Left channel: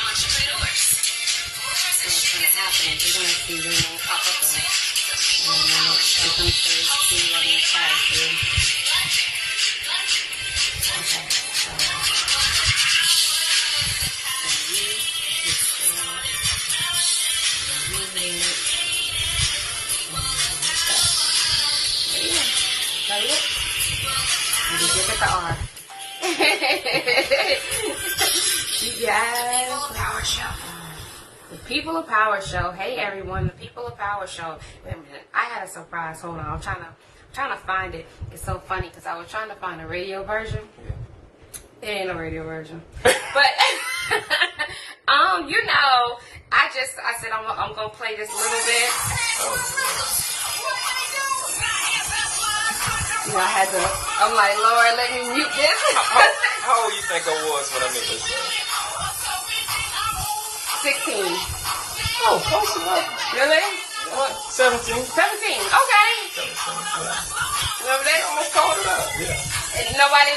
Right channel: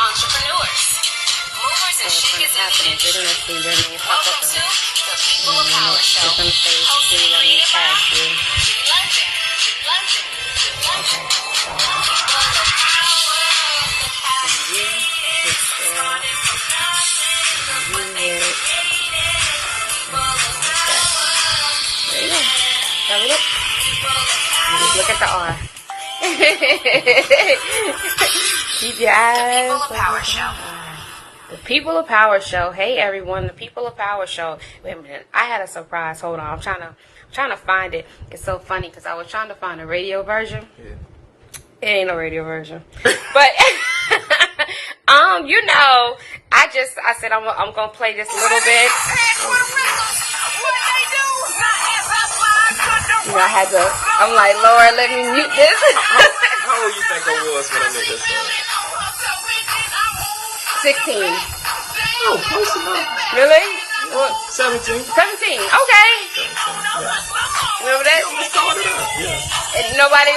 entrepreneurs, movers and shakers in the industry. They're gonna see their name pop up Welcome to the and People of then Power Show, it's gonna say hosted see what in we tag you. London. There you go. Have a look. You just look at the R. Keep your eyes. People of Power Show. The People of Power Show. Hey everyone, the People of Power Show. Wait a minute, I had a surprise. Hold on, I'm trying to find it. It's so funny because I was trying to find a radio version. Yeah. It ain't no radio version, but you know, I said I'm gonna play just a little bit. You know, I'm like, Lord, let me mute this. How old you think I was when I made this song? 16. Oh, close enough. Really? What? 17. 17. Okay. 17, yeah. Remember that? I started out, yeah. And nobody.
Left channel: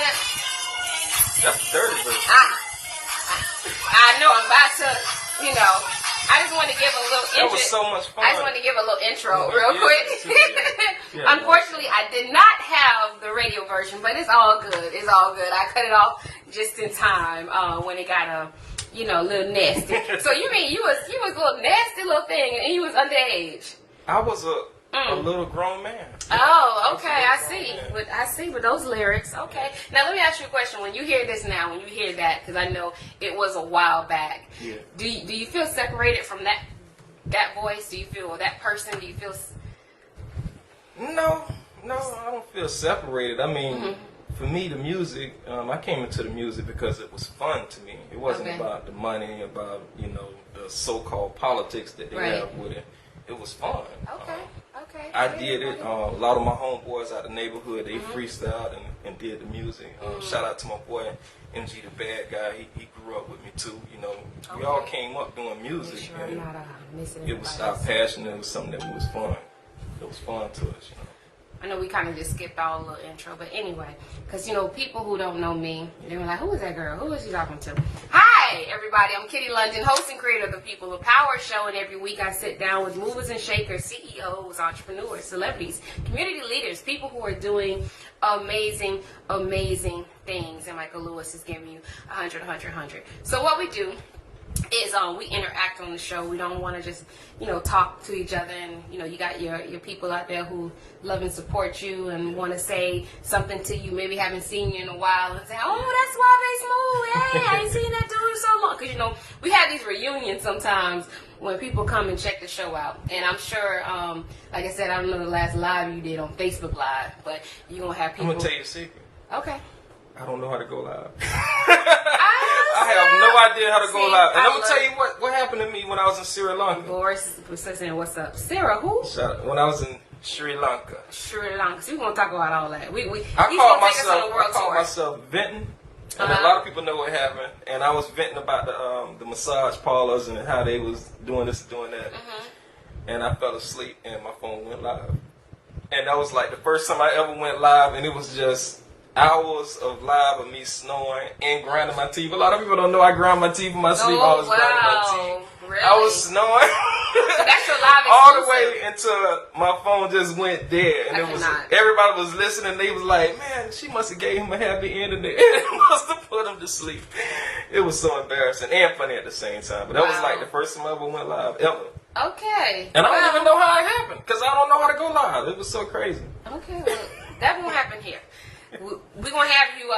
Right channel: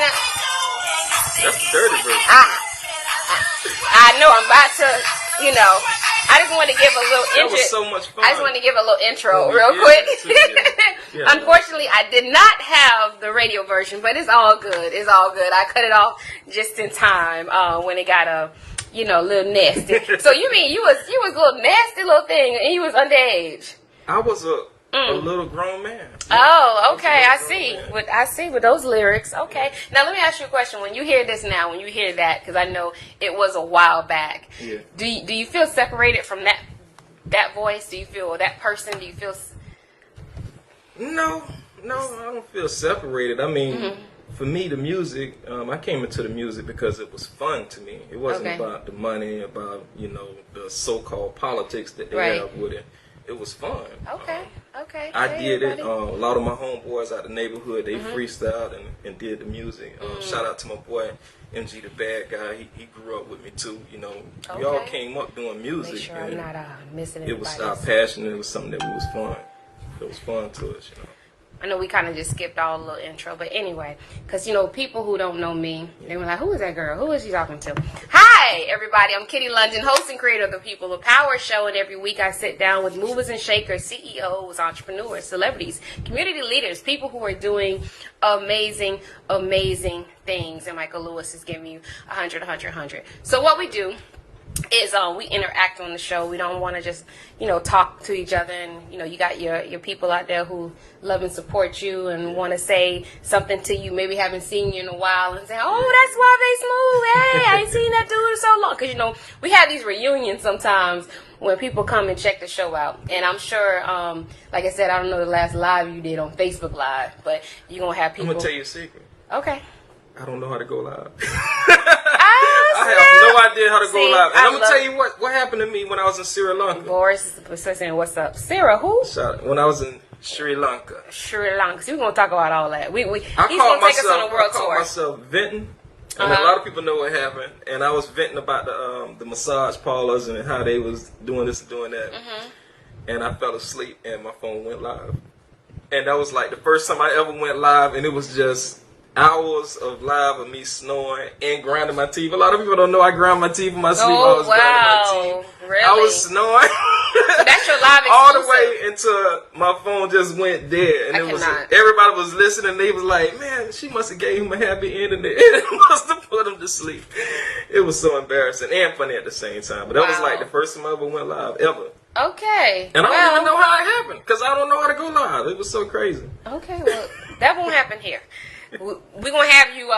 That's the dirty version. I know. I'm about to. You know. I just want to give a little intro. That was so much fun. I just want to give a little intro Yeah, real yeah, quick. yeah, Unfortunately, I did not have the radio version, but it's all good. It's all good. I cut it off just in time when it got a little nasty. So you mean you was a little nasty little thing, and you was underage? I was a little grown man. Oh, okay. I Man. see with those lyrics. Okay. Now let me ask you a question. When you hear this now, when you hear that, because I know it was a while back. Yeah. Do you feel separated from that voice? Do you feel that person? Do you feel? No, I don't feel separated. I mean, for me, the music, I came into the music because it was fun to me. It wasn't about the money, about, the so-called politics that they have with it. It was fun. Okay. I did it. A lot of my homeboys out the neighborhood, they freestyled and did the music. Shout out to my boy, MG the Bad Guy. He grew up with me too. We all came up doing music. Make sure I'm not missing it was our passion. It was something that was fun. It was fun to us, I know we kind of just skipped all the little intro, but anyway, because, people who don't know me, they were like, who is that girl? Who is she talking to? Hi, everybody. I'm Kitty London, host and creator of the People of Power Show, and every week I sit down with movers and shakers, CEOs, entrepreneurs, celebrities, community leaders, people who are doing amazing, amazing things, and Michael Lewis is giving you 100, 100, 100. So what we do is we interact on the show. We don't want to just talk to each other, and you got your people out there who love and support you and want to say something to you, maybe haven't seen you in a while, and say, oh, that's Suave Smooth, hey, I ain't seen that dude in so long, because we have these reunions sometimes when people come and check the show out, and I'm sure like I said, I don't know the last live you did on Facebook Live, but you're gonna have people. I'm gonna tell you a secret. Okay. I don't know how to go live. I have no idea how to go live. And I'm going to tell you what happened to me when I was in Sri Lanka. Boris is saying, what's up? Sarah, who? When I was in Sri Lanka. Sri Lanka. So we're going to talk about all that. I called myself venting. And a lot of people know what happened. And I was venting about the massage parlors and how they was doing this and doing that. And I fell asleep and my phone went live. And that was like the first time I ever went live, and it was just hours of live of me snoring and grinding my teeth. A lot of people don't know I grind my teeth in my sleep. I was grinding my teeth. Really? I was snoring. So that's your live all the way until my phone just went dead. And everybody was listening. They was like, man, she must have gave him a happy ending there. It must have put him to sleep. It was so embarrassing and funny at the same time. But that was like the first time I ever went live, ever. Okay. And I don't even know how it happened, because I don't know how to go live. It was so crazy. Okay, well, that won't happen here. We're going to have you,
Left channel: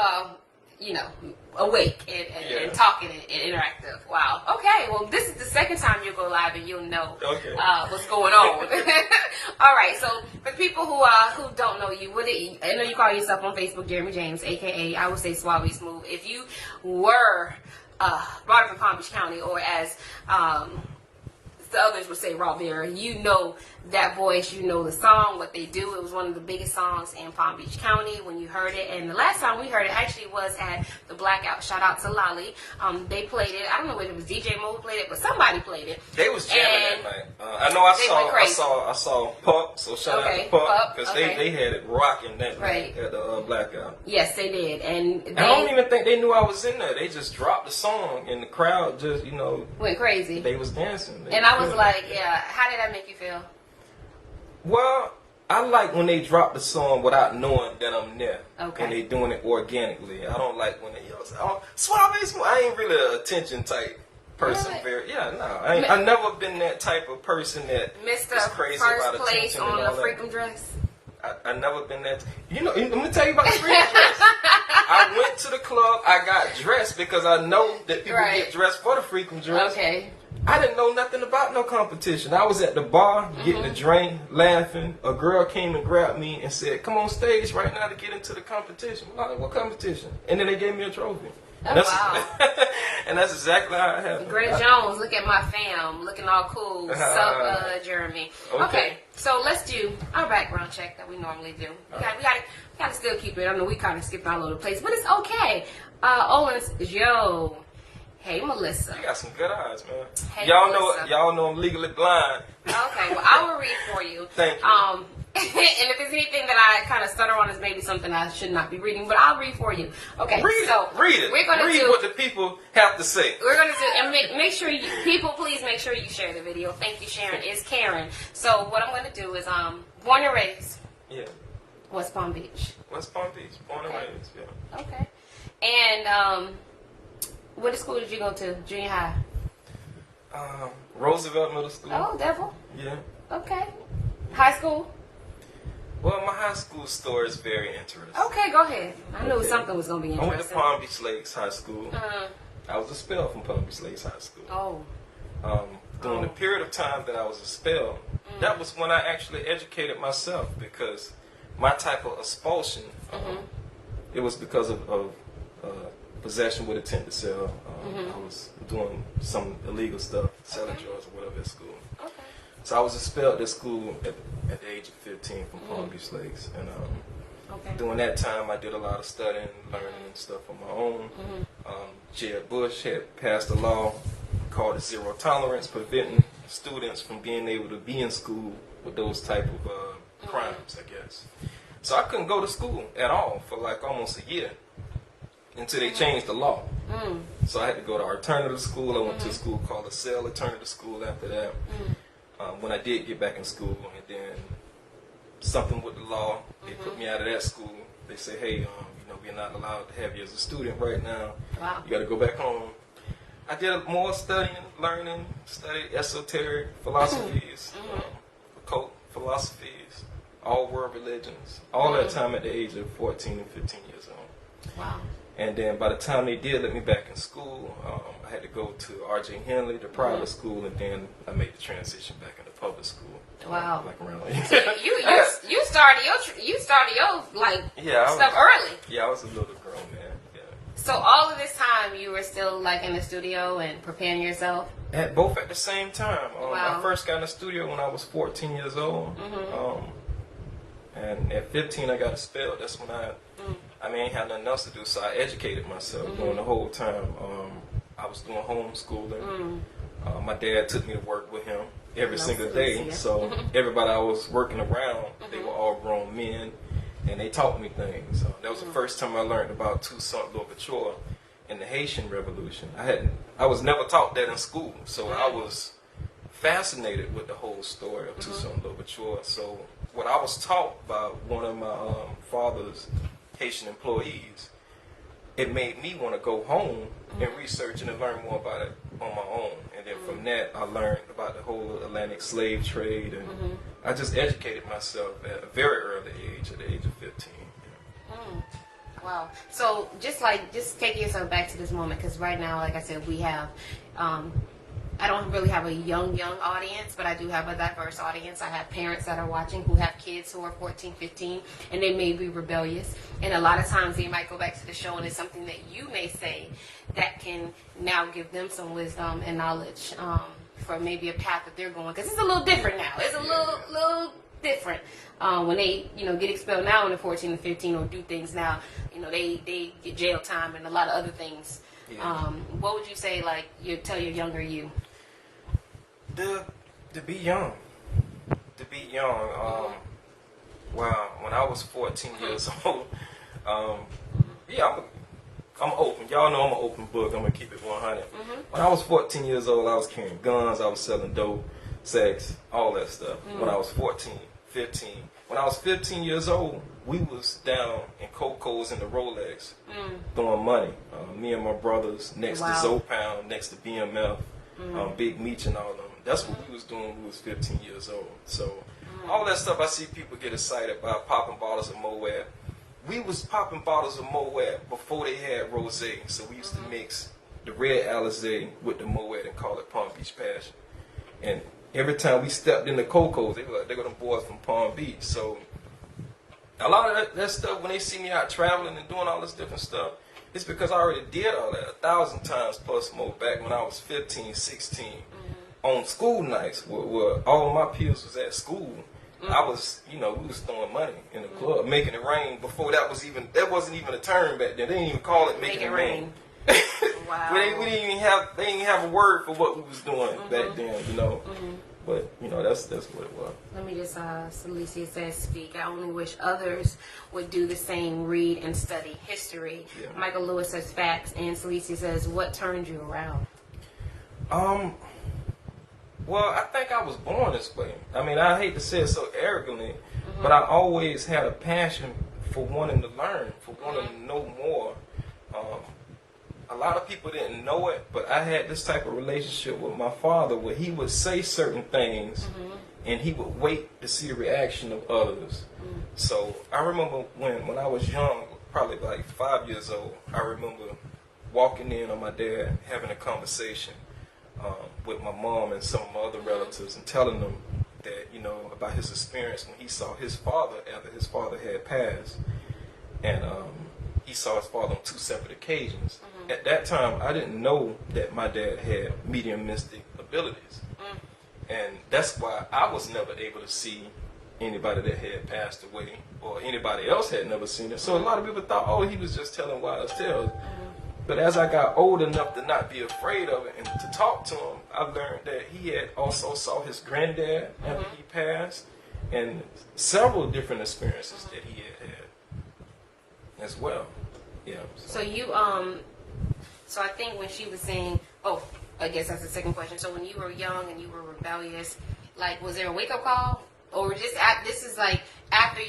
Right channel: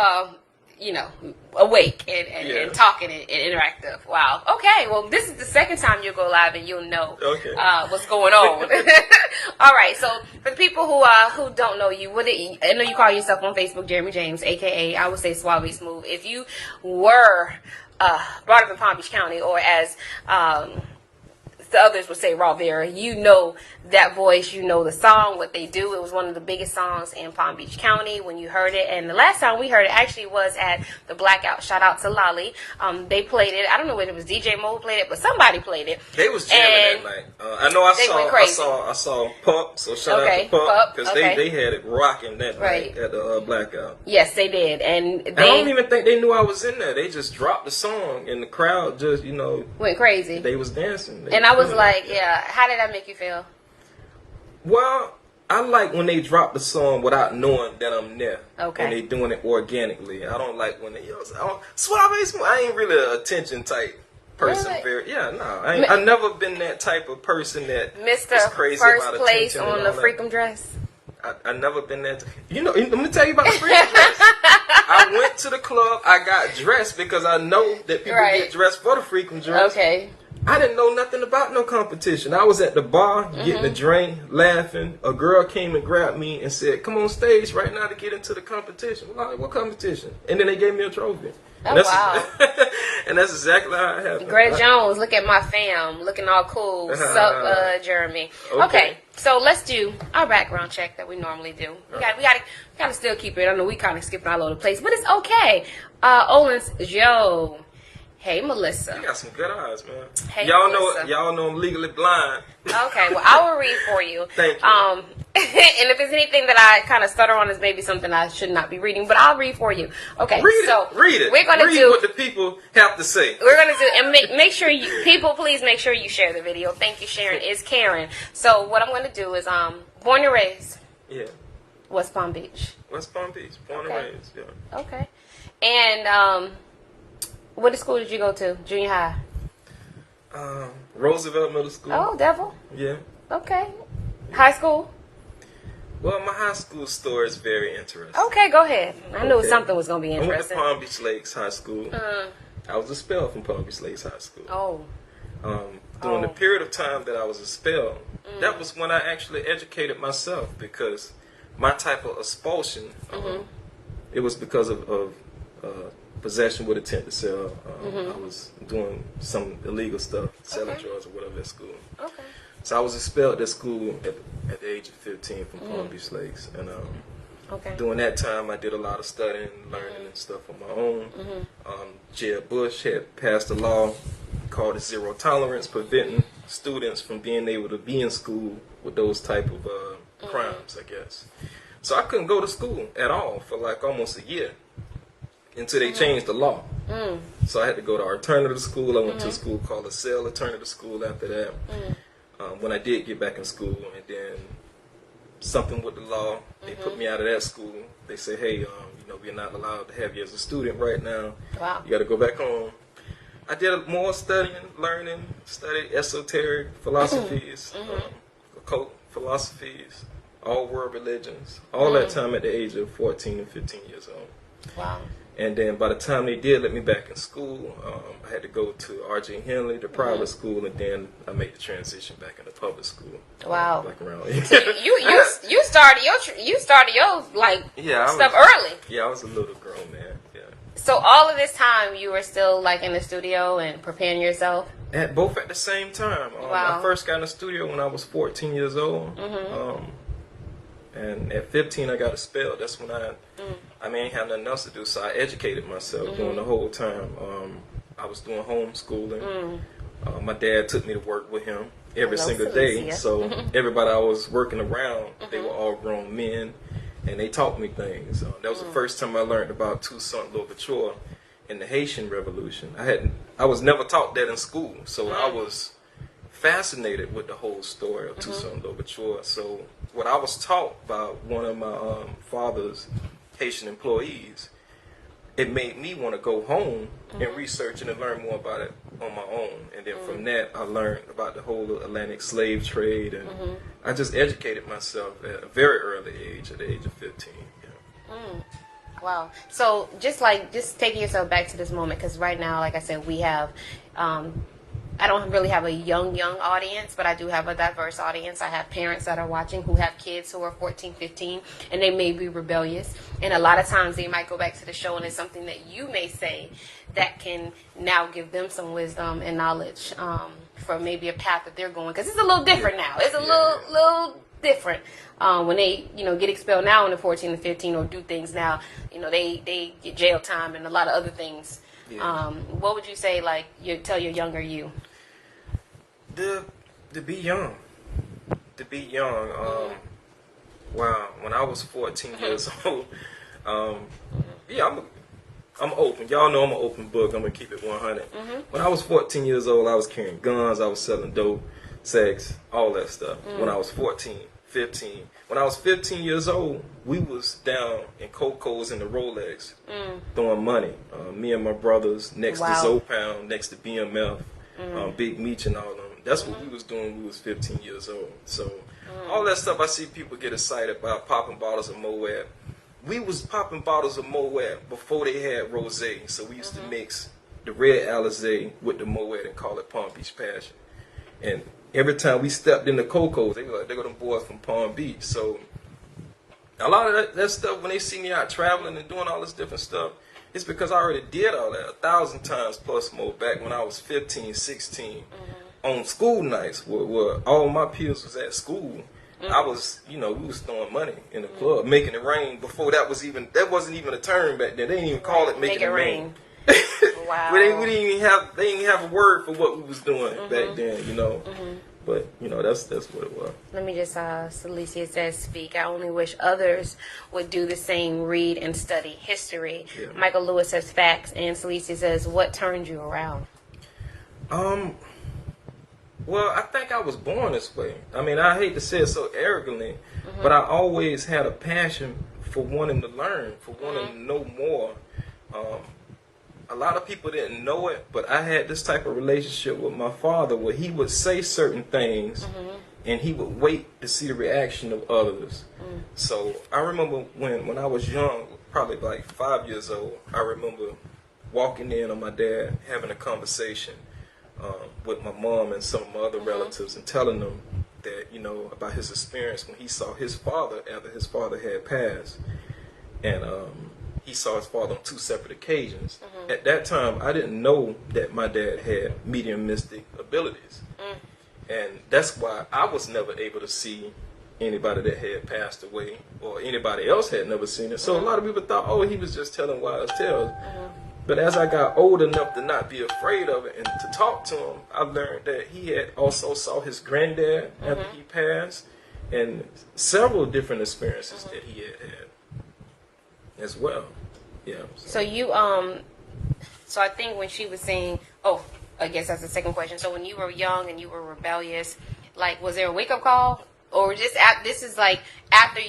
awake and talking and interactive. Wow. Okay, well, this is the second time you'll go live, and you'll know what's going on. All right, so for the people who don't know you, I know you call yourself on Facebook Jeremy James, a.k.a. I would say Suave Smooth. If you were brought up in Palm Beach County, or as the others would say raw Vera. You know that voice, you know the song, what they do. It was one of the biggest songs in Palm Beach County when you heard it. And the last time we heard it actually was at the Blackout. Shout out to Lolly. They played it. I don't know whether it was DJ Mo who played it, but somebody played it. They was jamming that night. I know I saw Pup, so shout out to Pup, because they had it rocking that night at the Blackout. Yes, they did. And I don't even think they knew I was in there. They just dropped the song and the crowd just, went crazy. They was dancing. And I was like, yeah, how did that make you feel? Well, I like when they drop the song without knowing that I'm there. Okay. And they doing it organically. I don't like when they say, oh, Suave. I ain't really an attention type person. Really? I never been that type of person that Mr. is crazy First about place attention on the freakum dress. I never been that. Let me tell you about the freakum dress. I went to the club. I got dressed because I know that people get dressed for the freakum dress. Okay. I didn't know nothing about no competition. I was at the bar getting a drink, laughing. A girl came and grabbed me and said, "Come on stage right now to get into the competition." I'm like, "What competition?" And then they gave me a trophy. Oh, wow. And that's exactly how it happened. Greta Jones, look at my fam, looking all cool. Sup, Jeremy. Okay, so let's do our background check that we normally do. We gotta still keep it. I know we kind of skipping all over the place, but it's okay. Owens Joe. Hey, Melissa. You got some good eyes, man. Hey, y'all Melissa. know I'm legally blind. Okay, well, I will read for you. Thank you. And if there's anything that I kind of stutter on, is maybe something I should not be reading, but I'll read for you. Okay, read it. We're gonna read what the people have to say. We're gonna do, and make sure please make sure you share the video. Thank you, Sharon. It's Karen. So what I'm gonna do is, born and raised. Yeah. West Palm Beach. West Palm Beach, born and raised. Yeah. Okay. And what school did you go to? Junior high. Roosevelt Middle School. Oh, Devil. Yeah. Okay. High school. Well, my high school story is very interesting. Okay, go ahead. I knew something was going to be interesting. I went to Palm Beach Lakes High School. I was expelled from Palm Beach Lakes High School. Oh. During the period of time that I was expelled, that was when I actually educated myself, because my type of expulsion, it was because of possession with intent to sell. I was doing some illegal stuff, selling drugs or whatever at school. Okay. So I was expelled at school at the age of 15 from Palm Beach Lakes. And during that time, I did a lot of studying, learning and stuff on my own. Jeb Bush had passed a law called the Zero Tolerance, preventing students from being able to be in school with those type of crimes, I guess. So I couldn't go to school at all for like almost a year, until they changed the law. So I had to go to alternative school. I went to a school called LaSalle Alternative School after that. When I did get back in school, and then something with the law, they put me out of that school. They say, hey, we're not allowed to have you as a student right now. Wow. You got to go back home. I did more studying, learning, studied esoteric philosophies, occult philosophies, all world religions, all that time at the age of 14 and 15 years old. Wow. And then by the time they did let me back in school, I had to go to R.J. Henley, the private school, and then I made the transition back into public school. Wow. Like around. So you started your stuff early. Yeah, I was a little grown man. Yeah. So all of this time you were still like in the studio and preparing yourself? Both at the same time. Wow. I first got in the studio when I was 14 years old. And at 15, I got expelled. That's when I ain't have nothing else to do, so I educated myself during the whole time. I was doing homeschooling. My dad took me to work with him every single day. So everybody I was working around, they were all grown men, and they taught me things. That was the first time I learned about Toussaint Louverture and the Haitian Revolution. I was never taught that in school, so I was fascinated with the whole story of Toussaint Louverture. So what I was taught by one of my father's Haitian employees, it made me want to go home and research and learn more about it on my own. And then from that, I learned about the whole Atlantic slave trade, and I just educated myself at a very early age, at the age of 15. Yeah. Wow. So just taking yourself back to this moment, because right now, like I said, we have I don't really have a young audience, but I do have a diverse audience. I have parents that are watching who have kids who are 14, 15, and they may be rebellious. And a lot of times they might go back to the show and it's something that you may say that can now give them some wisdom and knowledge for maybe a path that they're going. Because it's a little different now. It's a little different. When they, get expelled now when they're 14 and 15 or do things now, they get jail time and a lot of other things. Yeah. What would you say, like, you tell your younger you? To be young. To be young. Wow, when I was 14 years old, yeah, I'm open. Y'all know I'm an open book. I'm going to keep it 100. When I was 14 years old, I was carrying guns. I was selling dope, sex, all that stuff. When I was 14, 15. When I was 15 years old, we was down in Coco's and the Rolex throwing money. Me and my brothers next to Zopound, next to BMF, Big Meech and all of them. That's what we was doing when we was 15 years old. So all that stuff I see people get excited about, popping bottles of Moet. We was popping bottles of Moet before they had Rosé. So we used to mix the red Alizé with the Moet and call it Palm Beach Passion. And every time we stepped in the Coco's, they were like, they got them boys from Palm Beach. So a lot of that stuff, when they see me out traveling and doing all this different stuff, it's because I already did all that 1,000 times plus more back when I was 15, 16. On school nights where all my peers was at school. I was, we was throwing money in the club, making it rain before that wasn't even a term back then. They didn't even call it making it rain. Wow. they didn't even have a word for what we was doing back then, But that's what it was. Let me just Celicia says, speak. I only wish others would do the same, read and study history. Yeah. Michael Lewis says facts, and Celicia says, what turned you around? Well, I think I was born this way. I mean, I hate to say it so arrogantly, but I always had a passion for wanting to learn, for wanting to know more. A lot of people didn't know it, but I had this type of relationship with my father where he would say certain things and he would wait to see the reaction of others. So I remember when I was young, probably like 5 years old, I remember walking in on my dad, having a conversation with my mom and some of my other relatives and telling them that, about his experience when he saw his father after his father had passed. And he saw his father on 2 separate occasions. At that time, I didn't know that my dad had medium mystic abilities. And that's why I was never able to see anybody that had passed away or anybody else had never seen it. So a lot of people thought, oh, he was just telling wise tales. But as I got old enough to not be afraid of it and to talk to him, I learned that he had also saw his granddad after he passed and several different experiences that he had as well. Yeah. So you, so I think when she was saying, I guess that's the second question. So when you were young and you were rebellious, like, was there a wake-up call? Or just this is like after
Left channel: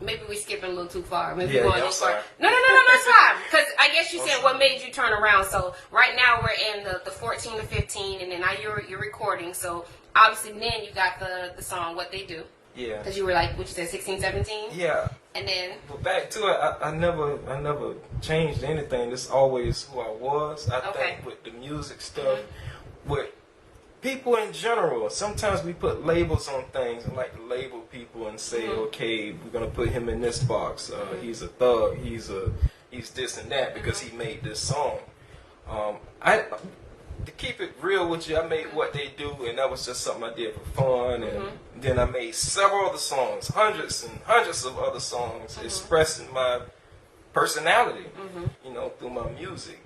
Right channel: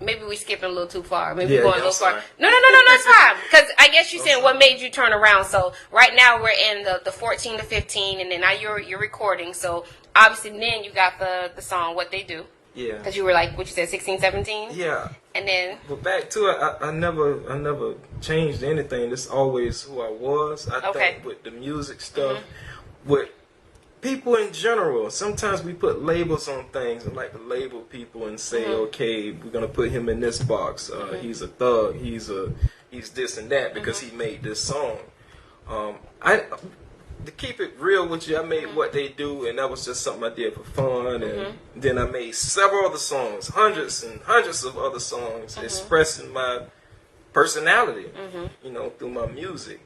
maybe we skipping a little too far. Maybe we're going a little far. No, that's fine. Because I guess you said what made you turn around. So right now we're in the 14 to 15, and then now you're recording. So obviously then you got the song What They Do. Yeah. Because you were like, what you said, 16, 17? Yeah. And then... But back to it, I never changed anything. This is always who I was. I think with the music stuff, with people in general, sometimes we put labels on things and like to label people and say, okay, we're gonna put him in this box. He's a thug. He's this and that because he made this song. To keep it real with you, I made What They Do, and that was just something I did for fun. And then I made several other songs, hundreds and hundreds of other songs, expressing my personality, through my music.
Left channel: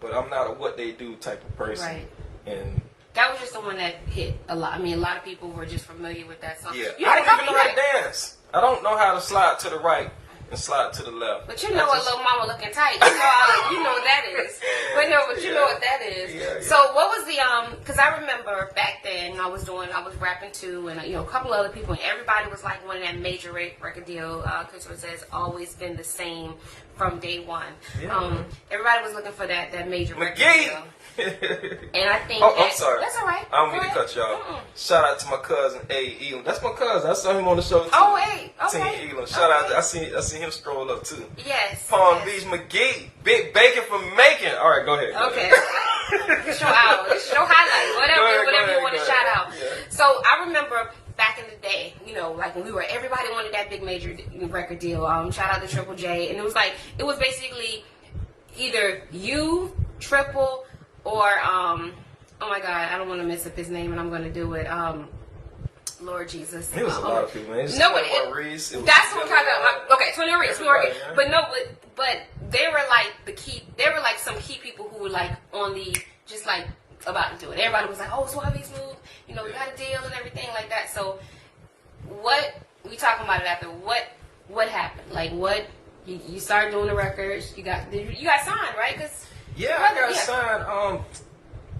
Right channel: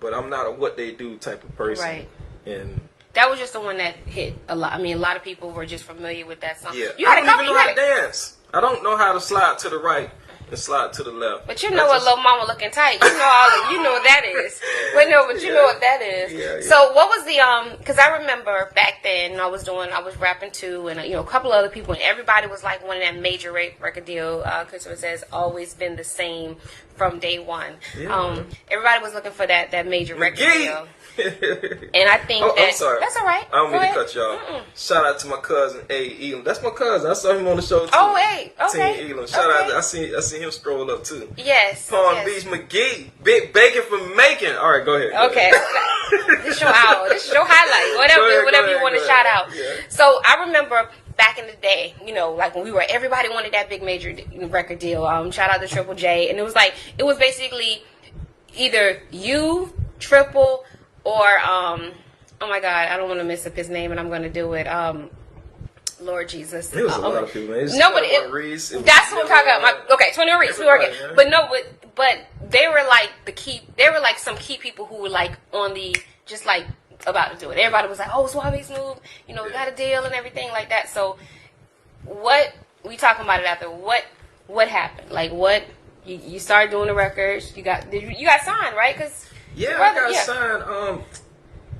But I'm not a What They Do type of person. Right. And that was just the one that hit a lot. I mean, a lot of people were just familiar with that song. Yeah, I don't even know how to dance. I don't know how to slide to the right and slide to the left. But you know what Lil Mama looking tight. You know what that is. But you know what that is. Yeah. So what was the because I remember back then I was rapping too, and a couple other people, and everybody was like one of that major record deal. Christopher says always been the same from day one. Yeah, Everybody was looking for that major record deal. McGee. And I think I'm sorry. That's all right. I don't mean to cut y'all. Shout out to my cousin A. Elam. That's my cousin. I saw him on the show too. Oh, hey, okay. Team Elam. Shout out. I seen him scroll up too. Yes. Palm Beach McGee. Big bacon from Macon. All right, go ahead. Okay. This is your hour. This is your highlight. Whatever you want to shout out. Yeah. So I remember back in the day, like when everybody wanted that big major record deal. Shout out to Triple J, and it was basically either you, Triple, or oh my God, I don't want to mess up his name, and I'm going to do it. Lord Jesus. It was a lot of people, man. That's what I'm talking about. Okay, 21 Reese. But no, but they were like they were like some key people who were like on the just like about to do it. Everybody was like, "Oh, Suave's moved. We got a deal and everything like that." So, what we talking about it out there? What happened? Like, what you started doing the records? You got signed, right? I got signed.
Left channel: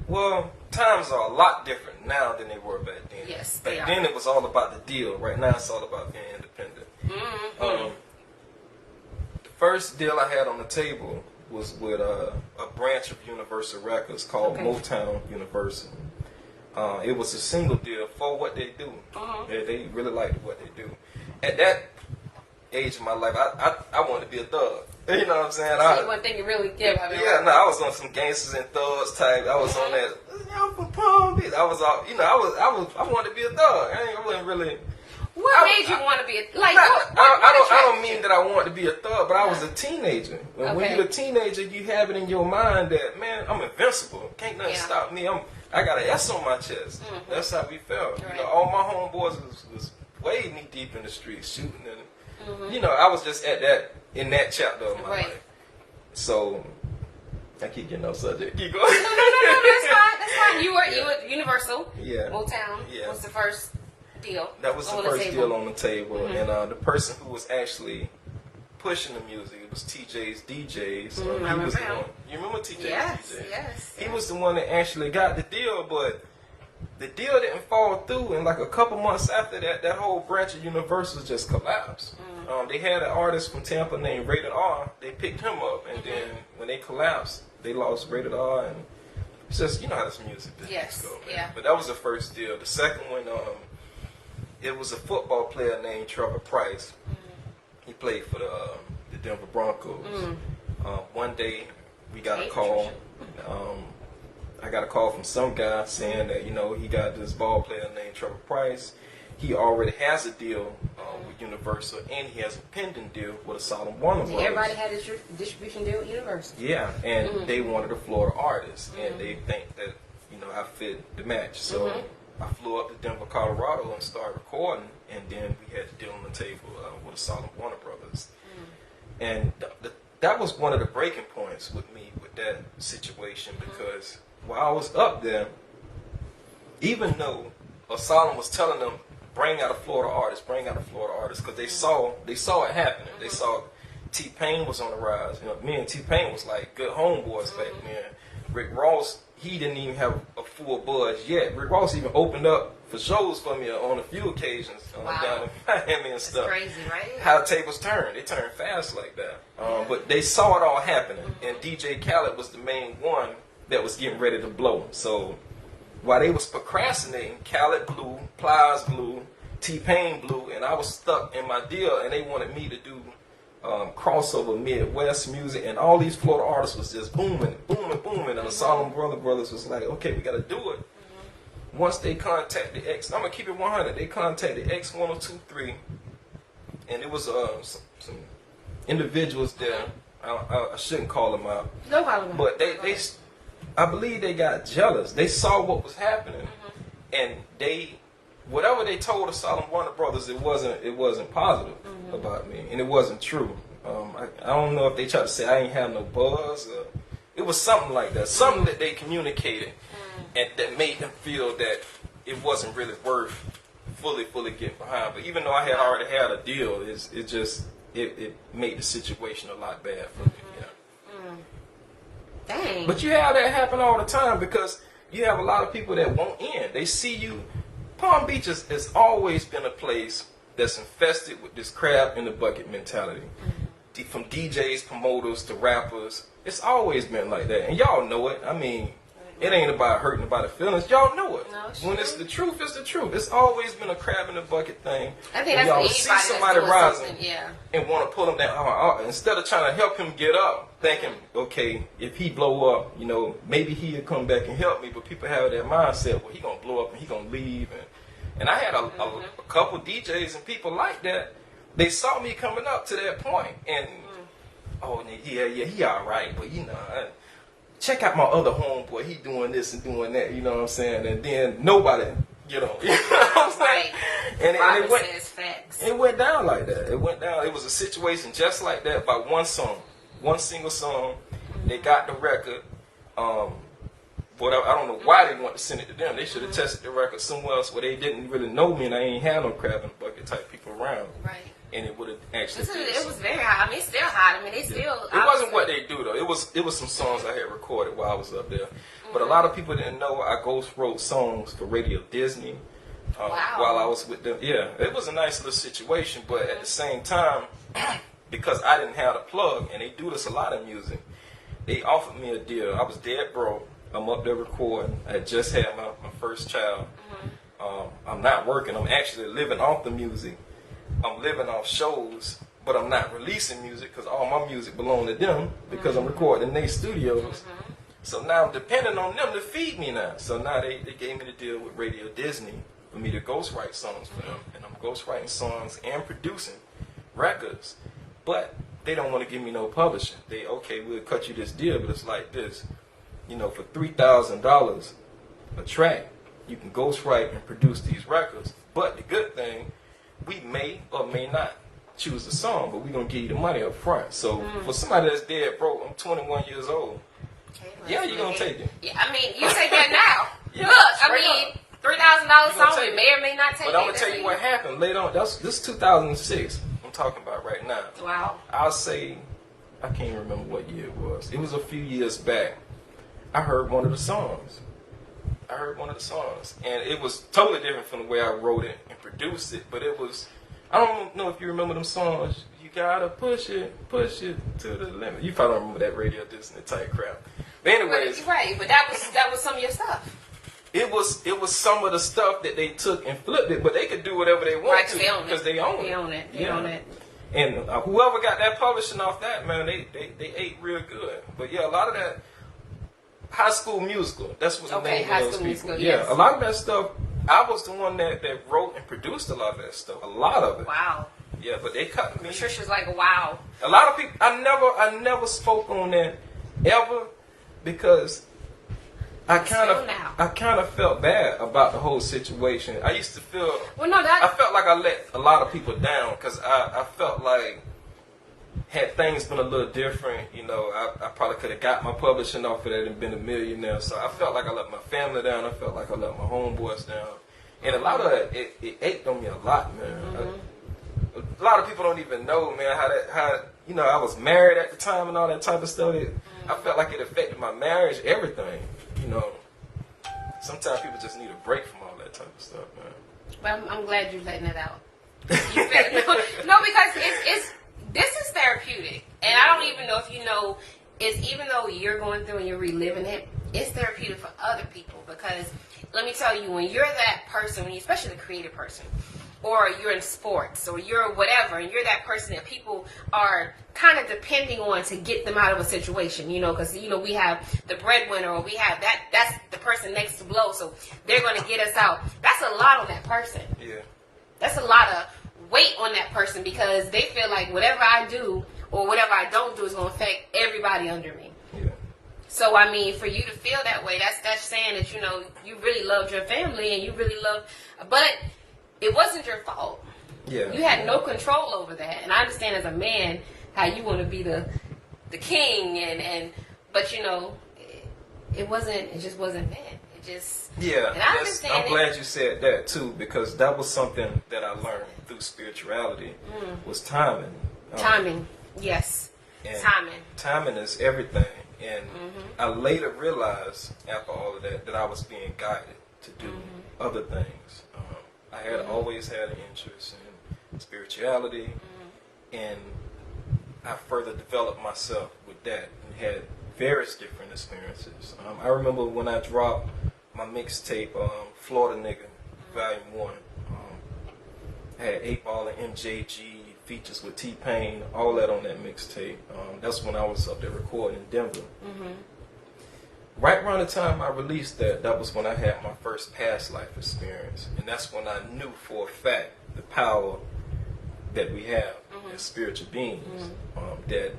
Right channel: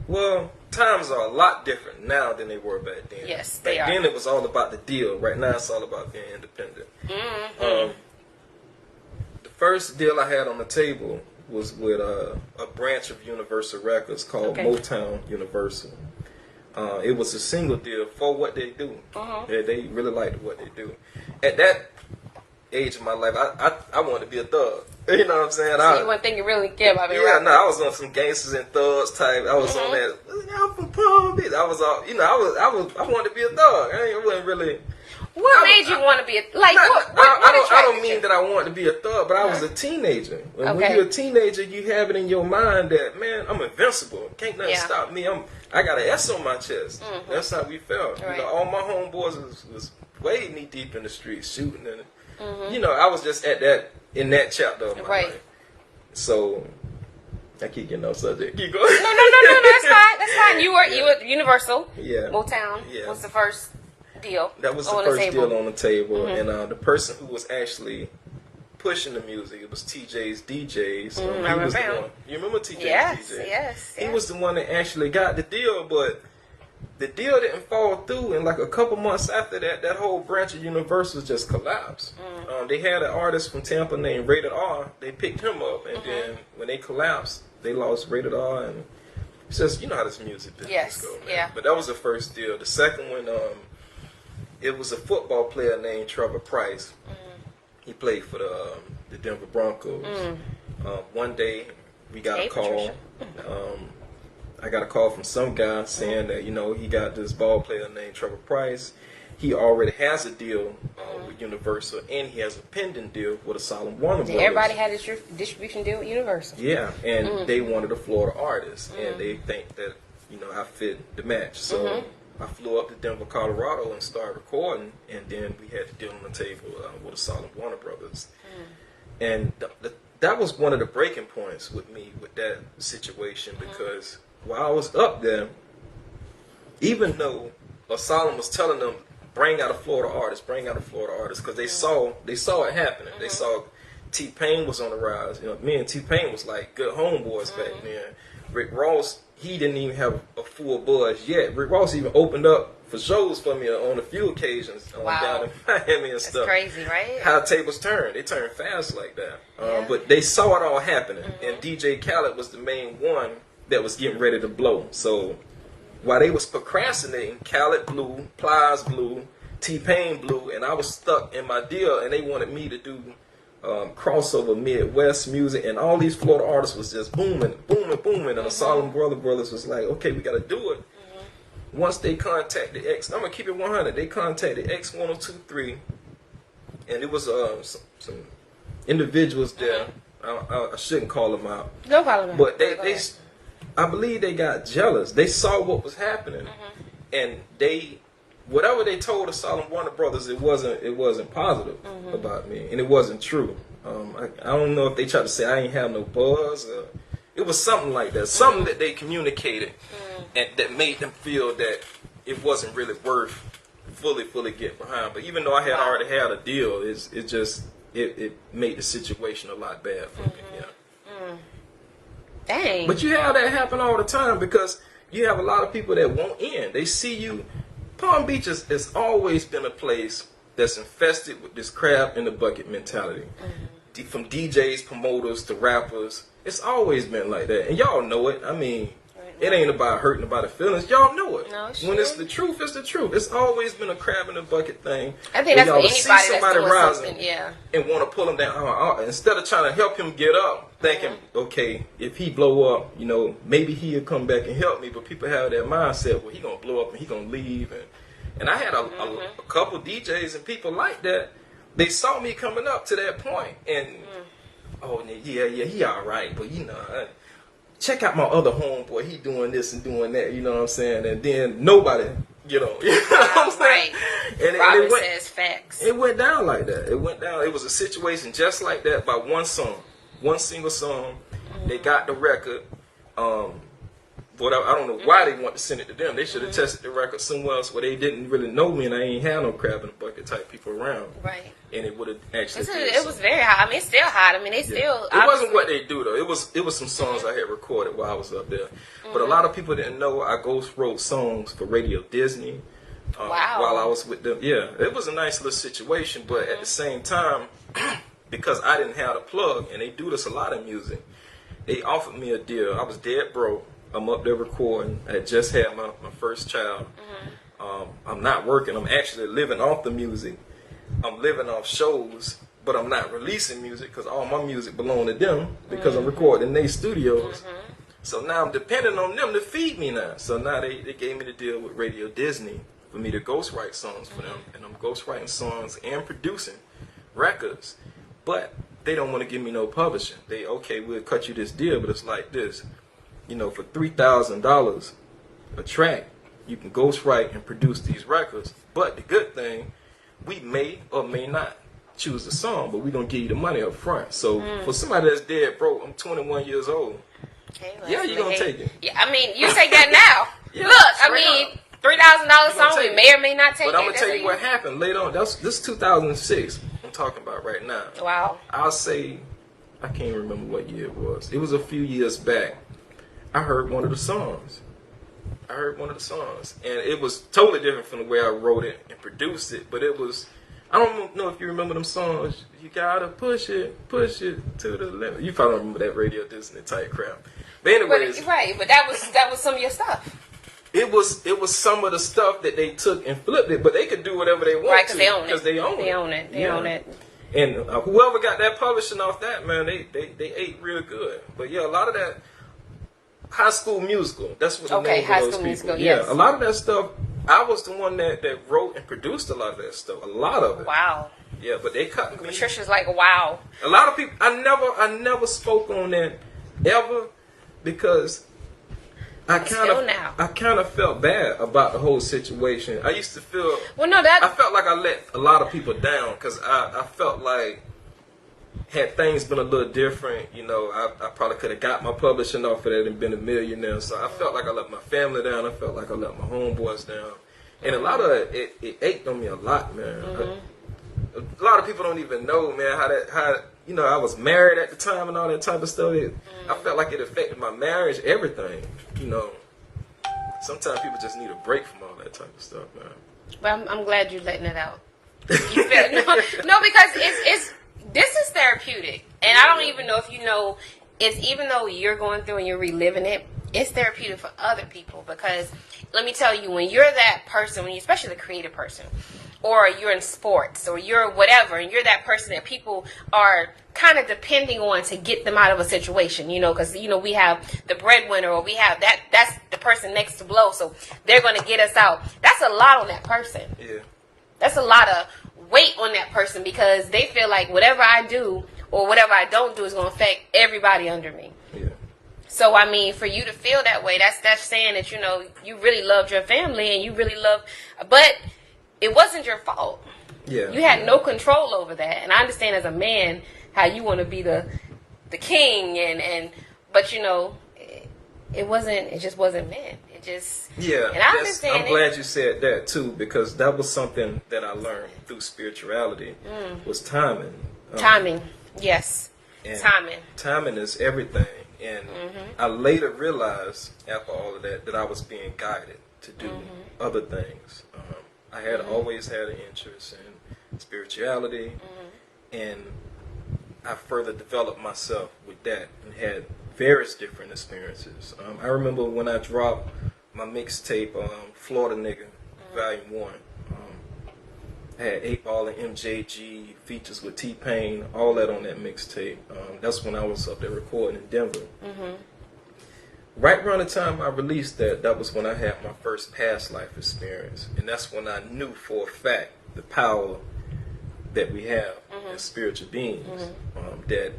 Well, times are a lot different now than they were back then. Yes, back then it was all about the deal. Right now it's all about being independent. Mm-hmm. The first deal I had on the table was with a branch of Universal Records called Motown Universal. It was a single deal for what they do. Yeah, they really liked what they do. At that age of my life, I wanted to be a thug. You know what I'm saying? So you one thing you really care about. I was on some gangsters and thugs type. I was on that. I'm from Palm Beach. I was all, I wanted to be a thug. I wasn't really. What made you want to be a I don't mean that I wanted to be a thug, but I was a teenager. And when you're a teenager, you have it in your mind that, man, I'm invincible. Can't nothing stop me. I got an S on my chest. That's how we felt. Right. All my homeboys was way knee deep in the streets shooting, and I was just in that chapter of my life. So I keep getting off subject. Keep going. No, that's fine. That's fine. You were Universal. Yeah. Motown was the first deal. That was the first deal on the table, and the person who was actually pushing the music, it was TJ's DJs. I remember him. You remember TJ's DJs? Yes. He was the one that actually got the deal, but the deal didn't fall through, and like a couple months after that whole branch of Universal just collapsed. They had an artist from Tampa named Rated R. They picked him up, and then when they collapsed, they lost Rated R, and it's just, how this music business goes, man. Yeah. But that was the first deal. The second one, it was a football player named Trevor Price. He played for the Denver Broncos. One day, we got a call. I got a call from some guy saying that, he got this ball player named Trevor Price. He already has a deal with Universal, and he has a pending deal with a Solemn Warner Brothers. Everybody had a distribution deal with Universal. Yeah, and they wanted a Florida artist, and they think that, I fit the match. So I flew up to Denver, Colorado, and started recording, and then we had the deal on the table with the Solemn Warner Brothers. And that was one of the breaking points with me with that situation, because while I was up there, even though Solemn was telling them, bring out a Florida artist, because they saw it happening. They saw T-Pain was on the rise. Me and T-Pain was like good homeboys back then. Rick Ross, he didn't even have a full buzz yet. Rick Ross even opened up for shows for me on a few occasions down in Miami and stuff. That's crazy, right? How tables turn. They turn fast like that. But they saw it all happening. And DJ Khaled was the main one that was getting ready to blow. So while they was procrastinating, Khaled blew, Plies blew, T-Pain blew, and I was stuck in my deal, and they wanted me to do crossover Midwest music, and all these Florida artists was just booming, and the Solemn Brothers was like, okay, we got to do it. Once they contacted I'm going to keep it 100, they contacted X1023, and it was some individuals there. I shouldn't call them out. No problem. But they I believe they got jealous. They saw what was happening, and whatever they told the Solemn Warner Brothers, it wasn't positive about me, and it wasn't true. I don't know if they tried to say I ain't have no buzz. It was something like that, something that they communicated, and that made them feel that it wasn't really worth fully getting behind. But even though I had already had a deal, it made the situation a lot bad for me. Yeah. Dang. But you have that happen all the time, because you have a lot of people that won't in. They see you. Palm Beach has always been a place that's infested with this crab in the bucket mentality. from DJs, promoters to rappers. It's always been like that, and y'all know it. I mean, it ain't about hurting nobody's feelings. Y'all know it. No, when it's the truth, it's the truth. It's always been a crab in the bucket thing. I think that's y'all for see anybody somebody that's rising something, yeah. and want to pull them down. Instead of trying to help him get up, thinking, okay, if he blow up, you know, maybe he'll come back and help me. But people have that mindset, well, he gonna blow up and he gonna leave. And I had a couple DJs and people like that. They saw me coming up to that point, and oh yeah, he all right, but you know. Check out my other homeboy. He doing this and doing that. You know what I'm saying? And then nobody get on. You know what I'm saying? And it went, says facts. It went down like that. It went down. It was a situation just like that by one song, one single song. They got the record. But I don't know why they want to send it to them. They should have tested the record somewhere else where they didn't really know me and I ain't had no crab in the bucket type people around. Right. And it would have actually. It was very hot. I mean, it's still hot. I mean, they still. It wasn't what they do though. It was some songs I had recorded while I was up there. But a lot of people didn't know I ghost wrote songs for Radio Disney. While I was with them. Yeah, it was a nice little situation. But at the same time, because I didn't have the plug, and they do this a lot in music, they offered me a deal. I was dead broke. I'm up there recording. I had just had my first child. I'm not working. I'm actually living off the music. I'm living off shows, but I'm not releasing music because all my music belongs to them because I'm recording in their studios. So now I'm depending on them to feed me now. So now they gave me the deal with Radio Disney for me to ghostwrite songs for them. And I'm ghostwriting songs and producing records. But they don't want to give me no publishing. We'll cut you this deal, but it's like this. You know, for $3,000 a track, you can ghostwrite and produce these records. But the good thing, we may or may not choose the song, but we're going to give you the money up front. So for somebody that's dead broke, I'm 21 years old. Okay, well, you're going to take it. Yeah, I mean, you take that now. Yeah, look, I mean, $3,000 song, we may or may not take it. But I'm going to tell you what happened later on. This is 2006 I'm talking about right now. Wow. I'll say, I can't remember what year it was. It was a few years back. I heard one of the songs. And it was totally different from the way I wrote it and produced it. But it was, I don't know if you remember them songs. You gotta push it to the limit. You probably remember that Radio Disney type crap. But anyways, but that was some of your stuff. It was some of the stuff that they took and flipped it, but they could do whatever they want right, to because they own it. They own it. And whoever got that publishing off that, man, they ate real good. But yeah, a lot of that. High School Musical. That's what the name of those people. Musical, yeah, yes. A lot of that stuff. I was the one that wrote and produced a lot of that stuff. A lot of it. Wow. Yeah, but they cut me. Patricia's like, wow. A lot of people. I never spoke on that ever because I kind of felt bad about the whole situation. I used to feel. Well, no, I felt like I let a lot of people down because I felt like. Had things been a little different, you know, I probably could have got my publishing off of that and been a millionaire. So I felt like I let my family down. I felt like I let my homeboys down. And a lot of it ate on me a lot, man. A lot of people don't even know, man, how you know, I was married at the time and all that type of stuff. I felt like it affected my marriage, everything. You know, sometimes people just need a break from all that type of stuff, man. Well, I'm glad you're letting it out. You feel, no, because it's this is therapeutic, and I don't even know if you know, it's even though you're going through and you're reliving it, it's therapeutic for other people. Because let me tell you, when you're that person, when you, especially the creative person, or you're in sports, or you're whatever, and you're that person that people are kind of depending on to get them out of a situation, you know, because, you know, we have the breadwinner, or we have that's the person next to blow, so they're going to get us out. That's a lot on that person. Yeah. That's a lot of weight on that person because they feel like whatever I do or whatever I don't do is going to affect everybody under me. Yeah. So, I mean, for you to feel that way, that's saying that, you know, you really loved your family and you really loved, but it wasn't your fault. Yeah. You had no control over that. And I understand as a man how you want to be the king but, you know, it just wasn't meant. Yeah, and I understand I'm glad you said that too, because that was something that I learned through spirituality was timing. Timing, yes. Timing is everything. And I later realized after all of that I was being guided to do other things. I had always had an interest in spirituality, and I further developed myself with that and had various different experiences. I remember when I dropped my mixtape, Florida Nigga, Volume 1. I had 8 Ball and MJG, features with T-Pain, all that on that mixtape. That's when I was up there recording in Denver. Right around the time I released that was when I had my first past life experience. And that's when I knew for a fact the power that we have as spiritual beings. That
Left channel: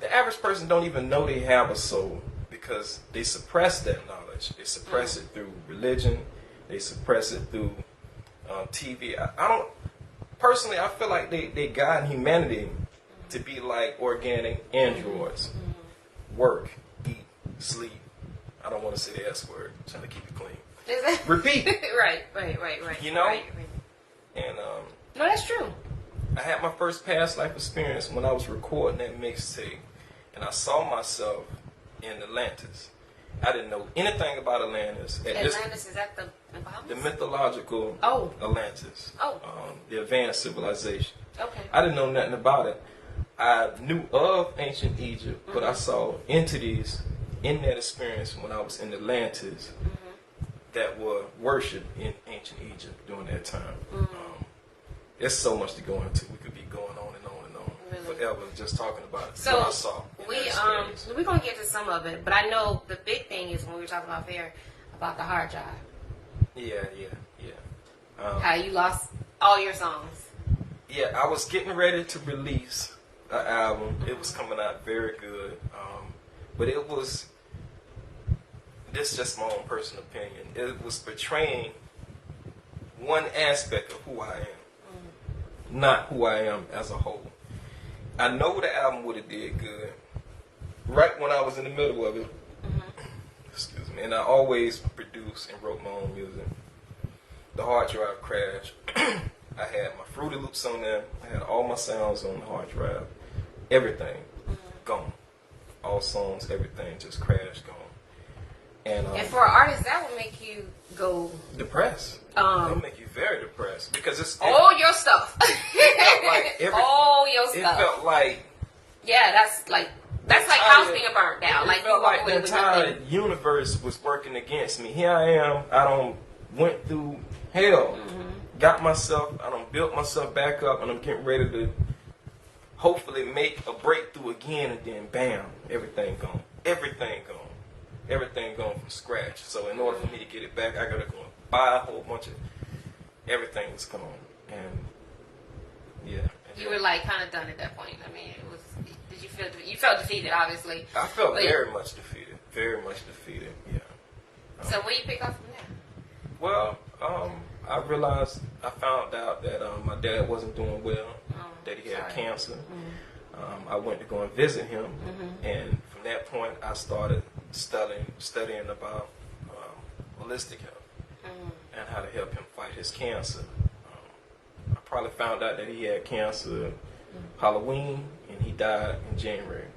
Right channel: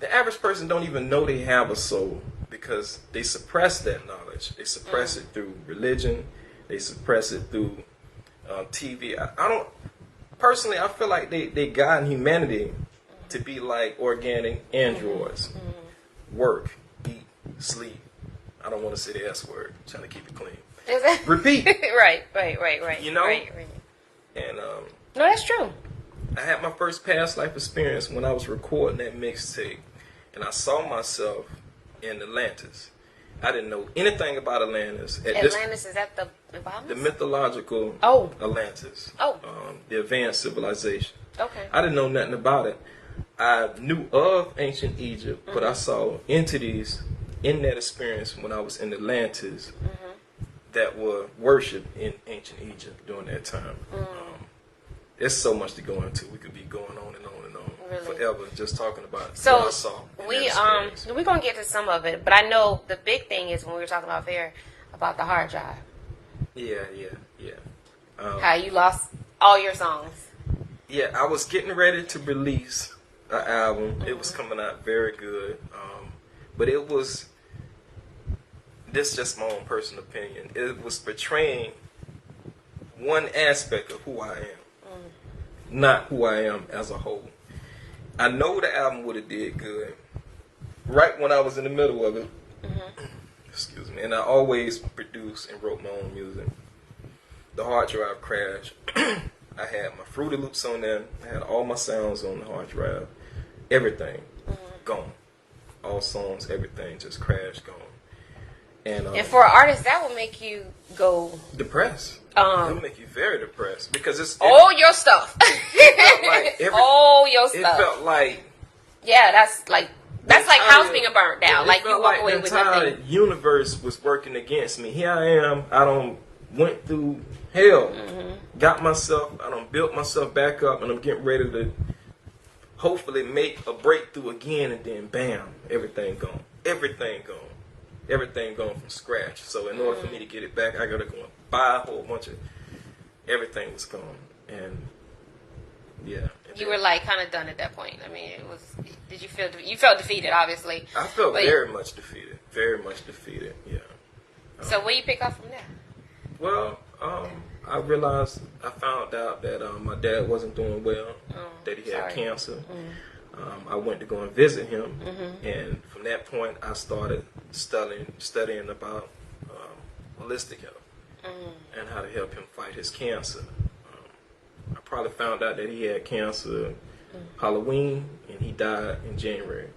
the average person don't even know they have a soul because they suppress that knowledge. They suppress it through religion. They suppress it through TV. I don't, personally, I feel like they guide humanity to be like organic androids. Work, eat, sleep. I don't want to say the S word. I'm trying to keep it clean. Repeat. Right. You know? Right. And no, that's true. I had my first past life experience when I was recording that mixtape, and I saw myself in Atlantis. I didn't know anything about Atlantis. Atlantis, is that the Bahamas? The mythological Atlantis. The advanced civilization. Okay. I didn't know nothing about it. I knew of ancient Egypt, but I saw entities in that experience when I was in Atlantis that were worshipped in ancient Egypt during that time. There's so much to go into. We could be going on and on and on forever just talking about what I saw. We're gonna get to some of it, but I know the big thing is when we were talking about about the hard drive. Yeah. How you lost all your songs. Yeah, I was getting ready to release an album. It was coming out very good, but it was. This is just my own personal opinion. It was portraying one aspect of who I am, not who I am as a whole. I know the album would have did good right when I was in the middle of it. Excuse me. And I always produced and wrote my own music. The hard drive crashed. I had my Fruity Loops on there. I had all my sounds on the hard drive. Everything gone. All songs, everything just crashed, gone. And for an artist, that would make you go depressed. It'll make you very depressed because it's all your stuff. It felt like all your stuff. It felt like that's like house being burned down. It felt like the entire universe was working against me. Here I am. I done went through hell. Got myself. I done built myself back up, and I'm getting ready to hopefully make a breakthrough again. And then bam, everything gone. Everything gone. Everything gone from scratch. So in order for me to get it back, I gotta go and buy a whole bunch of. Everything was gone, and yeah. You were like kind of done at that point. I mean, it was. Did you feel? You felt defeated, obviously. I felt very much defeated. Very much defeated. Yeah. So where you pick up from there? Well, I realized I found out that my dad wasn't doing well. That he had cancer. I went to go and visit him, and from that point, I started studying about holistic health and how to help him fight his cancer. I probably found out that he had cancer Halloween, and he died in January.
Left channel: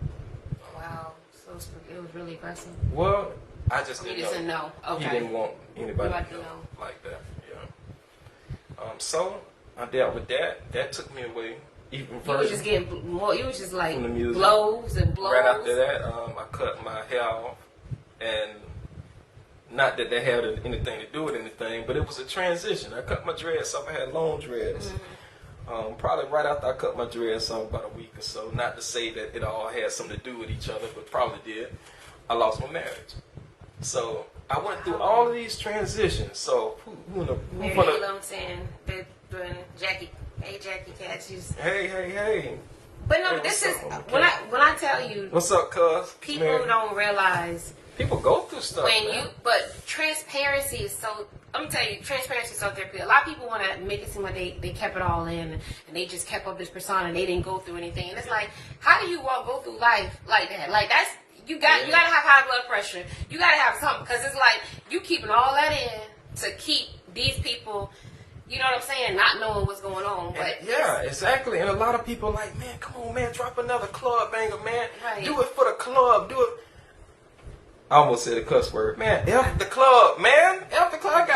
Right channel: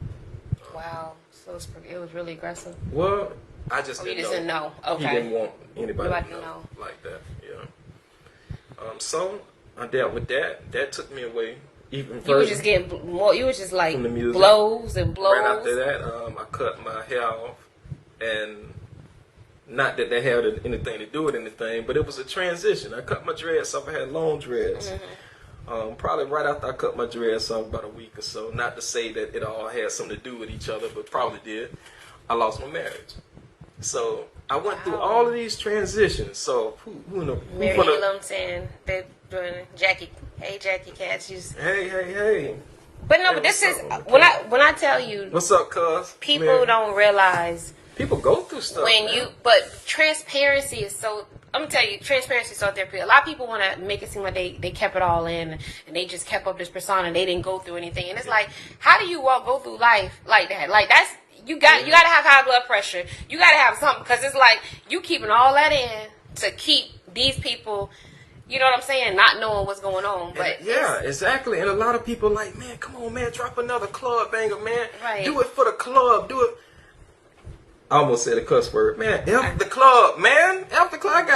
Wow, so it was really aggressive. Well, I just didn't know. Okay. He didn't want anybody to know like that. Yeah. So I dealt with that. That took me away. Even you were just getting more. You were just like blows and blows. Right after that, I cut my hair off, and not that they had anything to do with anything, but it was a transition. I cut my dreads off. I had long dreads. Probably right after I cut my dreads off, about a week or so. Not to say that it all had something to do with each other, but probably did. I lost my marriage, so I went through all of these transitions. So Mary Elamson, Jackie. Hey, Jackie Catches. Hey. But no, but this is when I tell you. What's up, cuz? People don't realize. People go through stuff. But transparency is so. I'm gonna tell you, transparency is so therapeutic. A lot of people want to make it seem like they kept it all in and they just kept up this persona and they didn't go through anything. And it's like, how do you all go through life like that? Like that's you got to have high blood pressure. You got to have something because it's like you keeping all that in to keep these people. You know what I'm saying? Not knowing what's going on. But yeah, exactly. And a lot of people like, man, come on, man, drop another club banger, man. Right. Do it for the club. Do it. I almost said a cuss word. Man, F the club, man. F the club.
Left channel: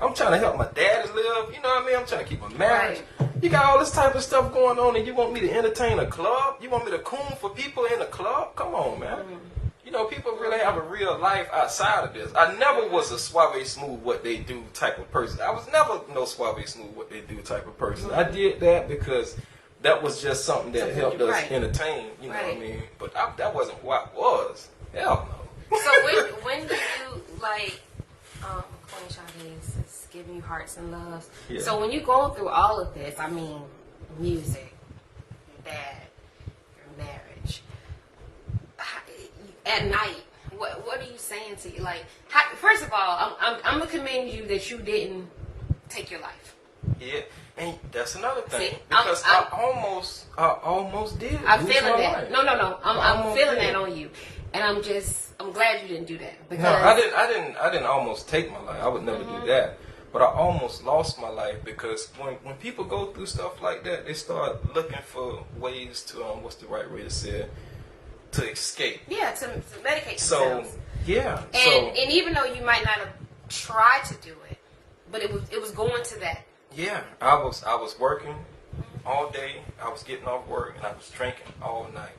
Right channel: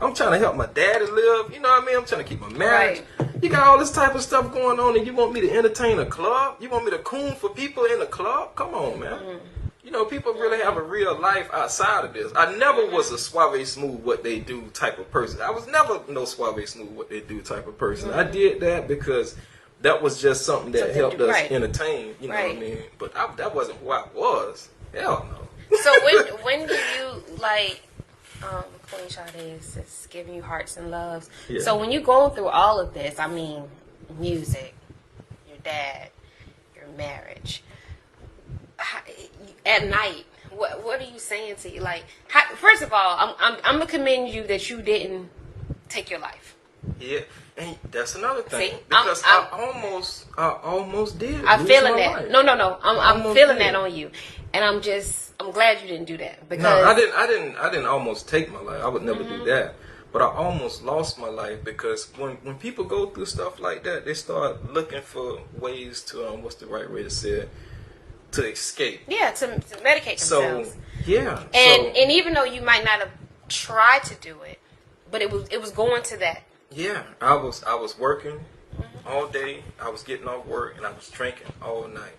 I'm trying to help my daddy live. You know what I mean? I'm trying to keep my marriage. Right. You got all this type of stuff going on, and you want me to entertain a club? You want me to coon for people in the club? Come on, man. Mm. You know, people really have a real life outside of this. I never was a Suave Smooth what they do type of person. I was never no Suave Smooth what they do type of person. I did that because that was just something that helped us entertain. You know what I mean? But that wasn't who I was. Hell no. So when do you like Queen Sade is giving you hearts and loves? Yeah. So when you're going through all of this, I mean, music, your dad, your marriage. At night, what are you saying to you? Like, first of all, I'm gonna commend you that you didn't take your life. Yeah, and that's another thing. See, because I almost did. I'm feeling that. Life. No. I'm feeling that on you, and I'm glad you didn't do that. Because no, I didn't almost take my life. I would never do that. But I almost lost my life because when people go through stuff like that, they start looking for ways to what's the right way to say it? To escape. Yeah, to medicate themselves. So, yeah. And even though you might not have tried to do it, but it was going to that. Yeah, I was working all day. I was getting off work and I was drinking all night.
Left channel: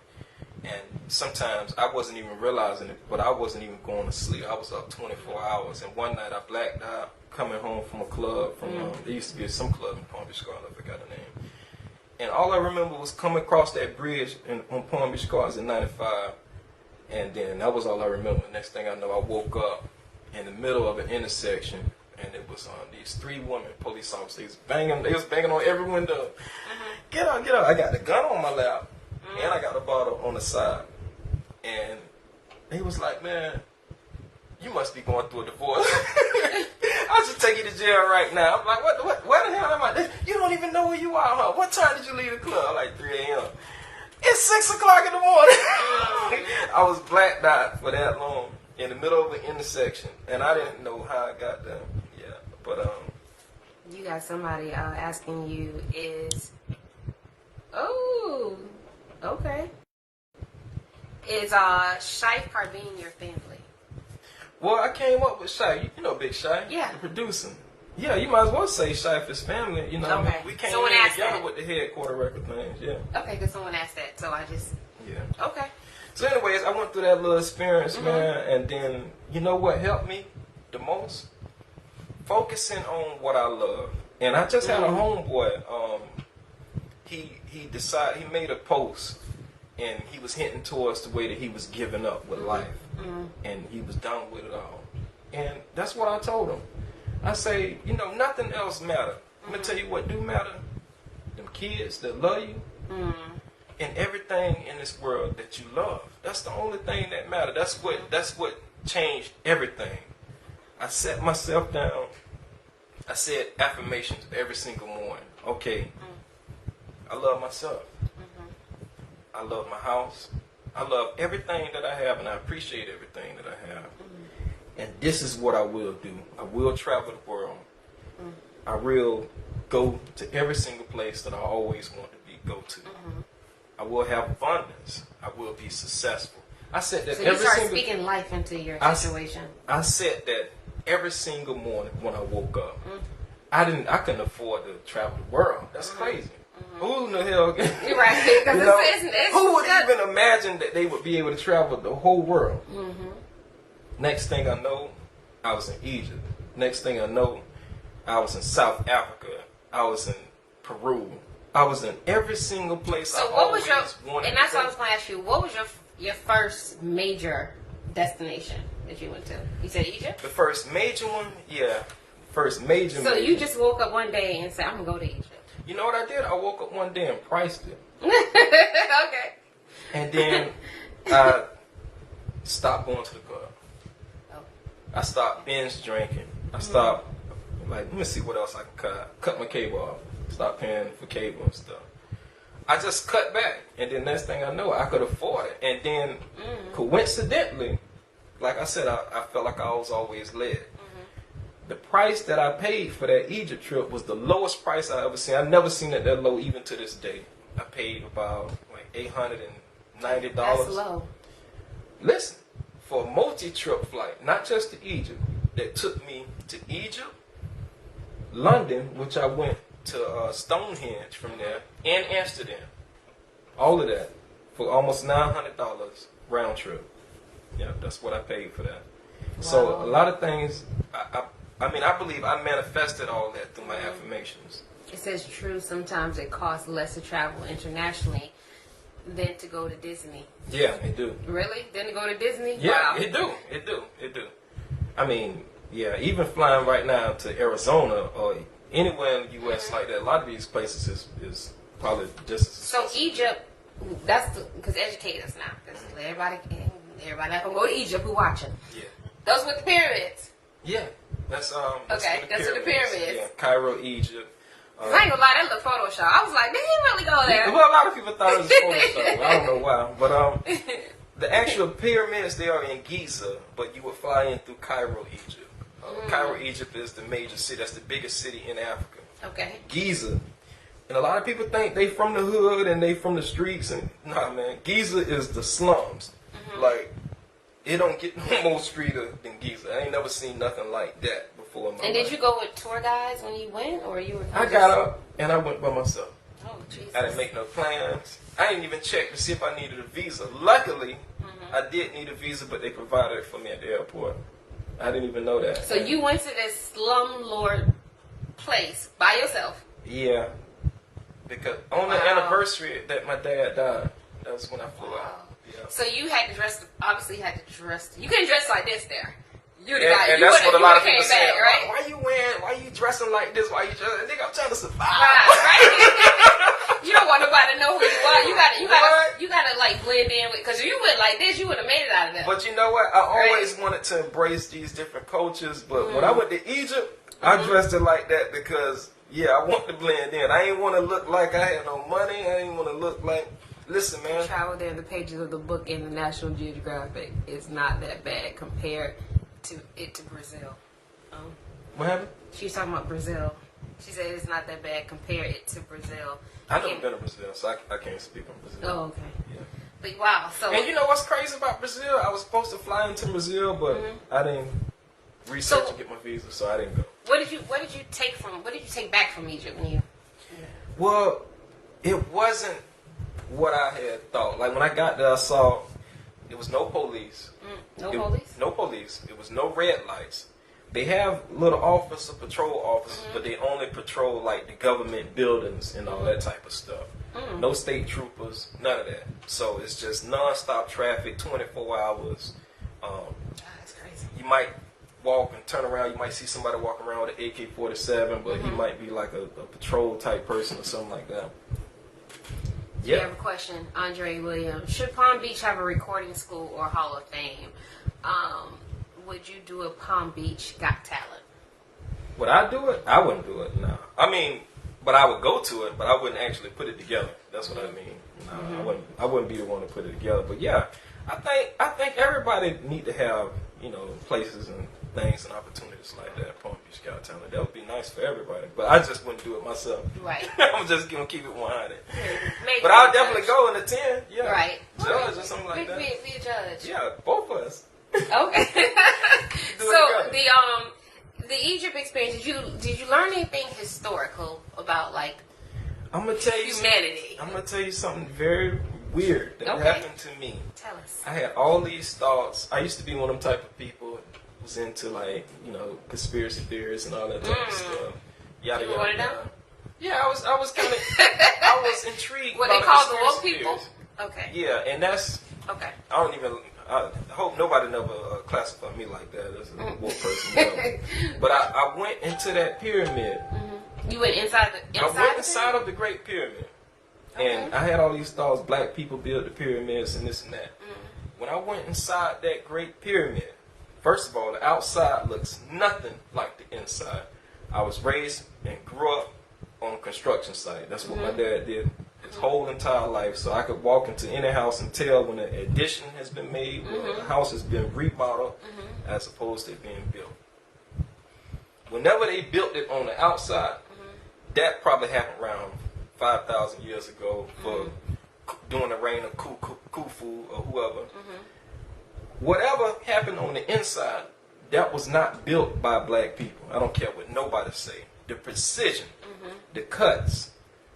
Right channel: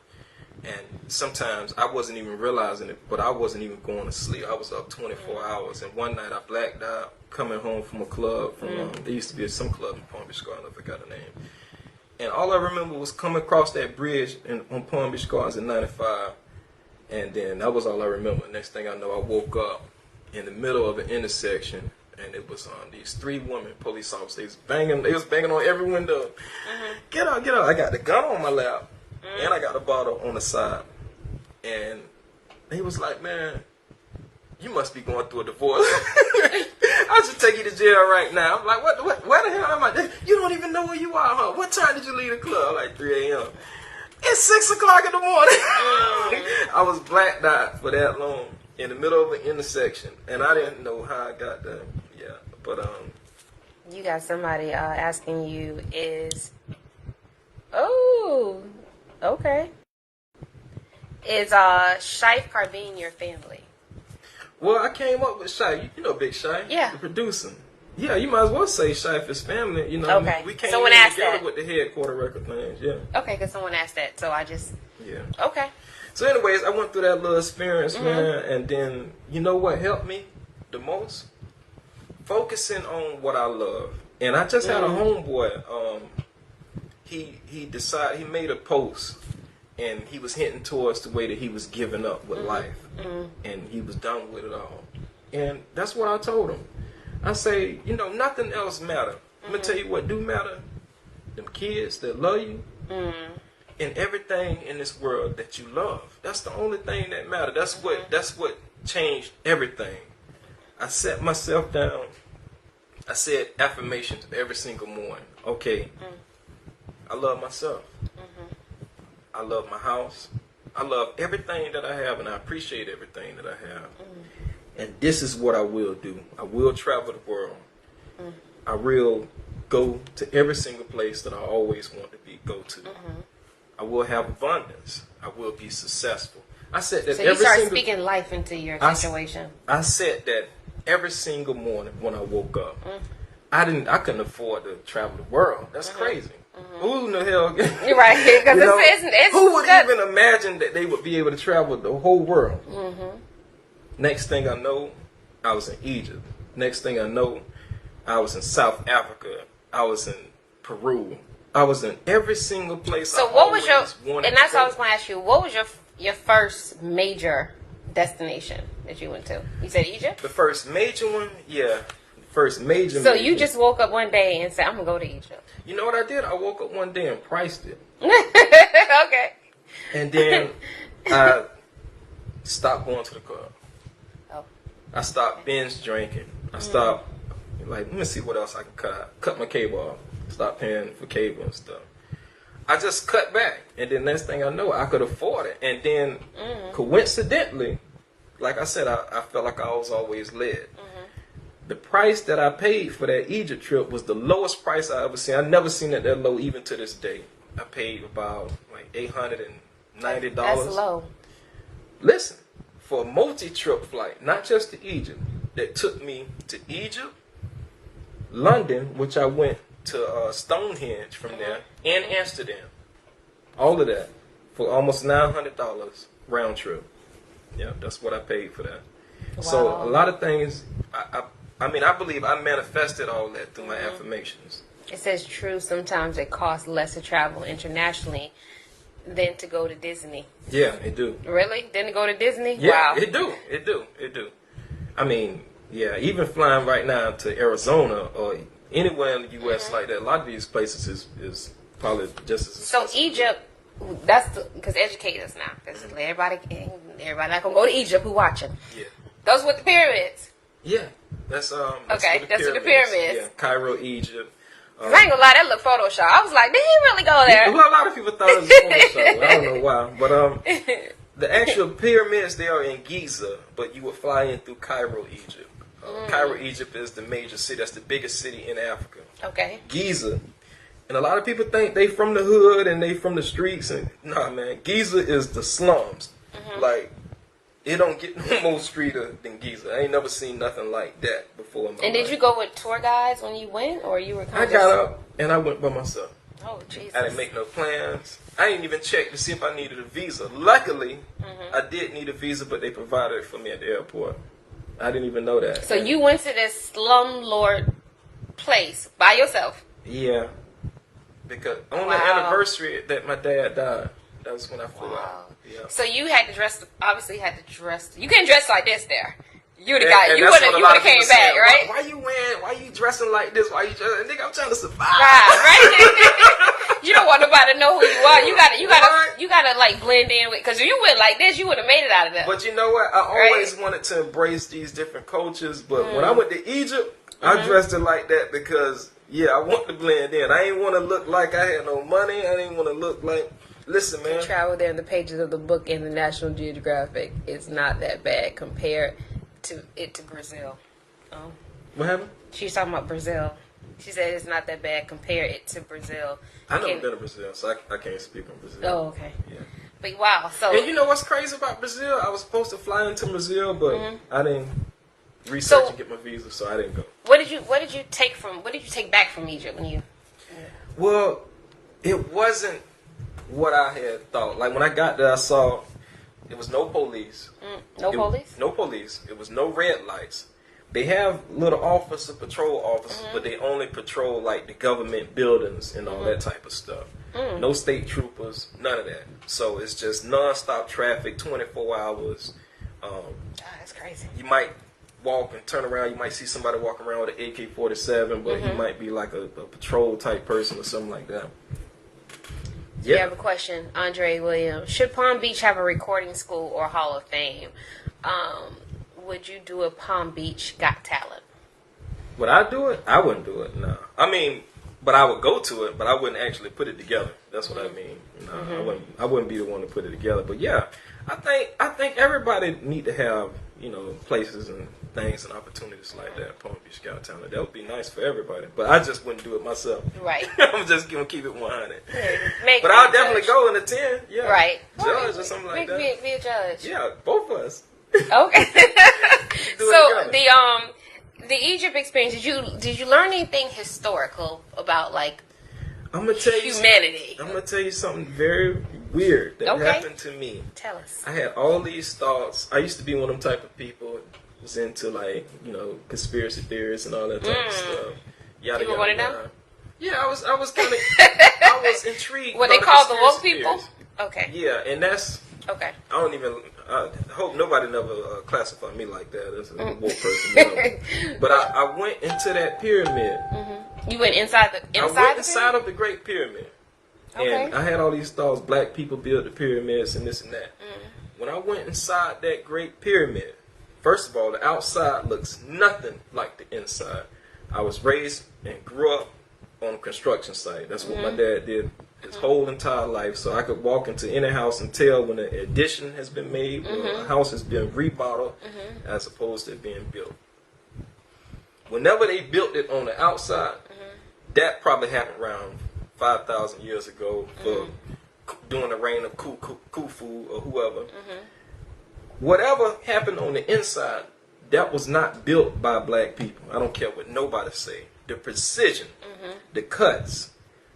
And sometimes I wasn't even realizing it, but I wasn't even going to sleep. I was up 24 hours. And one night I blacked out coming home from a club. There used to be some club in Palm Beach Gardens. I forgot the name. And all I remember was coming across that bridge on Palm Beach Gardens in 95. And then that was all I remember. Next thing I know, I woke up in the middle of an intersection. And it was these 3 women, police officers. They was banging on every window. Get out, get out. I got the gun on my lap. And I got a bottle on the side. And they was like, man, you must be going through a divorce. I should take you to jail right now. I'm like, where the hell am I? You don't even know where you are, huh? What time did you leave the club? Like 3 a.m. It's 6 o'clock in the morning. I was blacked out for that long in the middle of an intersection. And I didn't know how I got there. Yeah, but you got somebody asking you oh, okay. Is Shife Carbine your family? Well, I came up with Shife. You know Big Shife? Yeah. The producer. Yeah, you might as well say Shife is family. You know, okay. I mean? We came in together with the headquarter record things. Yeah. Okay, because someone asked that, so I just. Yeah. Okay. So, anyways, I went through that little experience, man, and then you know what helped me the most? Focusing on what I love. And I just had a homeboy. He decided, he made a post. And he was hinting towards the way that he was giving up with life. And he was done with it all. And that's what I told him. I say, you know, nothing else matter. I'm going to tell you what do matter. Them kids that love you. And everything in this world that you love. That's the only thing that matter. That's what changed everything. I sat myself down. I said affirmations every single morning. Okay. I love myself. I love my house. I love everything that I have, and I appreciate everything that I have. And this is what I will do. I will travel the world. I will go to every single place that I always want to go to. I will have abundance. I will be successful. I said that. So you start speaking life into your situation. I said that every single morning when I woke up. I couldn't afford to travel the world. That's crazy. Who in the hell? You're right. Because it's who would even imagine that they would be able to travel the whole world? Next thing I know, I was in Egypt. Next thing I know, I was in South Africa. I was in Peru. I was in every single place. So what was your? And that's what I was going to ask you. What was your first major destination that you went to? You said Egypt. The first major one, yeah. First major. So you just woke up one day and said, "I'm gonna go to Egypt." You know what I did? I woke up one day and priced it. Okay. And then I stopped going to the club. Oh. I stopped binge drinking. I stopped let me see what else I can cut. Cut my cable off. Stop paying for cable and stuff. I just cut back, and then next thing I know, I could afford it. And then coincidentally, like I said, I felt like I was always led. The price that I paid for that Egypt trip was the lowest price I ever seen. I've never seen it that low even to this day. I paid about like $890. That's low. Listen, for a multi-trip flight, not just to Egypt, that took me to Egypt, London, which I went to Stonehenge from there, and Amsterdam. All of that for almost $900 round trip. Yeah, that's what I paid for that. Wow. So a lot of things, I mean, I believe I manifested all that through my affirmations. It says true. Sometimes it costs less to travel internationally than to go to Disney. Yeah, it do. Really? Than to go to Disney? Yeah, wow. It do. I mean, yeah, even flying right now to Arizona or anywhere in the U.S. like that, a lot of these places is probably just as expensive. So Egypt, that's because educate us now, because everybody not gonna go to Egypt who watching. Yeah. Those with the pyramids. Yeah, that's okay. That's with the pyramids. Yeah, Cairo, Egypt. I ain't gonna lie, that look Photoshop. I was like, did he really go there? Well, a lot of people thought it was Photoshop. I don't know why, but the actual pyramids, they are in Giza, but you would fly in through Cairo, Egypt. Cairo, Egypt is the major city. That's the biggest city in Africa. Okay. Giza. And a lot of people think they from the hood and they from the streets. And nah, man, Giza is the slums. Like, it don't get no more streeter than Giza. I ain't never seen nothing like that before in my life. And did you go with tour guides when you went, or you were kind of I got up and I went by myself. Oh, Jesus. I didn't make no plans. I didn't even check to see if I needed a visa. Luckily, I did need a visa, but they provided it for me at the airport. I didn't even know that. So you went to this slumlord place by yourself? Yeah. Because on the anniversary that my dad died, that was when I flew out. Yeah. So you had to dress, obviously you had to dress, you couldn't dress like this there. You the and, guy, and you would have came back, say, right? Why you dressing like this? Why you dressing? Nigga, I'm trying to survive. Right? You don't want nobody to know who you are. You gotta like blend in with, because if you went like this, you would have made it out of that. But you know what? I always wanted to embrace these different cultures, but when I went to Egypt, I dressed it like that because, yeah, I want to blend in. I didn't want to look like I had no money. I didn't want to look like, listen, man. Travel there in the pages of the book in the National Geographic. It's not that bad compared to Brazil. What happened? She was talking about Brazil. She said it's not that bad. Compare it to Brazil. I've never been to Brazil, so I can't speak on Brazil. Oh, okay. Yeah. But wow, so... And you know what's crazy about Brazil? I was supposed to fly into Brazil, but I didn't research to get my visa, so I didn't go. What did you take back from Egypt when you... Yeah. Well, it wasn't what I had thought. Like, when I got there, I saw it was no police. No police? No police. It was no red lights. They have little patrol officers, but they only patrol, like, the government buildings and all that type of stuff. No state troopers, none of that. So it's just nonstop traffic, 24 hours. That's crazy. You might walk and turn around. You might see somebody walking around with an AK-47, but he might be like a patrol type person or something like that. Yeah. You have a question, Andre Williams. Should Palm Beach have a recording school or Hall of Fame? Would you do a Palm Beach Got Talent? Would I do it? I wouldn't do it, no. I mean, but I would go to it, but I wouldn't actually put it together. That's what I mean. No, I wouldn't be the one to put it together. But yeah, I think everybody need to have, places and things and opportunities like that. Palm Beach Got Talent. That would be nice for everybody. But I just wouldn't do it myself. Right. I'm just gonna keep it 100. Yeah, but I'll definitely go and attend. Yeah. Right. Judge or something like that. Be a judge. Yeah, both of us. Okay. So the Egypt experience, did you learn anything historical about I'm gonna tell you humanity? I'm gonna tell you something very weird that happened to me. Tell us. I had all these thoughts. I used to be one of them type of people who was into conspiracy theories and all that type of stuff. Yada yada yada. Yeah, I was kind of I was intrigued. What they call the woke people? Okay. Yeah, and that's okay. I hope nobody never classify me like that as a woke person. But I went into that pyramid. You went inside of the Great Pyramid. Okay. And I had all these thoughts, black people built the pyramids and this and that. When I went inside that Great Pyramid, first of all, the outside looks nothing like the inside. I was raised and grew up on a construction site. That's what my dad did his whole entire life. So I could walk into any house and tell when an addition has been made, or a house has been remodeled, as opposed to it being built. Whenever they built it on the outside, that probably happened around 5,000 years ago for during the reign of Khufu or whoever. whatever happened on the inside, that was not built by black people. I don't care what nobody say. The precision, the cuts,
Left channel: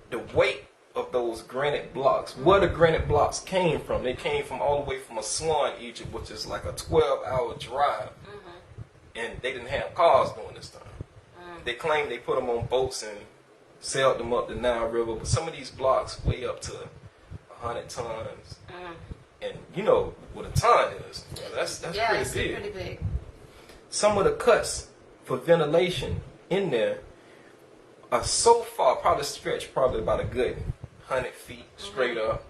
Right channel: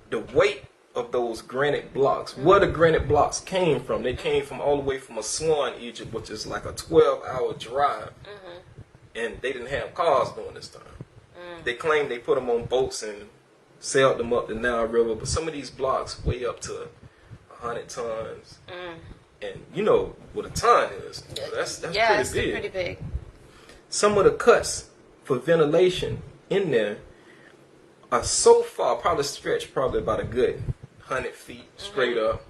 the weight of those granite blocks, where the granite blocks came from. They came from all the way from Aswan, Egypt, which is like a 12-hour drive. And they didn't have cars during this time. They claim they put them on boats and sailed them up the Nile River, but some of these blocks weigh up to 100 tons. And you know what a ton is. That's pretty big. Some of the cuts for ventilation in there are so far, probably stretched about a good 100 feet straight up.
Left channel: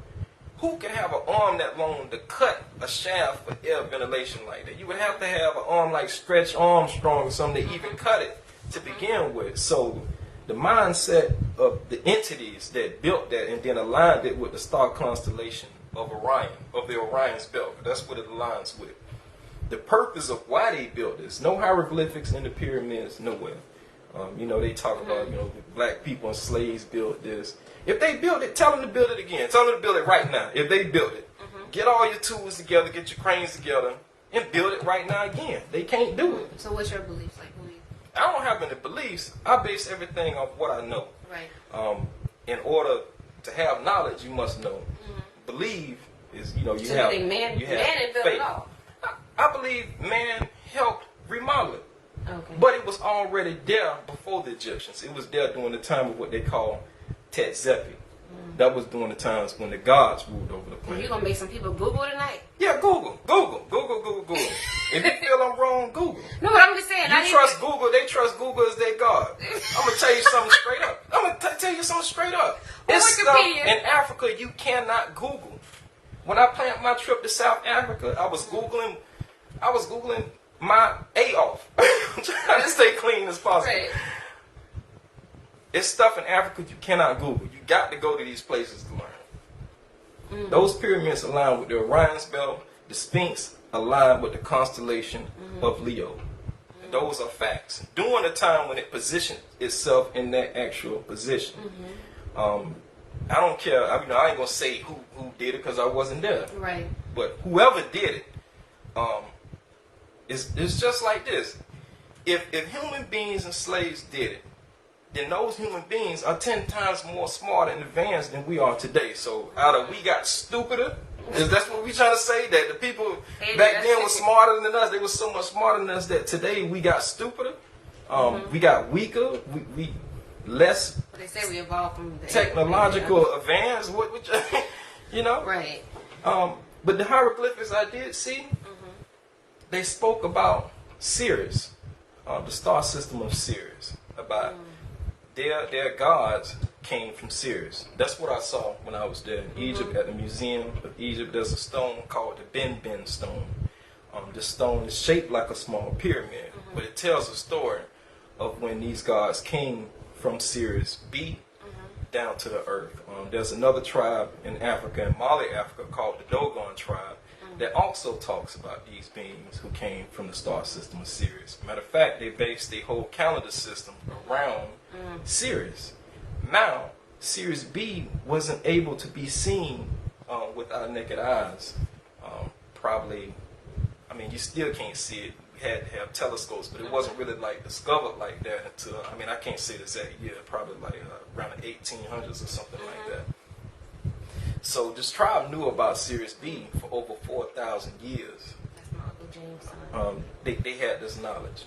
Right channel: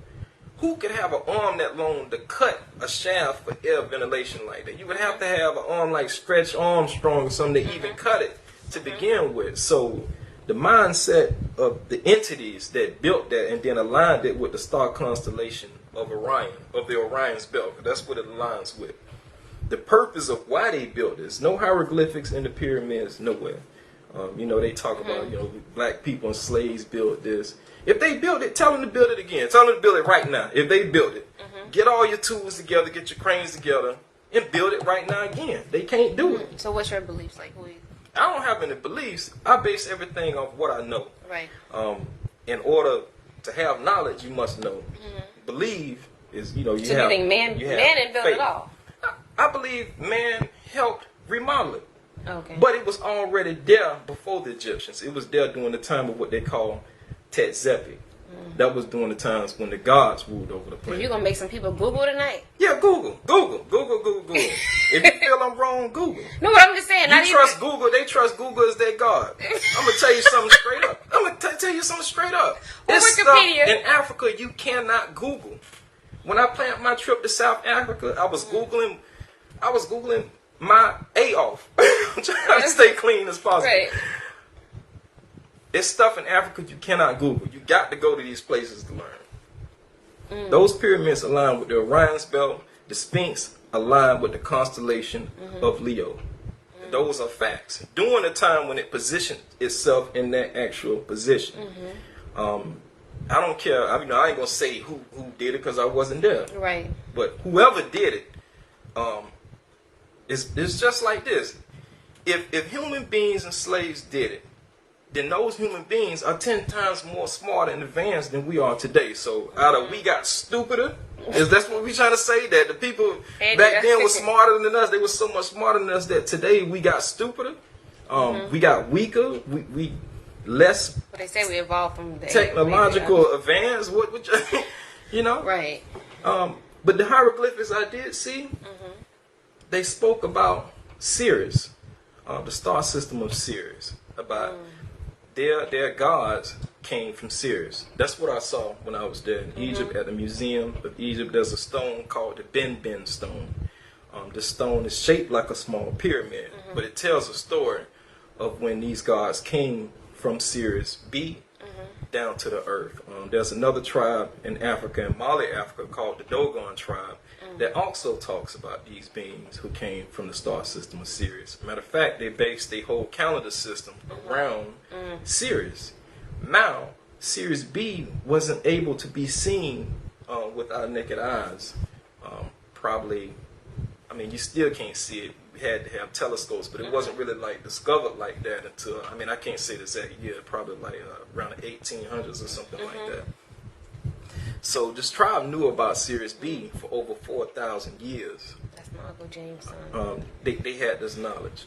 Who could have an arm that long to cut a shaft for air ventilation like that? You would have to have an arm like Stretch Armstrong or something to even cut it to begin with. So the mindset of the entities that built that and then aligned it with the star constellation of Orion, of the Orion's belt, that's what it aligns with. The purpose of why they built this, no hieroglyphics in the pyramids, nowhere. You know, they talk about, you know, black people and slaves built this. If they built it, tell them to build it again. Tell them to build it right now. If they built it, get all your tools together, get your cranes together, and build it right now again. They can't do it. So what's your beliefs? Like, I don't have any beliefs. I base everything off what I know. Right. In order to have knowledge, you must know. Believe is, you know, you so have. So you think man didn't build it all? I believe man helped remodel it. Okay. But it was already there before the Egyptians. It was there during the time of what they call Tetzepi. That was during the times when the gods ruled over the planet. You're going to make some people Google tonight? Yeah, Google. If you feel I'm wrong, Google. No, but I'm just saying. You trust Google. They trust Google as their God. I'm going to tell you something straight up. It's stuff in Africa you cannot Google. When I planned my trip to South Africa, I was Googling my A off. I'm trying to stay clean as possible. Right. It's stuff in Africa you cannot Google. You got to go to these places to learn. Those pyramids align with the Orion's belt. The Sphinx align with the constellation of Leo. Those are facts. During the time when it positioned itself in that actual position. I don't care. I ain't gonna say who did it because I wasn't there. Right. But whoever did it, it's just like this. If human beings and slaves did it, then those human beings are 10 times more smart and advanced than we are today. So either we got stupider, is that's what we trying to say, that the people back then were smarter than us. They were so much smarter than us that today we got stupider. We got weaker. We less. But they say we evolved from the technological advance. What you know? Right. But the hieroglyphics I did see, they spoke about Sirius, the star system of Sirius, about their gods came from Sirius. That's what I saw when I was there in Egypt at the Museum of Egypt. There's a stone called the Ben stone. This stone is shaped like a small pyramid, but it tells a story of when these gods came from Sirius B down to the earth. There's another tribe in Africa, in Mali, Africa, called the Dogon tribe that also talks about these beings who came from the star system of Sirius. Matter of fact, they based their whole calendar system around Sirius. Now, Sirius B wasn't able to be seen with our naked eyes. Probably, you still can't see it. We had to have telescopes, but it wasn't really like discovered like that until, I can't say the exact year, probably like around the 1800s or something like that. So this tribe knew about Sirius B for over 4,000 years. That's my Uncle James' son. They had this knowledge.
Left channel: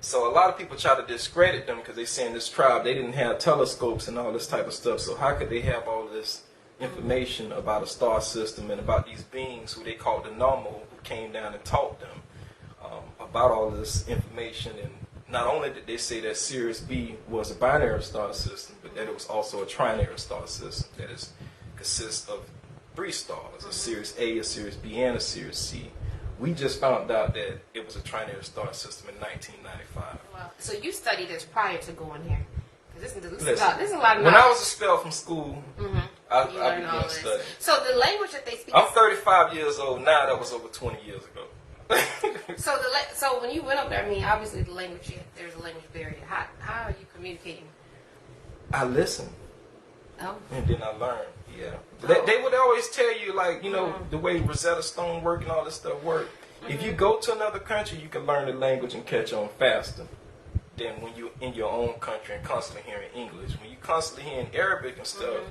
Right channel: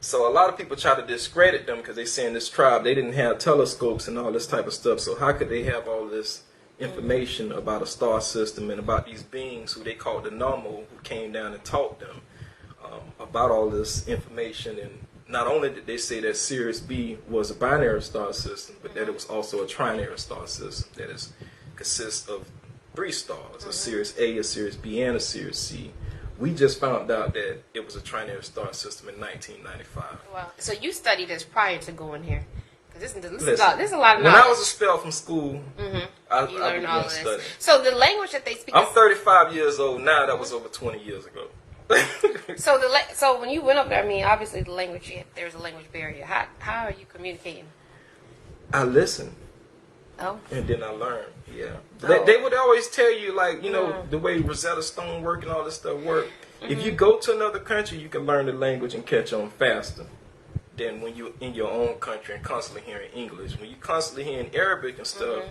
So a lot of people try to discredit them because they saying this tribe, they didn't have telescopes and all this type of stuff. So how could they have all this information about a star system and about these beings who they called the normal, who came down and taught them about all this information? And not only did they say that Sirius B was a binary star system, but that it was also a trinary star system that consists of 3 stars, a Sirius A, a Sirius B, and a Sirius C. We just found out that it was a trinary star system in 1995. Wow. So you studied this prior to going here? Because this is a lot of knowledge. When I was expelled from school, I began studying. So the language that they speak... I'm 35 years old now. That was over 20 years ago. So when you went up there, obviously the language, there was a language barrier. How are you communicating? I listen. Oh. And then I learned, They would always tell you, like, you know, the way Rosetta Stone work and all this stuff work. If you go to another country, you can learn the language and catch on faster than when you're in your own country and constantly hearing English. When you constantly hearing Arabic and stuff,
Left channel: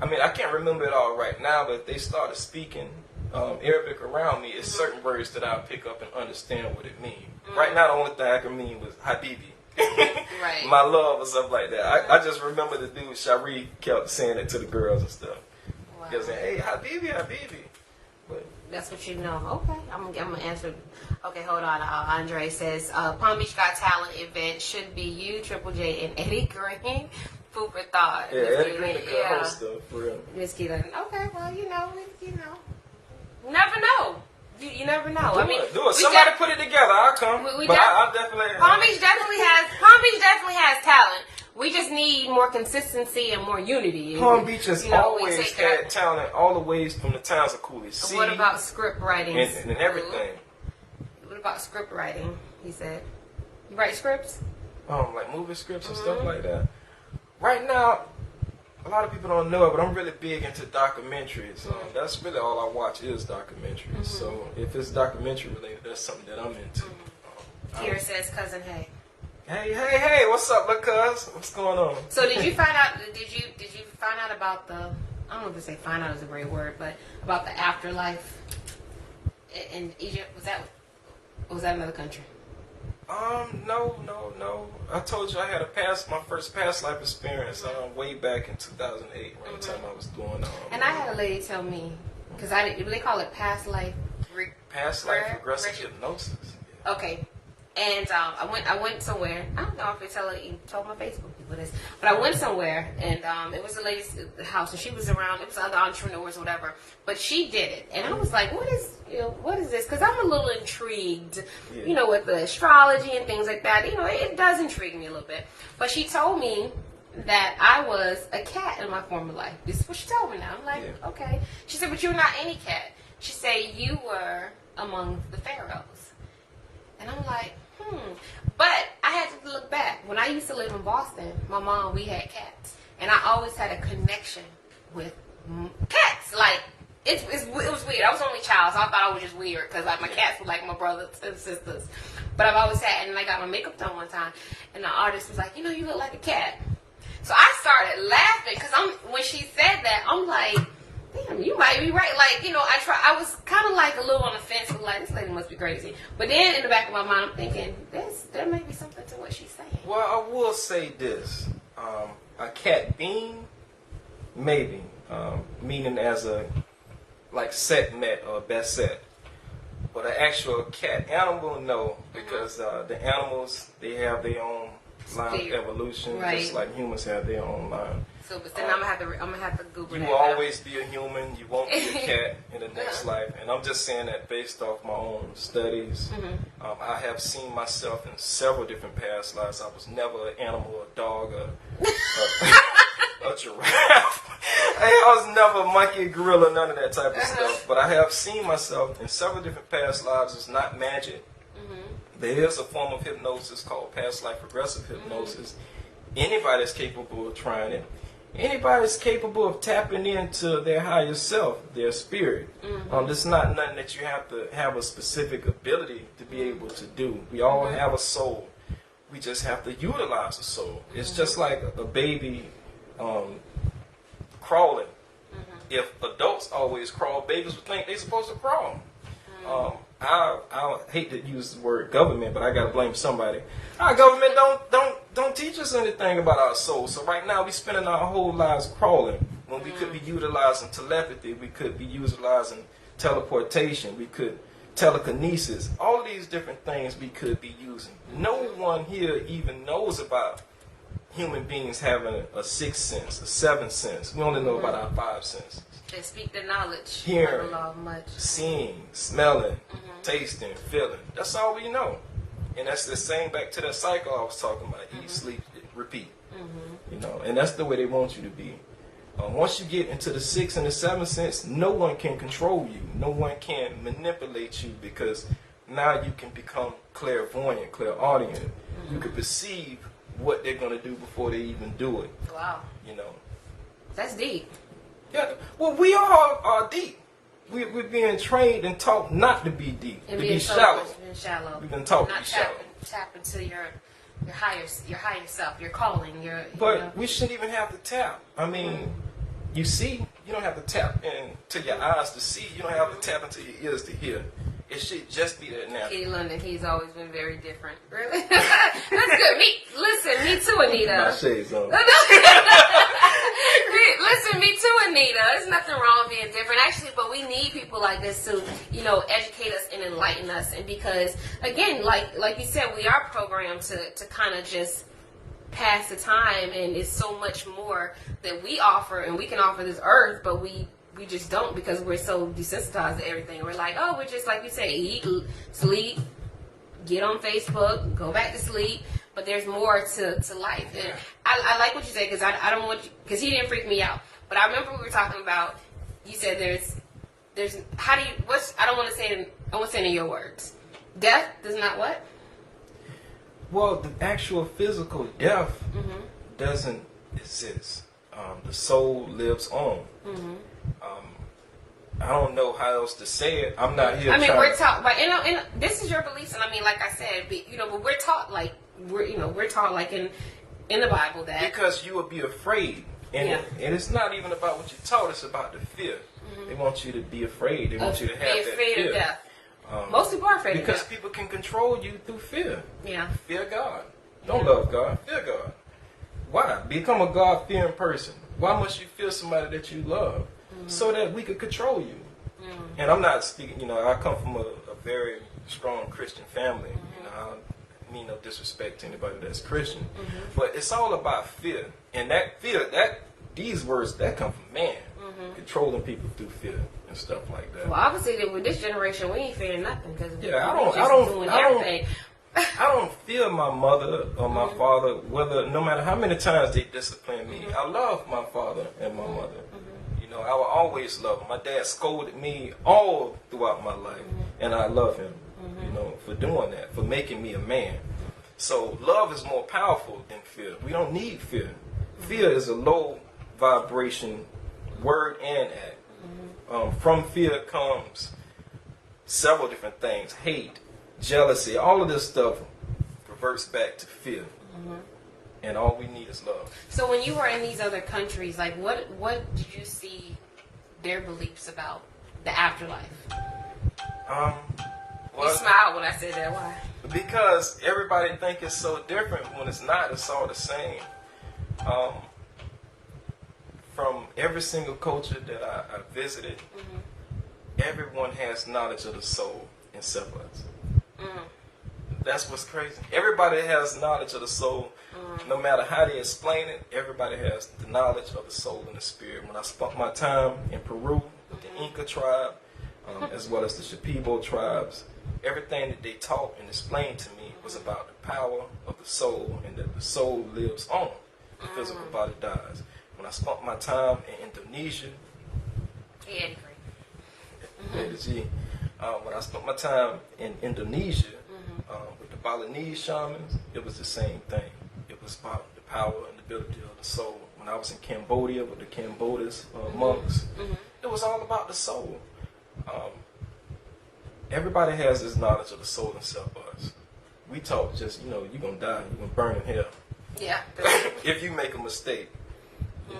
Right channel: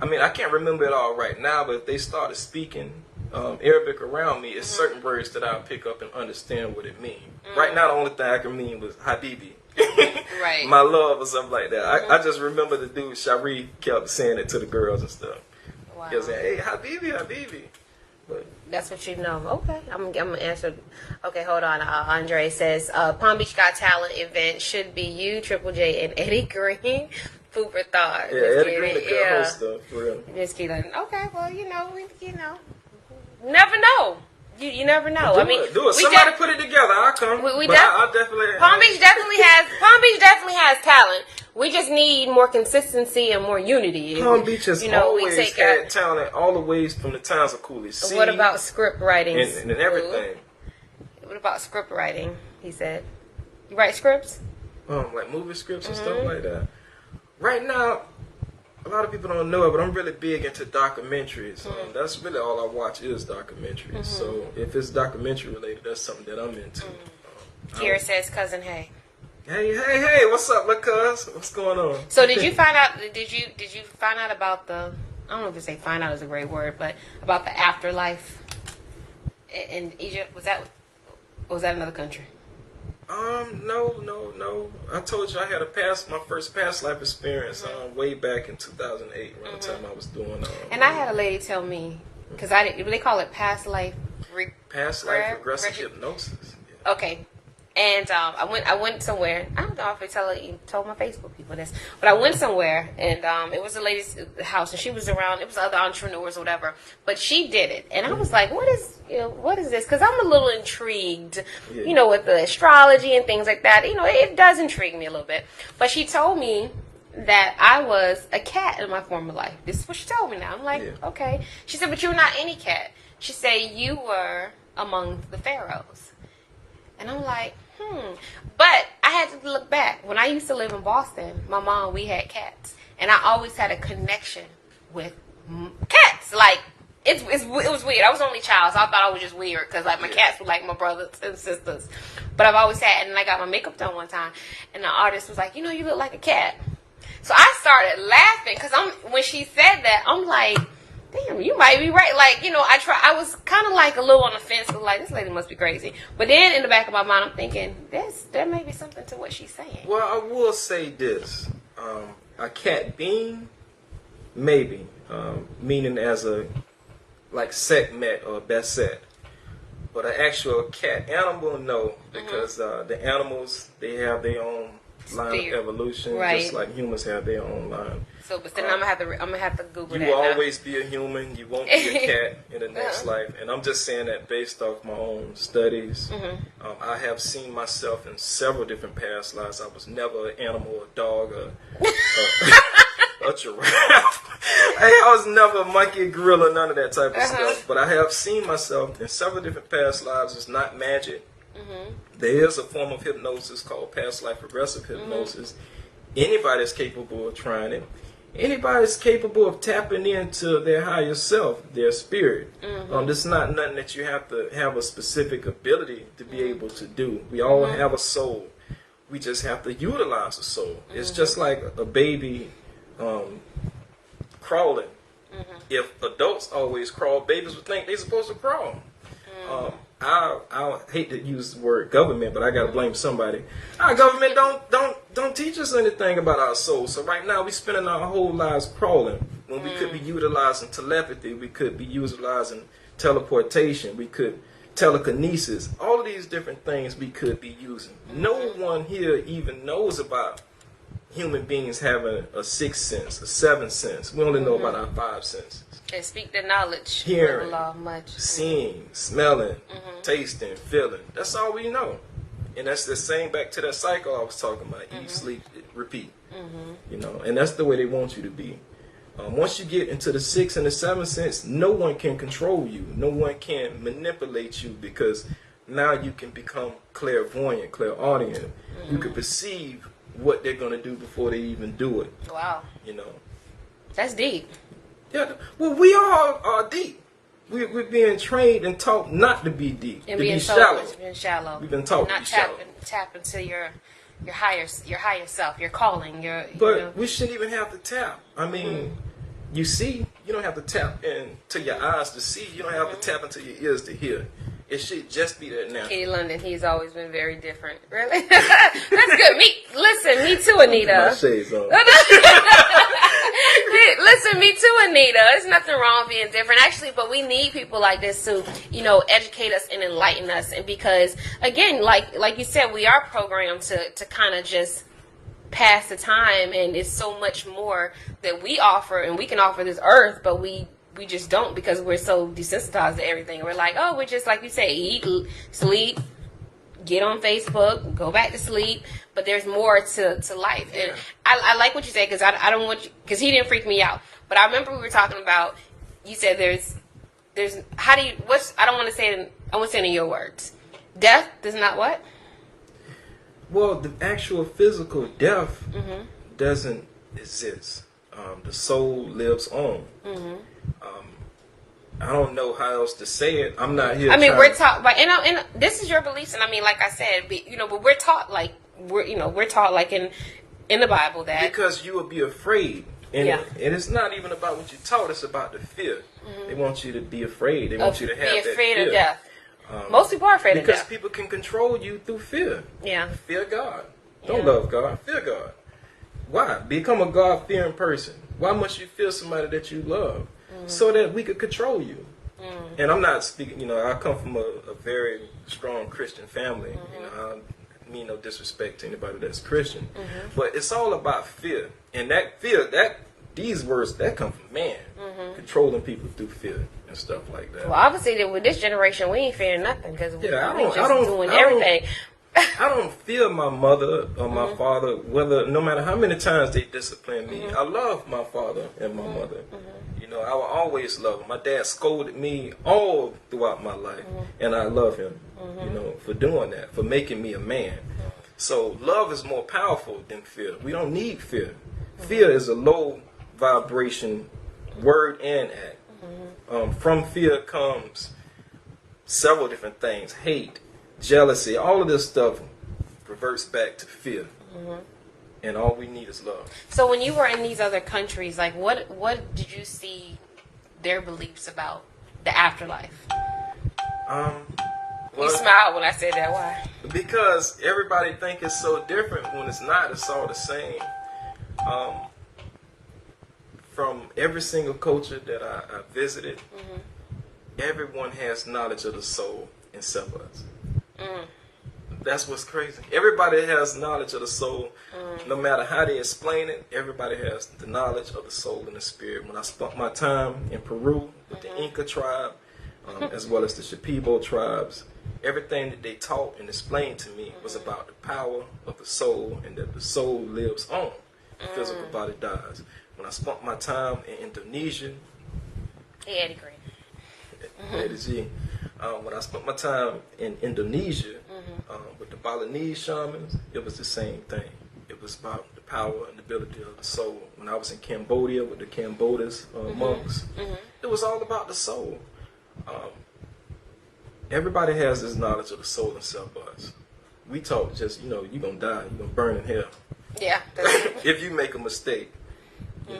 I mean, I can't remember it all right now, but if they started speaking Arabic around me, it's certain words that I'll pick up and understand what it means. Right now, the only thing I can mean was Habibi. Right. My love or something like that. I just remember the dude, Sharif, kept saying it to the girls and stuff. Wow. He was saying, hey, Habibi, Habibi. But that's what you know. Okay, I'm gonna answer. Okay, hold on. Andre says Palm Beach Got Talent event should be you, Triple J, and Eddie Green. Food for thought. Yeah, Eddie Green, a good host stuff for real. Just keep like, okay, well, you know, never know. You never know. Do it. Somebody put it together. I'll come. I definitely. Palm Beach definitely has talent. We just need more consistency and more unity. Palm Beach has always had talent, all the ways from the times of Cooley C. What about script writing and everything? What about script writing? He said, you write scripts? Like movie scripts and stuff like that. Right now, a lot of people don't know it, but I'm really big into documentaries. That's really all I watch is documentaries. So if it's documentary related, that's something that I'm into. Kira says, cousin, hey. Hey, what's up, look, cuz? What's going on? So did you find out, did you find out about the, I don't know if to say find out is a great word, but about the afterlife in Egypt? Was that another country? No. I told you I had my first past life experience way back in 2008 around the time I was doing and I had a lady tell me, because they call it past life regressive hypnosis. Yeah. Okay. And I went somewhere. I don't know if I told my Facebook people this, but I went somewhere and it was a lady's house and she was around. It was other entrepreneurs or whatever, but she did it, and I was like, "What is this?" Because I'm a little intrigued, with the astrology and things like that. It does intrigue me a little bit. But she told me that I was a cat in my former life. This is what she told me. Now I'm like, okay. She said, "But you're not any cat." She said, "You were among the pharaohs," and I'm like. But I had to look back. When I used to live in Boston, my mom, we had cats. And I always had a connection with cats. Like, it was weird. I was the only child, so I thought I was just weird. Because, like, my cats were like my brothers and sisters. But I've always had, and I got my makeup done one time. And the artist was like, you look like a cat. So I started laughing. Because when she said that, I'm like, damn, you might be right. Like, I was kind of like a little on the fence, like, this lady must be crazy. But then in the back of my mind, I'm thinking, there may be something to what she's saying. Well, I will say this. A cat being, maybe, meaning as a, like, Sekhmet or Beset. But an actual cat animal, no. Because the animals, they have their own line of evolution, just like humans have their own line. So, but then I'm gonna have to Google that. You will always be a human. You won't be a cat in the next life. And I'm just saying that based off my own studies. I have seen myself in several different past lives. I was never an animal, a dog, a giraffe. I was never a monkey, a gorilla, none of that type of stuff. But I have seen myself in several different past lives. It's not magic. There is a form of hypnosis called past life regressive hypnosis. Anybody's capable of trying it. Anybody's capable of tapping into their higher self, their spirit. This is not nothing that you have to have a specific ability to be able to do. We all have a soul. We just have to utilize the soul. It's just like a baby crawling. If adults always crawl, babies would think they're supposed to crawl. I hate to use the word government, but I gotta blame somebody. Our government don't teach us anything about our soul. So right now we spending our whole lives crawling when we could be utilizing telepathy, we could be utilizing teleportation, we could telekinesis, all of these different things we could be using. No one here even knows about human beings having a sixth sense, a seventh sense. We only know about our five senses. They speak the knowledge. Hearing, seeing, smelling, tasting, feeling. That's all we know. And that's the same back to that cycle I was talking about. Eat, sleep, repeat. And that's the way they want you to be. Once you get into the sixth and the seventh sense, no one can control you. No one can manipulate you because now you can become clairvoyant, clairaudient. You can perceive what they're going to do before they even do it. Wow. That's deep. Yeah. Well, we all are deep. We're being trained and taught not to be deep, And to being be shallow. Being shallow. We've been taught to be shallow. Tap into your higher self, your calling, But we shouldn't even have to tap. I mean, you see, you don't have to tap into your eyes to see. You don't have to tap into your ears to hear. It should just be that natural. Kitty London, he's always been very different. Really? That's good. Me too, Anita. My shades on. Listen, me too, Anita. There's nothing wrong being different, actually. But we need people like this to, educate us and enlighten us. And because, again, like you said, we are programmed to kind of just pass the time, and it's so much more that we offer, and we can offer this earth, but we just don't, because we're so desensitized to everything. We're like, oh, we're just, like you say, eat, sleep, get on Facebook, go back to sleep. But there's more to life. And I like what you said, because I don't want you, because he didn't freak me out. But I remember we were talking about, you said there's how do you, I don't want to say it, I want to say it in your words. Death does not what? Well, the actual physical death doesn't exist. The soul lives on. I don't know how else to say it. I'm not here. I mean, we're taught, but and this is your beliefs, and I mean, like I said, but we're taught like we're taught like in the Bible that because you will be afraid, and it's not even about what you're taught. It's about the fear. They want you to be afraid. They want you to have that fear. Be afraid of death. Most people are afraid of death because people can control you through fear. Yeah. Fear God. Don't love God. Fear God. Why? Become a God-fearing person. Why must you fear somebody that you love? So that we could control you. And I'm not speaking, I come from a very strong Christian family. I mean no disrespect to anybody that's Christian. But it's all about fear. And that fear, these words, that come from man. Controlling people through fear and stuff like that. Well, obviously, with this generation, we ain't fearing nothing, because we're doing I everything. I don't fear my mother or my father, no matter how many times they discipline me. I love my father and my mother. I will always love them. My dad scolded me all throughout my life, and I love him, for doing that, for making me a man. So love is more powerful than fear. We don't need fear. Fear is a low vibration word and act. From fear comes several different things: hate, jealousy, all of this stuff reverts back to fear. And all we need is love. So when you were in these other countries, like what did you see their beliefs about the afterlife? You smiled when I said that. Why? Because everybody think it's so different when it's not. It's all the same. From every single culture that I visited, everyone has knowledge of the soul in separates. That's what's crazy. Everybody has knowledge of the soul. No matter how they explain it, everybody has the knowledge of the soul and the spirit. When I spent my time in Peru with the Inca tribe, as well as the Shipibo tribes, everything that they taught and explained to me was about the power of the soul, and that the soul lives on. The physical body dies. When I spent my time in Indonesia, when I spent my time in Indonesia with the Balinese shamans, it was the same thing. It was about the power and the ability of the soul. When I was in Cambodia with the Cambodis monks, it was all about the soul. Everybody has this knowledge of the soul inside of us. We talk just, you're going to die, you're going to burn in hell. Yeah. If you make a mistake, I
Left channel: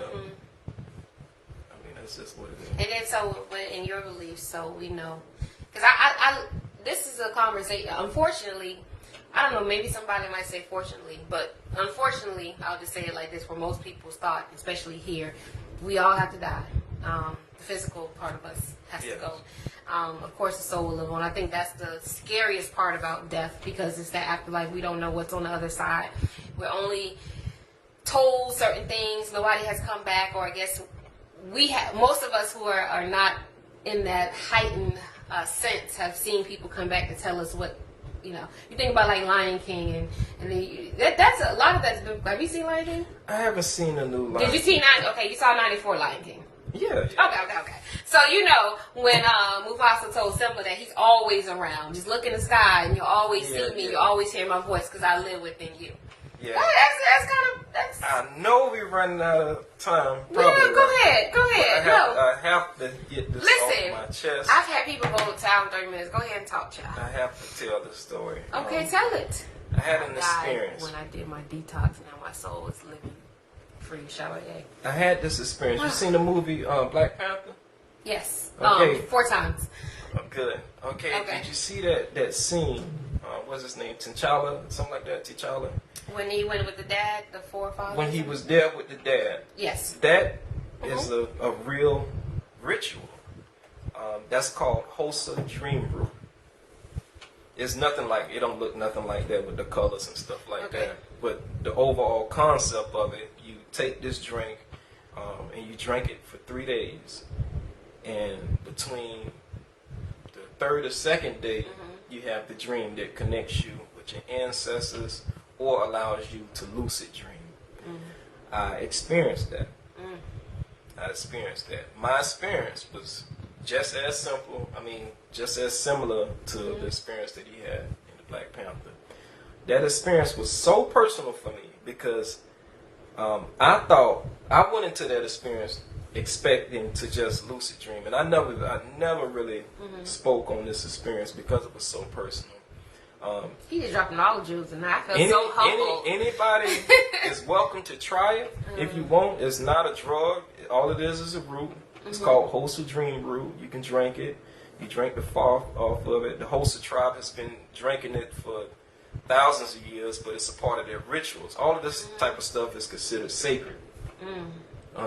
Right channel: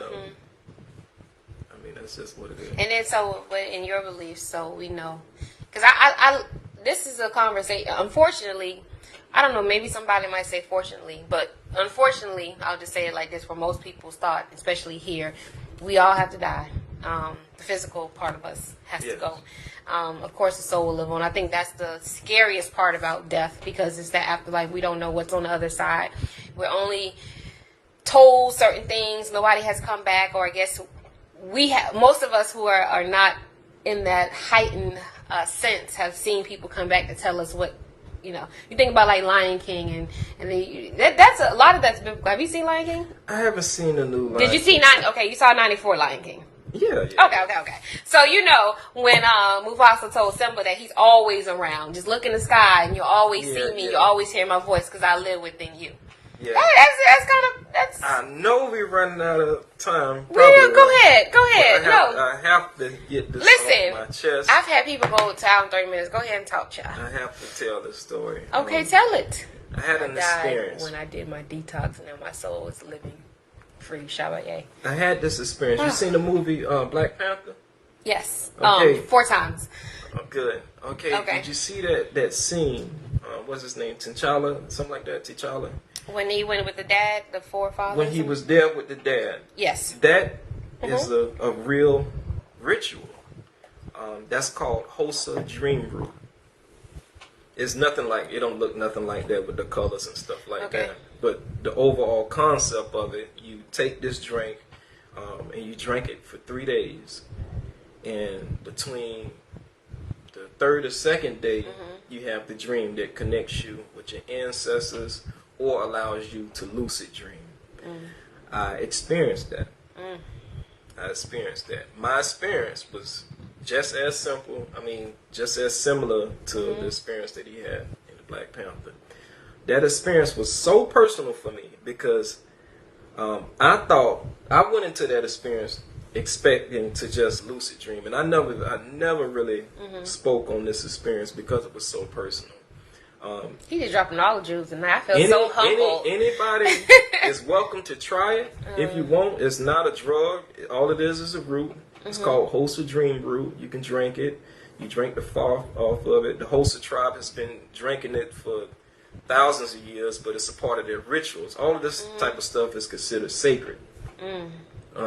mean, that's just what it is. And then, so, in your beliefs, so we know. Because I this is a conversation, unfortunately, I don't know, maybe somebody might say fortunately, but unfortunately, I'll just say it like this, for most people's thought, especially here, we all have to die. The physical part of us has to go. Of course, the soul will live on. I think that's the scariest part about death, because it's that afterlife. We don't know what's on the other side. We're only told certain things. Nobody has come back, or I guess most of us who are not in that heightened sense have seen people come back to tell us what, you think about like Lion King, and that's a lot of that's biblical. Have you seen Lion King? I haven't seen the new Lion King. Did you see you saw 94 Lion King? Yeah. Okay. So when Mufasa told Simba that he's always around, just look in the sky and you'll always see me, you always hear my voice because I live within you. Yeah. That's kind of, I know we're running out of time. Well, go ahead. I have to get this off my chest. I've had people go to town in 30 minutes. Go ahead and talk, child. I have to tell this story. Okay, tell it. I had an experience. When I did my detox, now my soul is living free. Chevalier. I had this experience. You seen the movie Black Panther? Yes. Okay. 4 times. Good. Okay. Did you see that scene? What's his name? T'Challa? Something like that? T'Challa? When he went with the dad, the forefathers? When he was there with the dad. Yes. That is a real ritual. That's called Hosa Dream Brew. It's nothing like, it don't look nothing like that with the colors and stuff like that. But the overall concept of it, you take this drink and you drink it for 3 days. And between the third or second day, you have the dream that connects you with your ancestors or allows you to lucid dream. I experienced that. My experience was just as simple, just as similar to the experience that he had in the Black Panther. That experience was so personal for me because I went into that experience expecting to just lucid dream, and I never really spoke on this experience because it was so personal. He just dropping all the jewels, and I feel so humble. Anybody is welcome to try it if you want. It's not a drug. All it is a root. It's called Hosa Dream Brew. You can drink it. You drink the froth off of it. The Hosa tribe has been drinking it for thousands of years, but it's a part of their rituals. All of this type of stuff is considered sacred.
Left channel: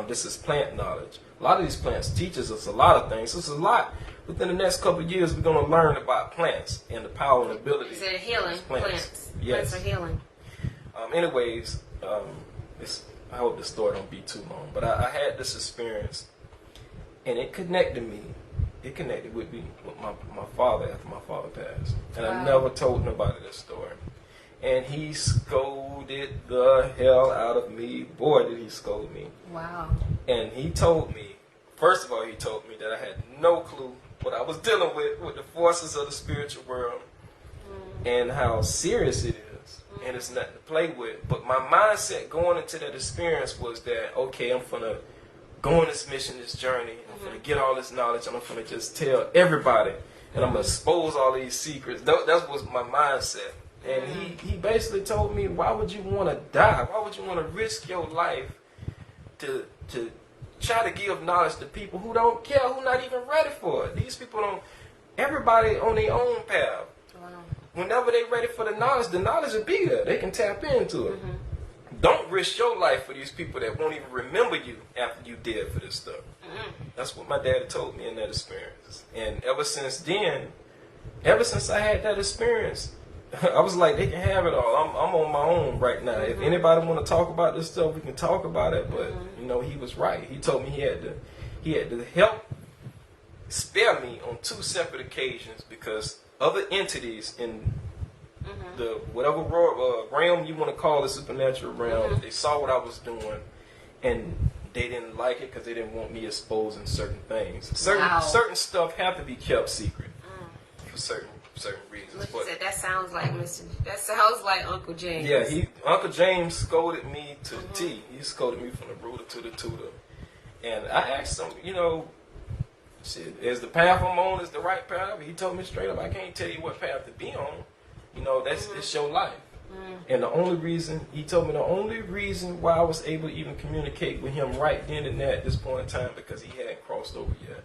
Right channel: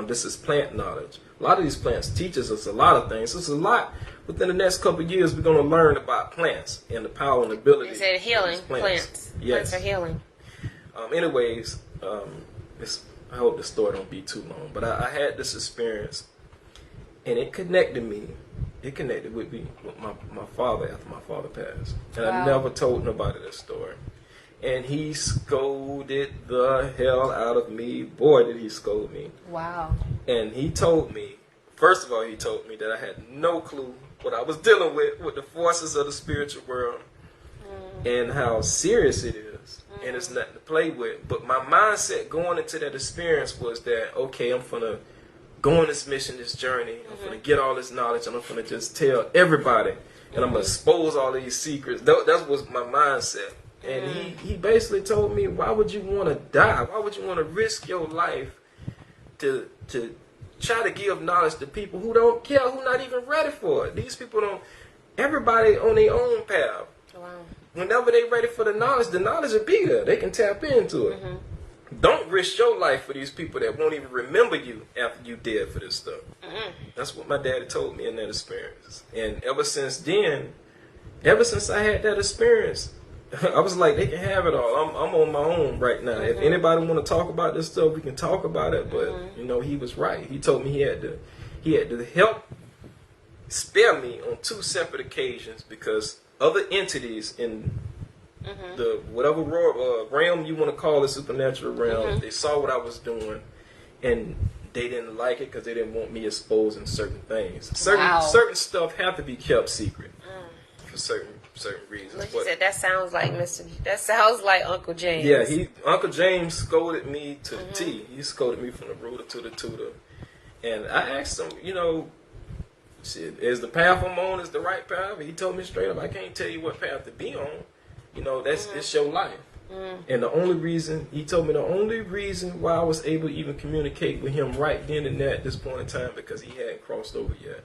This is plant knowledge. A lot of these plants teaches us a lot of things. There's a lot. Within the next couple of years, we're going to learn about plants and the power and ability. Is it healing? Plants. Yes. Plants are healing. Anyways, I hope the story don't be too long. But I had this experience, and it connected me. It connected with me with my father after my father passed. And I never told nobody this story. And he scolded the hell out of me. Boy, did he scold me. Wow. And he told me, first of all, he told me that I had no clue what I was dealing with the forces of the spiritual world and how serious it is. And it's nothing to play with. But my mindset going into that experience was that, okay, I'm going to go on this mission, this journey. I'm going to get all this knowledge, and I'm going to just tell everybody. And I'm going to expose all these secrets. That was my mindset. And he basically told me, why would you want to die? Why would you want to risk your life to try to give knowledge to people who don't care, who not even ready for it? These people don't, everybody on their own path. Wow. Whenever they ready for the knowledge will be there. They can tap into it. Don't risk your life for these people that won't even remember you after you dead for this stuff. That's what my daddy told me in that experience. And ever since then, ever since I had that experience, I was like, they can have it all. I'm on my own right now. If anybody want to talk about this stuff, we can talk about it. But he was right. He told me he had to help spare me on 2 separate occasions because other entities in the whatever realm you want to call it, supernatural realm, they saw what I was doing, and they didn't like it because they didn't want me exposing certain things. Certain stuff have to be kept secret for certain reasons. Like you said, that sounds like Uncle James. Yeah, Uncle James scolded me to the T. He scolded me from the rooter to the tutor. And I asked him, is the path I'm on is the right path? He told me straight up, I can't tell you what path to be on. It's your life. And he told me the only reason why I was able to even communicate with him right then and there at this point in time because he hadn't crossed over yet.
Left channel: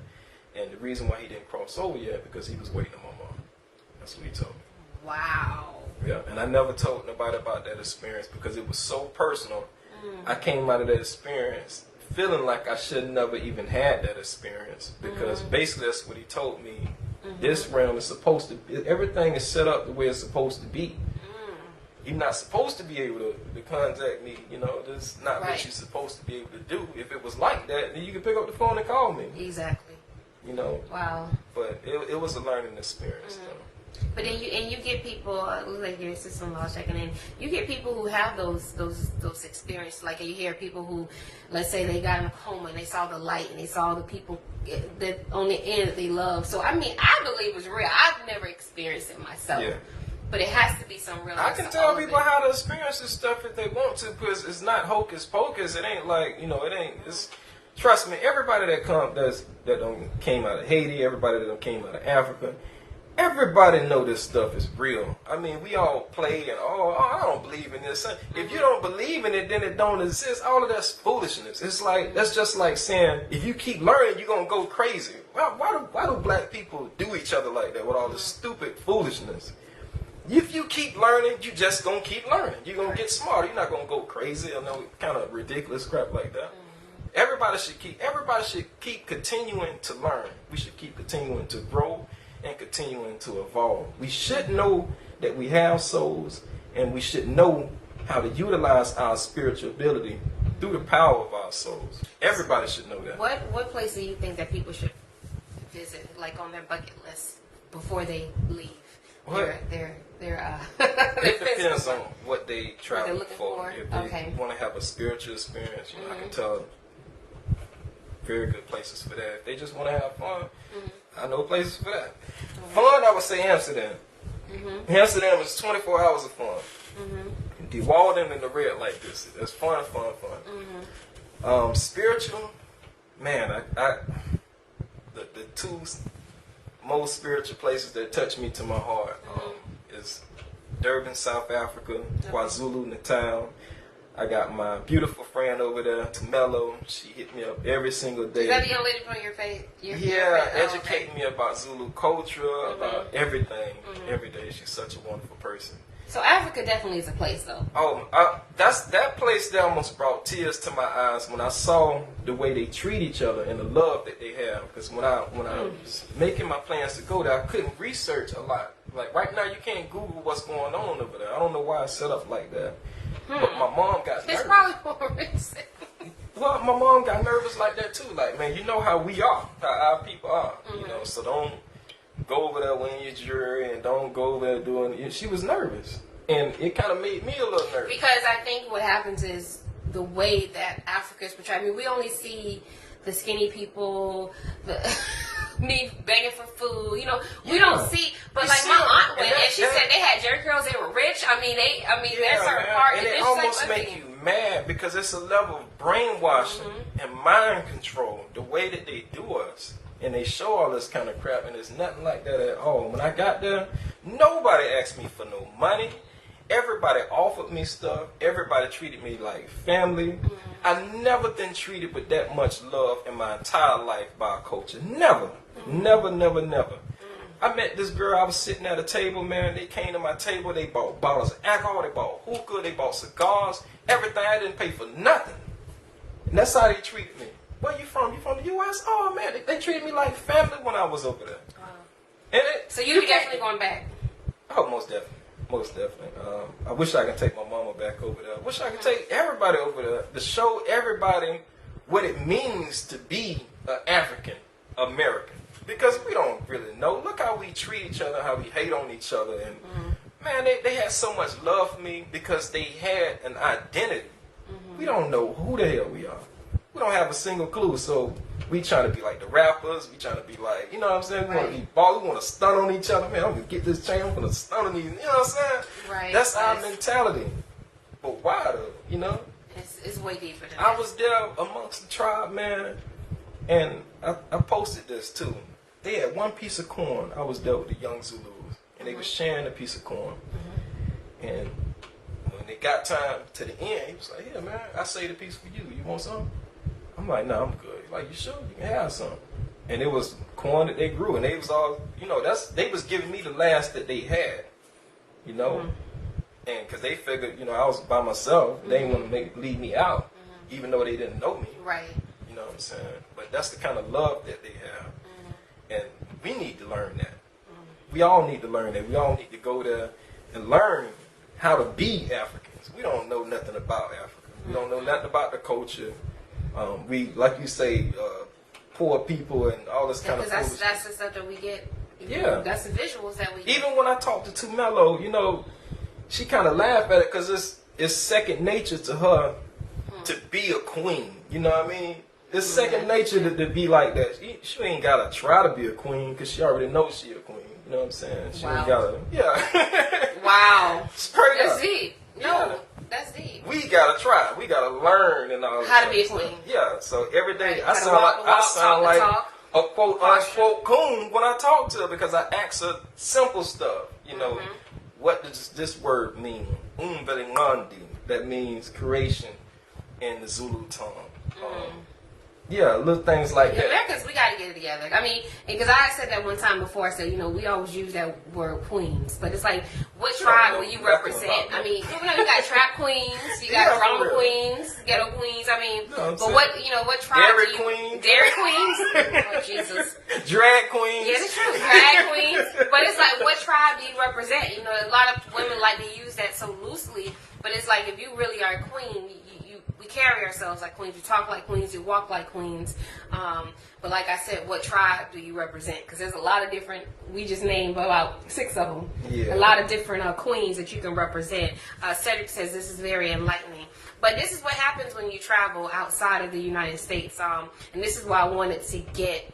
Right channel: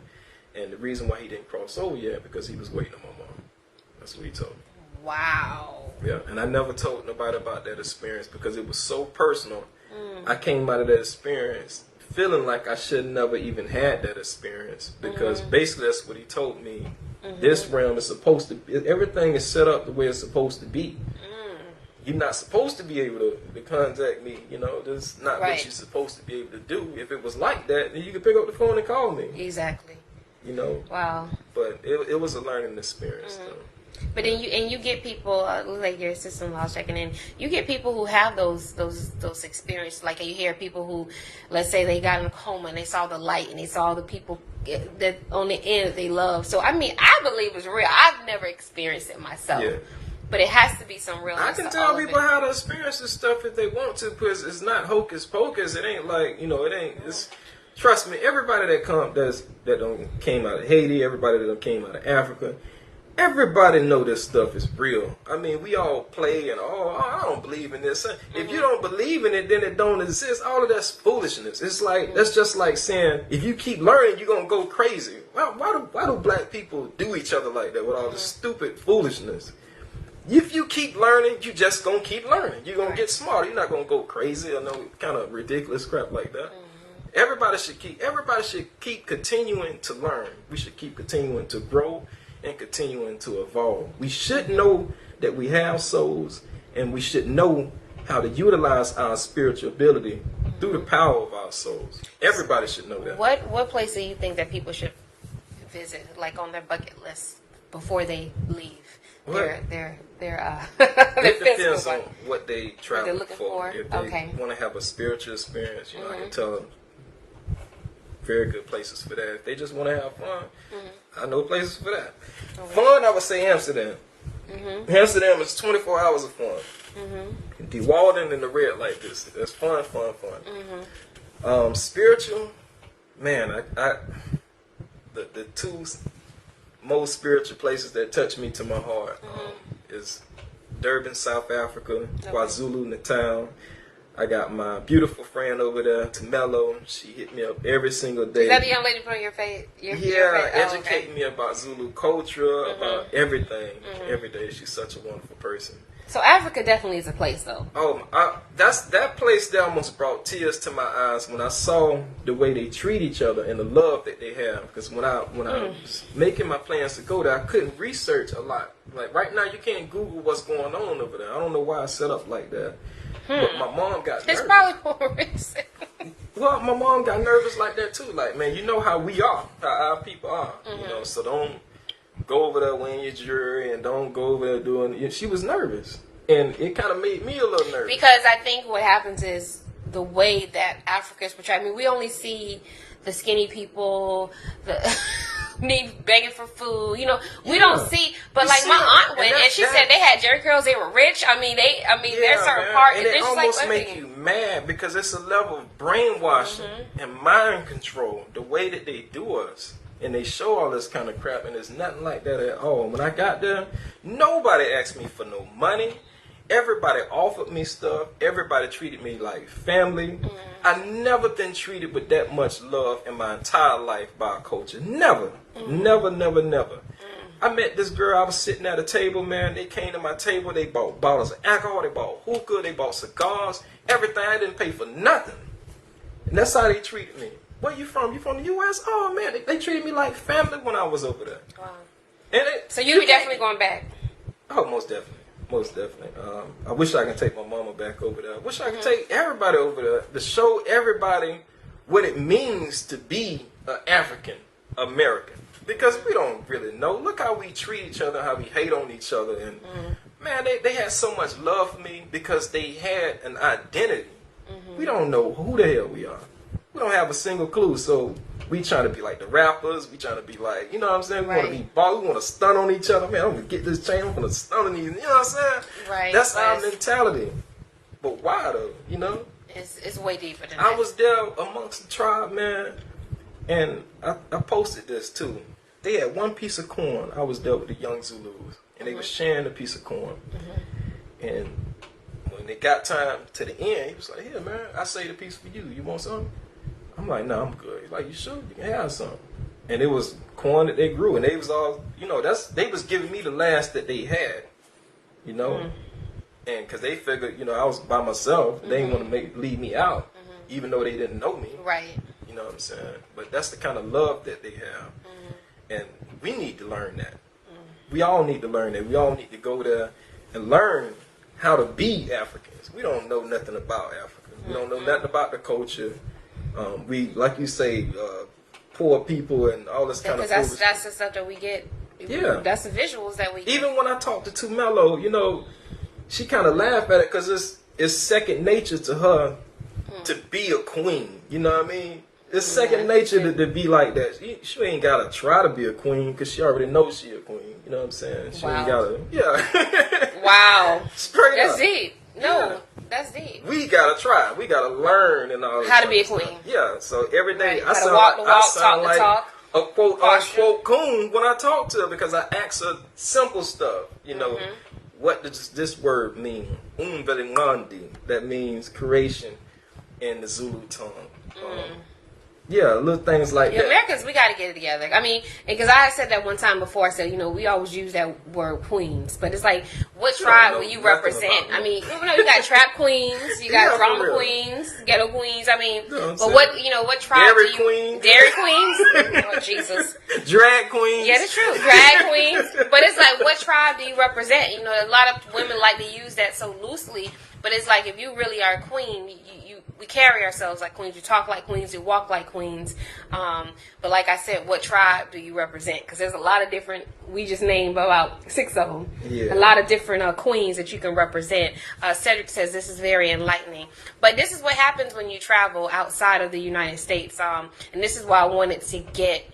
And the reason why he didn't cross over yet because he was waiting on my mom. That's what he told me. Wow. Yeah, and I never told nobody about that experience because it was so personal. I came out of that experience feeling like I should never even had that experience because basically that's what he told me. This realm is supposed to, everything is set up the way it's supposed to be. You're not supposed to be able to contact me. This is not what you're supposed to be able to do. If it was like that, then you could pick up the phone and call me. Exactly. Wow. But it was a learning experience, though. But then you get people like your sister-in-law's checking in. You get people who have those experiences. Like you hear people who, let's say they got in a coma and they saw the light and they saw the people that on the end that they love. So I believe it's real. I've never experienced it myself. But it has to be some real. I can tell people how to experience this stuff if they want to, because it's not hocus pocus. It ain't like, you know, it ain't. It's, trust me, everybody that came out of Haiti, everybody that came out of Africa, everybody know this stuff is real. I mean, we all play and I don't believe in this. If you don't believe in it, then it don't exist. All of that's foolishness. It's like that's just like saying if you keep learning, you're gonna go crazy. Well, why do black people do each other like that with all this stupid foolishness? If you keep learning, you just gonna keep learning. You're gonna get smarter. You're not gonna go crazy or no kind of ridiculous crap like that. Everybody should keep continuing to learn. We should keep continuing to grow and continuing to evolve. We should know that we have souls, and we should know how to utilize our spiritual ability through the power of our souls. Everybody should know that. What place do you think that people should visit, like on their bucket list before they leave? Their it depends on what they travel for. If they want to have a spiritual experience, you know, I can tell very good places for that. If they just want to have fun, I know places for that. Fun, I would say Amsterdam. Amsterdam is 24 hours of fun. The Walden and the Red Light District. That's fun. Spiritual, man, the two most spiritual places that touch me to my heart is Durban, South Africa, KwaZulu Natal. I got my beautiful friend over there, Tumelo. She hit me up every single day. Is that the young lady from your face? Educating me about Zulu culture, about everything. Every day, she's such a wonderful person. So Africa definitely is a place, though. That place that almost brought tears to my eyes when I saw the way they treat each other and the love that they have. Because when I was making my plans to go there, I couldn't research a lot. Like right now, you can't Google what's going on over there. I don't know why it's set up like that. But my mom got nervous. It's probably for a reason. Well, my mom got nervous like that too. Like, man, you know how we are, how our people are. You know, so don't go over there wearing your jewelry and don't go over there doing. She was nervous, and it kind of made me a little nervous. Because I think what happens is the way that Africa is portrayed. I mean, we only see the skinny people, me begging for food. You know, we don't see. But like my aunt went and she said they had jerry curls. They were rich. I mean, there's certain part. And it almost make you mad because it's a level of brainwashing and mind control. The way that they do us. And they show all this kind of crap, and it's nothing like that at all. When I got there, nobody asked me for no money. Everybody offered me stuff. Everybody treated me like family. I never been treated with that much love in my entire life by a culture. Never. Never. I met this girl. I was sitting at a table, man. They came to my table. They bought bottles of alcohol. They bought hookah. They bought cigars. Everything. I didn't pay for nothing. And that's how they treated me. Where you from? You from the U.S.? Oh, man, they treated me like family when I was over there. Wow. And so you definitely going back? Oh, most definitely. I wish I could take my mama back over there. I wish I could take everybody over there to show everybody what it means to be an African American. Because we don't really know. Look how we treat each other, how we hate on each other. And, man, they had so much love for me because they had an identity. We don't know who the hell we are. We don't have a single clue, so we trying to be like the rappers. We trying to be like, you know what I'm saying? We want to be ball. We want to stun on each other. Man, I'm going to get this chain. I'm going to stun on these. You know what I'm saying? Right. That's our mentality. But why, though? You know? It's way deeper than that. I was there amongst the tribe, man, and I posted this, too. They had one piece of corn. I was there with the young Zulus, and they were sharing a piece of corn. And when it got time to the end, he was like, here, man, I saved a piece for you. You want some? I'm like, no, I'm good. He's like, you sure? You can have some. And it was corn that they grew, and they was all, you know, they was giving me the last that they had, you know, and because they figured, you know, I was by myself. They didn't want to leave me out, even though they didn't know me. Right. You know what I'm saying? But that's the kind of love that they have, and we need to learn that. We all need to learn that. We all need to go there and learn how to be Africans. We don't know nothing about Africa. We don't know nothing about the culture. We, like you say, poor people and all this kind of foolishness. Because that's the stuff that we get. Yeah. That's the visuals that we get. Even when I talk to Tumelo, you know, she kind of laughed at it because it's second nature to her to be a queen. You know what I mean? It's second nature to be like that. She ain't got to try to be a queen because she already knows she a queen. You know what I'm saying? She ain't got to, Straight That's up. deep. No, that's deep. We gotta try. We gotta learn and all. How to be a queen. Yeah. So every day I Right. sound like a quote unquote coon when I talk to her because I ask her simple stuff. You know, what does this word mean? Umvelingandi. That means creation in the Zulu tongue. Yeah, little things like that. Americans, we got to get it together. I mean, because I said that one time before. I said, you know, we always use that word queens, but it's like, what tribe will you represent? I mean, you know, you got trap queens, you got drama queens, ghetto queens. I mean, but what, you know, what tribe? Dairy queens. Dairy queens. Oh, Jesus. Drag queens. Yeah, that's true. Drag queens. But it's like, what tribe do you represent? You know, a lot of women like to use that so loosely, but it's like, if you really are a queen, we carry ourselves like queens. We talk like queens. We walk like queens. But like I said, what tribe do you represent? Because there's a lot of different. We just named about 6 of them. Yeah. A lot of different queens that you can represent. Cedric says this is very enlightening. But this is what happens when you travel outside of the United States. And this is why I wanted to get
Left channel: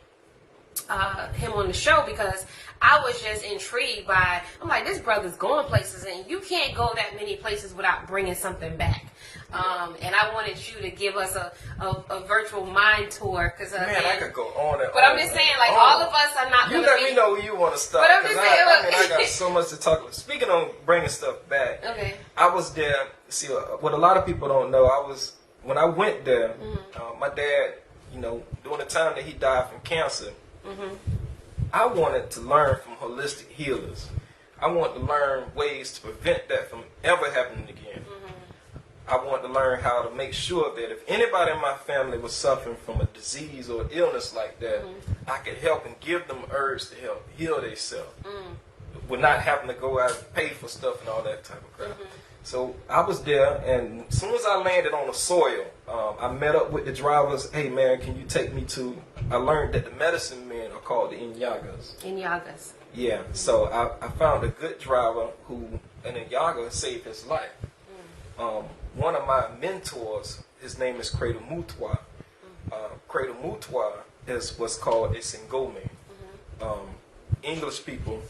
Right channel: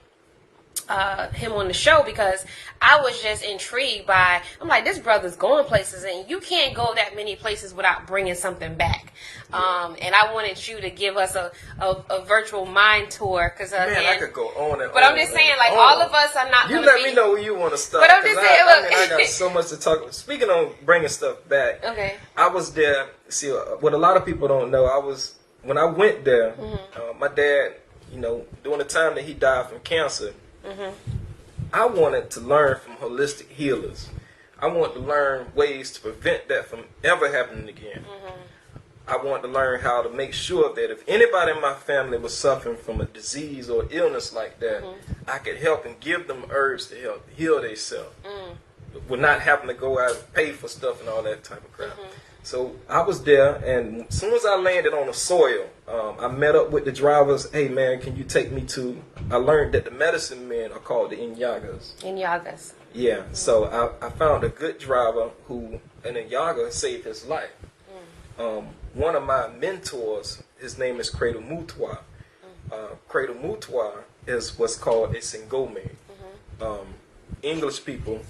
him on the show, because I was just intrigued by, I'm like, this brother's going places, and you can't go that many places without bringing something back. And I wanted you to give us a virtual mind tour, because man, I could go on and but on. I'm just saying, like, all of us are not. You let me know where you want to start. But I'm just saying, I got so much to talk about. Speaking of bringing stuff back, okay, I was there. See, what a lot of people don't know, when I went there. My dad, you know, during the time that he died from cancer. I wanted to learn from holistic healers. I wanted to learn ways to prevent that from ever happening again. I wanted to learn how to make sure that if anybody in my family was suffering from a disease or illness like that, I could help and give them herbs to help heal themselves. With not having to go out and pay for stuff and all that type of crap. So I was there, and as soon as I landed on the soil, I met up with the drivers. Hey man, can you take me to? I learned that the medicine men are called the Inyagas. Inyagas. Yeah. So I found a good driver an Inyaga saved his life. One of my mentors, his name is Cradle Mutwa. Cradle Mutwa is what's called a Singome. English people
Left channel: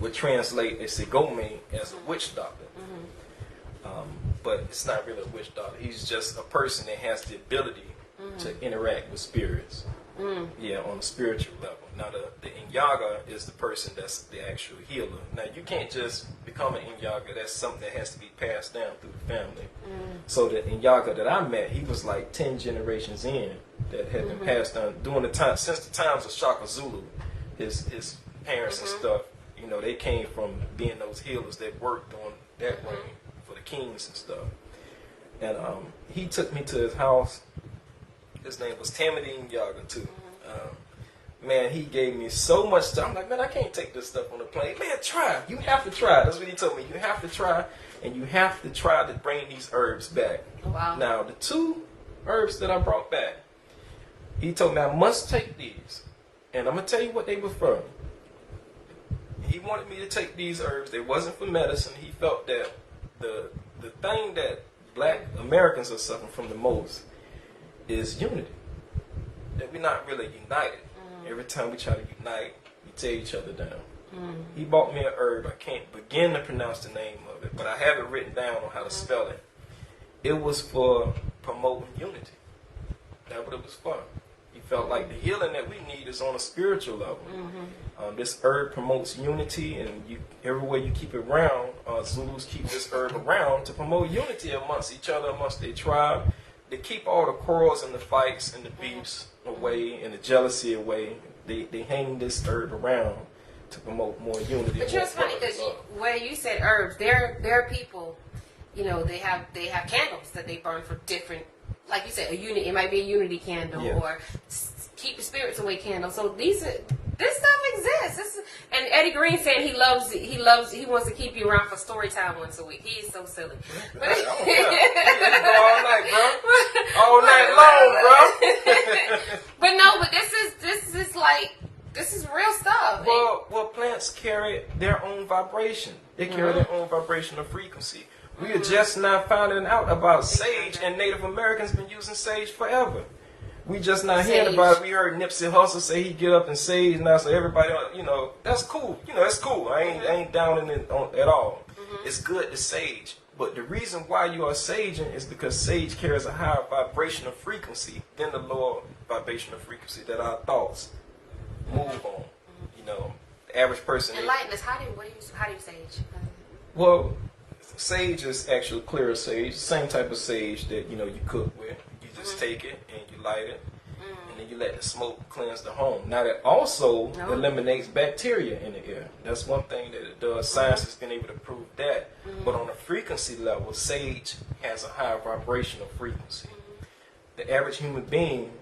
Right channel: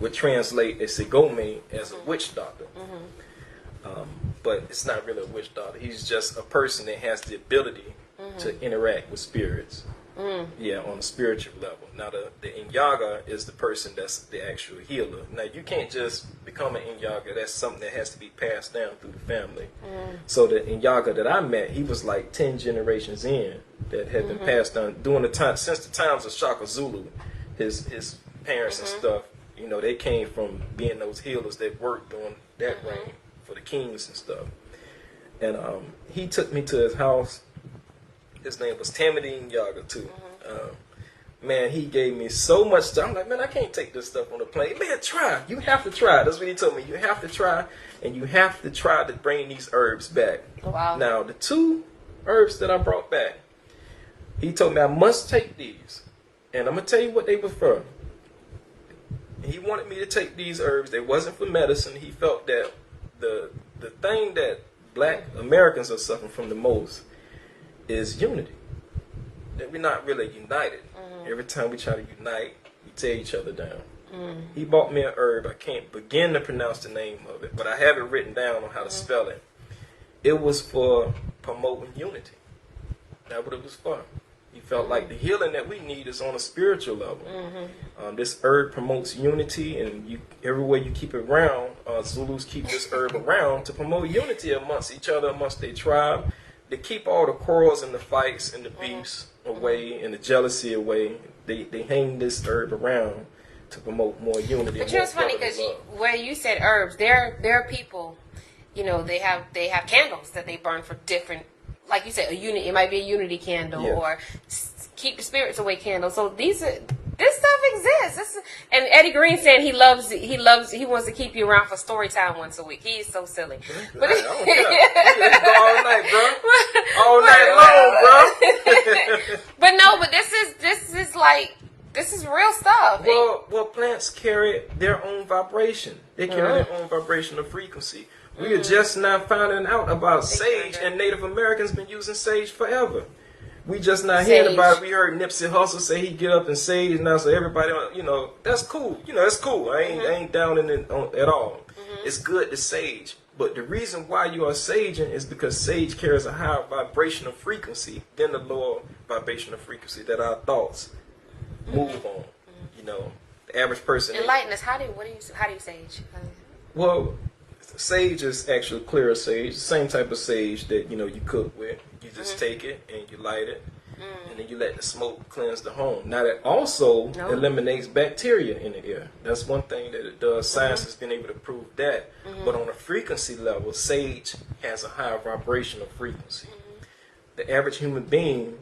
would translate a Sigome as a witch doctor. But it's not really a witch doctor. He's just a person that has the ability to interact with spirits. Yeah, on a spiritual level. Now, the Inyaga is the person that's the actual healer. Now, you can't just become an Inyaga. That's something that has to be passed down through the family. So the Inyaga that I met, he was like 10 generations in that had been passed down during the time, since the times of Shaka Zulu. His parents and stuff, you know, they came from being those healers that worked on that reign for the kings and stuff. And he took me to his house. His name was Tamadine Yaga too. Man, he gave me so much stuff. I'm like, man, I can't take this stuff on the plane. Man, try. You have to try. That's what he told me. You have to try, and you have to try to bring these herbs back. Wow. Now, the 2 herbs that I brought back, he told me I must take these, and I'm gonna tell you what they were for. He wanted me to take these herbs. They wasn't for medicine. He felt that the thing that Black Americans are suffering from the most is unity. That we're not really united. Every time we try to unite, we tear each other down. He bought me an herb. I can't begin to pronounce the name of it, but I have it written down on how to spell it. It was for promoting unity. That's what it was for. He felt like the healing that we need is on a spiritual level. This herb promotes unity, and everywhere you keep it around, Zulus keep this herb around to promote unity amongst each other, amongst their tribe. They keep all the quarrels and the fights and the beefs away and the jealousy away. They hang this herb around to promote more unity. But you know, it's funny because where you said herbs, there are people, you know, they have candles that they burn for different, like you said, a unit. It might be a unity candle or keep the spirits away candle. So this stuff exists. And Eddie Green saying he wants to keep you around for story time once a week. He is so silly. But I don't care. Let's go all night, bro. All night long, bro. but this is real stuff. Well, plants carry their own vibration. They carry their own vibrational frequency. We are just now finding out about sage, and Native Americans been using sage forever. We just not hearing about it. We heard Nipsey Hussle say he get up and sage now, so everybody, you know, that's cool. You know, that's cool. I ain't down in it at all. it's good to sage. But the reason why you are saging is because sage carries a higher vibrational frequency than the lower vibrational frequency that our thoughts move on. You know, the average person. Enlighten us. How do you sage? Well, sage is actually clear sage, the same type of sage that you cook with. You just take it and you light it, and then you let the smoke cleanse the home. Now that also eliminates bacteria in the air. That's one thing that it does. Science has been able to prove that. But on a frequency level, sage has a higher vibrational frequency. The average human being,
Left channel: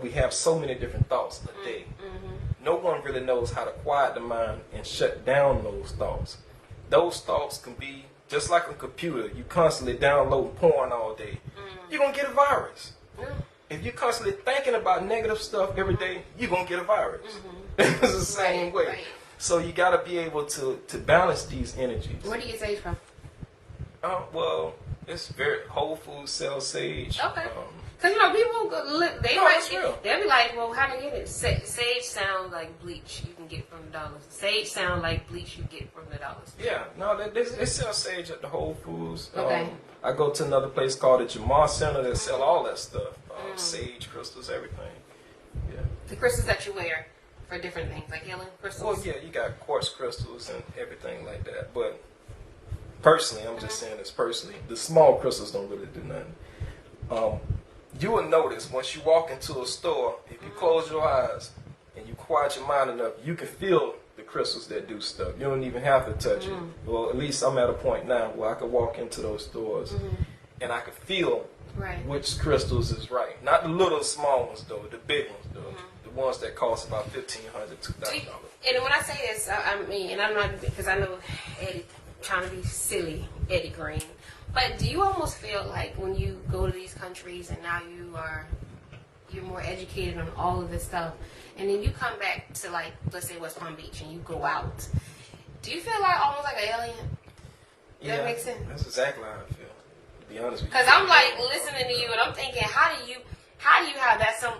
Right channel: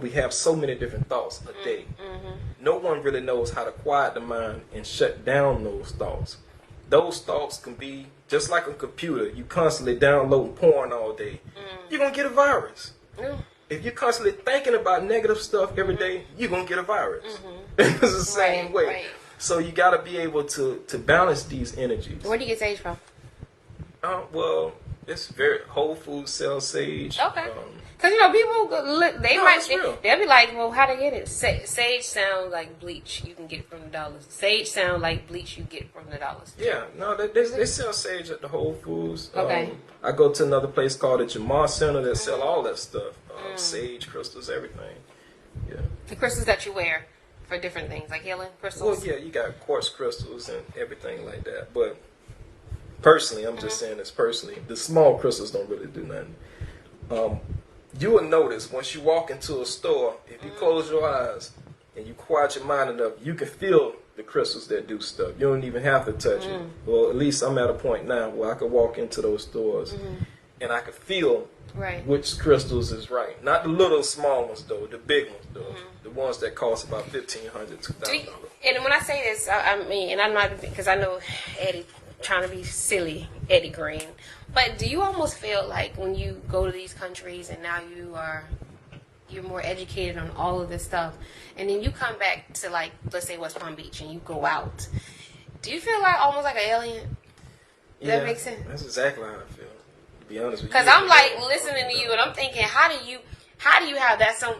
we have so many different thoughts a day. No one really knows how to quiet the mind and shut down those thoughts. Those thoughts can be just like a computer. You constantly downloading porn all day. You're going to get a virus. If you're constantly thinking about negative stuff every day, you're going to get a virus. It's the same way. Right. So you got to be able to balance these energies. Where do you get sage from? Well, it's very Whole Foods sell sage. Okay. Because people they'll be like, well, how to get it? Sage sounds like bleach you can get from the dollars. Sage sounds like bleach you get from the dollars. Yeah, no, they sell sage at the Whole Foods. Okay. I go to another place called the Jamar Center that sell all that stuff. Sage crystals, everything. Yeah. The crystals that you wear for different things, like healing crystals? Well, yeah, you got quartz crystals and everything like that. But personally, I'm just saying this personally, the small crystals don't really do nothing. You will notice once you walk into a store, if you close your eyes and you quiet your mind enough, you can feel the crystals that do stuff. You don't even have to touch it. Well, at least I'm at a point now where I could walk into those stores and I could feel which crystals is right. Not the little small ones though, the big ones though. The ones that cost about $1,500, $2,000. And when I say this, I mean, and I'm not, because I know Eddie trying to be silly, Eddie Green. But do you almost feel like when you go to these countries and now you're more educated on all of this stuff, and then you come back to, like, let's say West Palm Beach and you go out, do you feel like almost like an alien? Does that make sense? That's exactly how I feel, to be honest with you. Because I'm like listening to you and I'm thinking, how do you have that so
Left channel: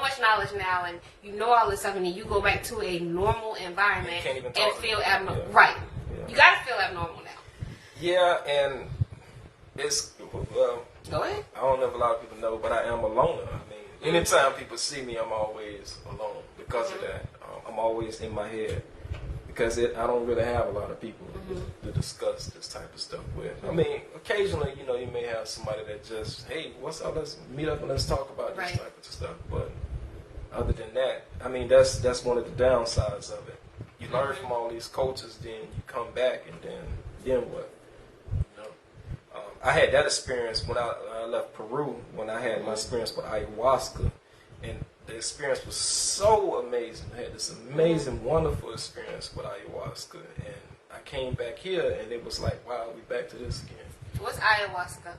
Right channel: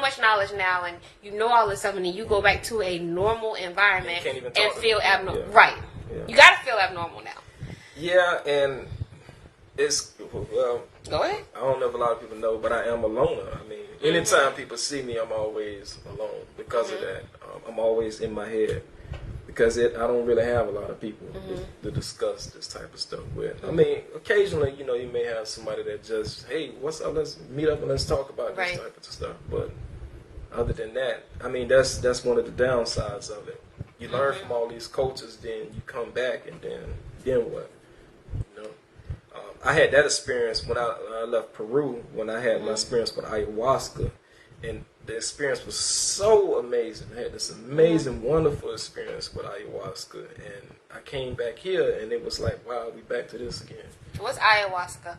much knowledge now, and you know all this stuff, and then you go back to a normal environment and feel abnormal? Yeah. Right. Yeah. You got to feel abnormal now. Yeah, and it's, well, go ahead. I don't know if a lot of people know, but I am a loner. I mean, anytime people see me, I'm always alone because of that. I'm always in my head because I don't really have a lot of people to discuss this type of stuff with. I mean, occasionally, you may have somebody that just, hey, what's up? Let's meet up and let's talk about this type of stuff. But other than that, I mean, that's one of the downsides of it. You learn from all these cultures, then you come back, and then what? I had that experience when I left Peru, when I had my experience with ayahuasca, and the experience was so amazing. I had this amazing, wonderful experience with ayahuasca, and I came back here, and it was like, wow, we back to this again. What's ayahuasca?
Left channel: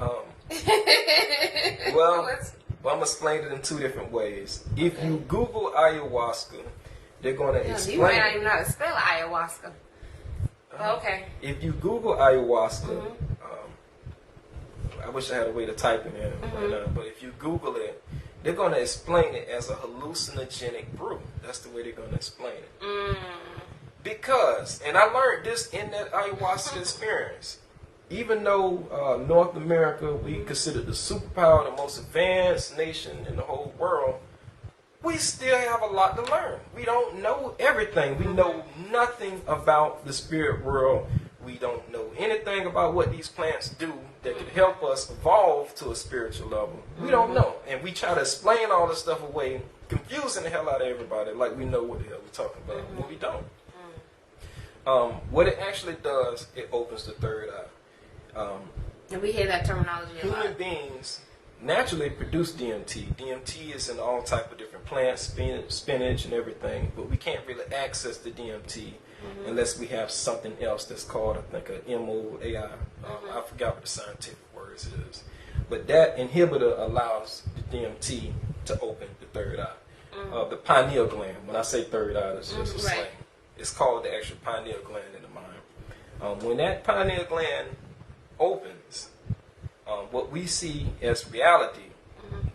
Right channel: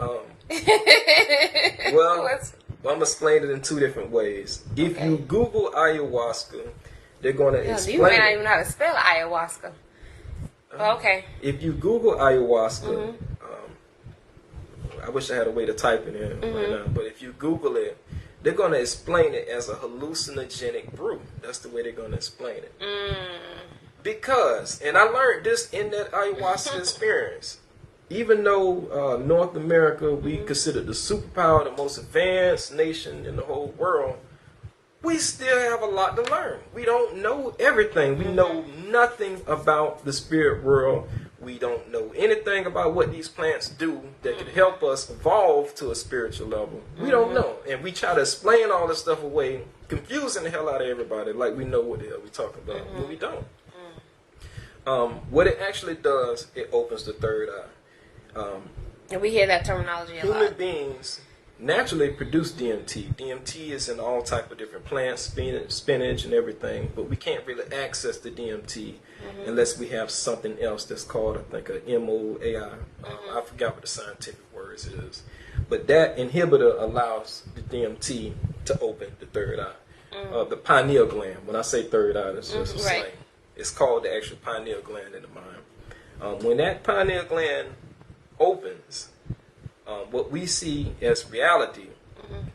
Well, I'm going to explain it in two different ways. If you Google ayahuasca, they're going to explain it. You may not even know how to spell ayahuasca. Okay. If you Google ayahuasca, I wish I had a way to type it in right now, but if you Google it, they're going to explain it as a hallucinogenic brew. That's the way they're going to explain it. Because, and I learned this in that ayahuasca experience, even though North America, we considered the superpower, the most advanced nation in the whole world, we still have a lot to learn. We don't know everything. We know nothing about the spirit world. We don't know anything about what these plants do that could help us evolve to a spiritual level. We don't know. And we try to explain all this stuff away, confusing the hell out of everybody like we know what the hell we're talking about, but we don't. What it actually does, it opens the third eye. And we hear that terminology a lot. Human beings naturally produce DMT. DMT is in all type of different plants, spinach and everything, but we can't really access the DMT unless we have something else that's called, I think, a MOAI. I forgot what the scientific words is. But that inhibitor allows the DMT to open the third eye. The pineal gland. When I say third eye, that's just a slang. It's called the actual pineal gland in the mind. When that pineal gland opens, what we see as reality,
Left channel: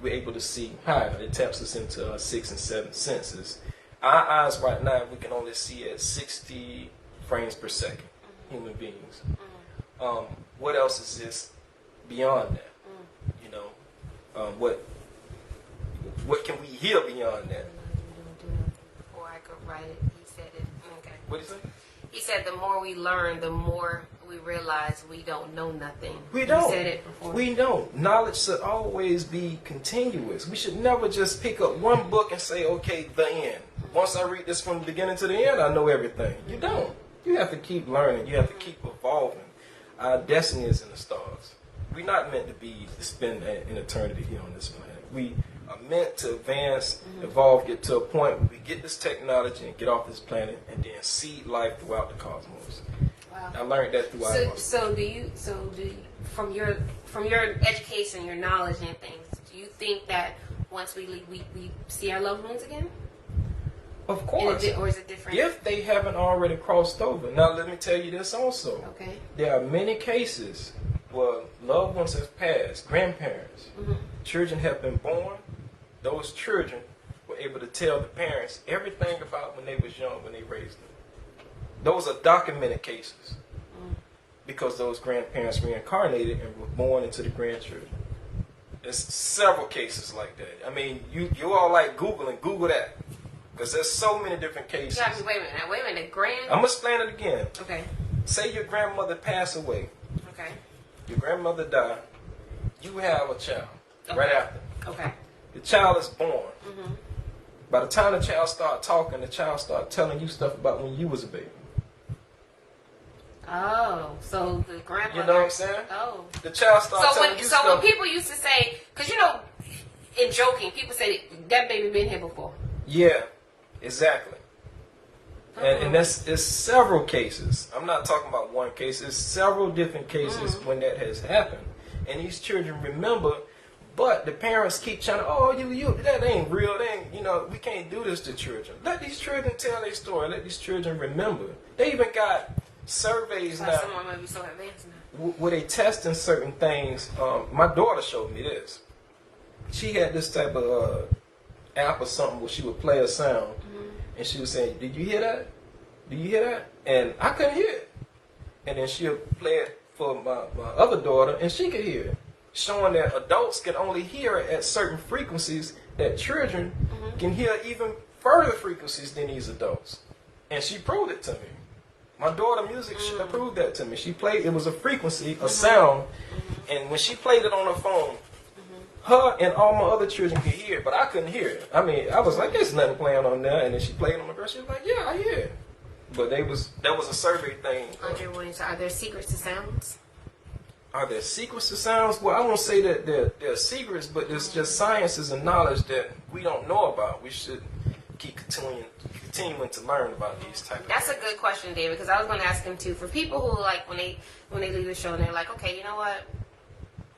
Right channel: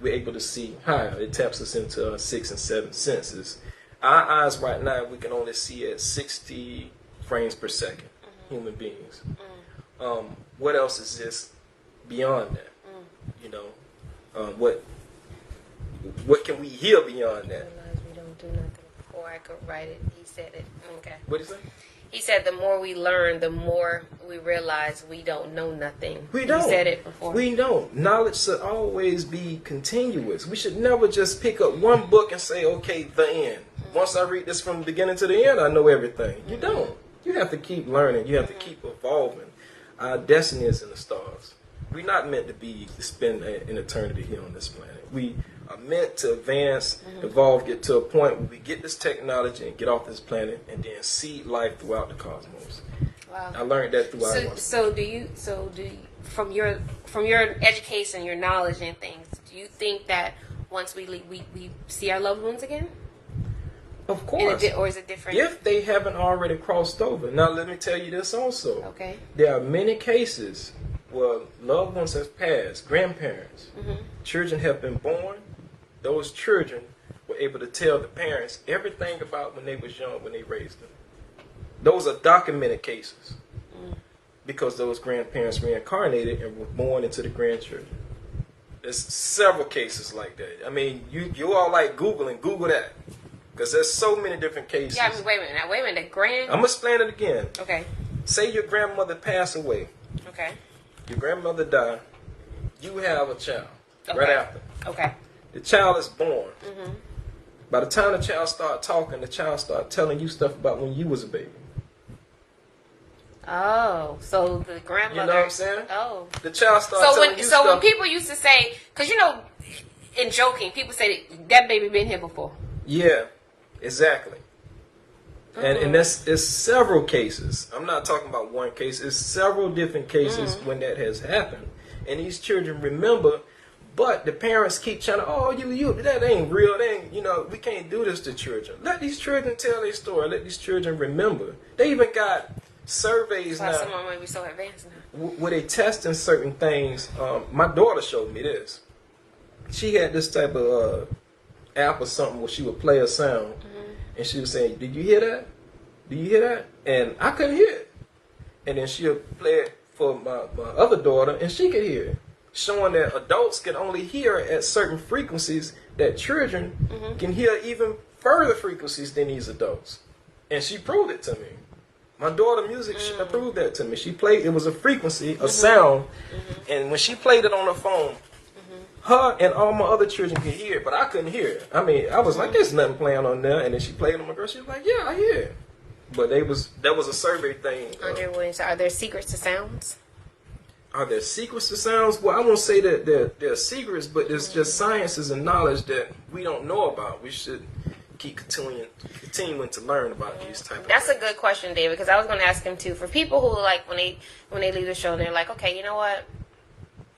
we're able to see higher. It taps us into our 6 and 7 senses. Our eyes right now, we can only see at 60 frames per second. human beings. What else exists beyond that? You know, what can we hear beyond that? We don't do nothing. Before I could write it, he said it. Okay. What do you say? He said the more we learn, the more we realize we don't know nothing. We don't. He said it before. We don't. Knowledge should always be continuous. We should never just pick up one book and say, okay, the end. Once I read this from the beginning to the end, I know everything. You don't. You have to keep learning. You have to keep evolving. Our destiny is in the stars. We're not meant to spend an eternity here on this planet. We are meant to advance, evolve, get to a point where we get this technology and get off this planet and then see life throughout the cosmos. Wow. I learned that throughout. So do you from your education, your knowledge and things, do you think that once we leave, we see our loved ones again? Of course. Or is it different? If they haven't already crossed over. Now let me tell you this also. Okay. There are many cases where loved ones have passed, grandparents, children have been born. Those children were able to tell the parents everything about when they was young, when they raised them. Those are documented cases because those grandparents reincarnated and were born into the grandchildren. There's several cases like that. I mean, you all like Google that because there's so many different cases. Yeah, wait a minute. I'm going to explain it again. Okay. Say your grandmother passed away. Okay. Your grandmother died. You have a child right after. Okay. The child is born. By the time the child start talking, the child start telling you stuff about when you was a baby. Oh, so the grandmother. You know what I'm saying? Oh. The child starts telling you stuff. So when people used to say, because you know, in joking, people say that baby been here before. Yeah, exactly. And it's several cases. I'm not talking about one case. It's several different cases when that has happened. And these children remember, but the parents keep trying to, that ain't real. That ain't, we can't do this to children. Let these children tell their story. Let these children remember. They even got surveys now. Someone might be so advanced now. Where they testing certain things. My daughter showed me this. She had this type of app or something where she would play a sound. And she was saying, did you hear that? Do you hear that? And I couldn't hear it. And then she'll play it for my other daughter, and she could hear it. Showing that adults can only hear it at certain frequencies that children can hear even further frequencies than these adults. And she proved it to me. My daughter music, she proved that to me. She played, it was a frequency, a sound, and when she played it on her phone, her and all my other children could hear it, but I couldn't hear it. I mean, I was like, there's nothing playing on there. And then she played on my girl. She was like, yeah, I hear it. But that was a survey thing. Andre Williams, are there secrets to sounds? Are there secrets to sounds? Well, I won't say that there are secrets, but there's just sciences and knowledge that we don't know about. We should keep continuing to learn about these type of That's things. a good question, David, because I was going to ask him too. For people who like when they leave the show, and they're like, okay, you know what,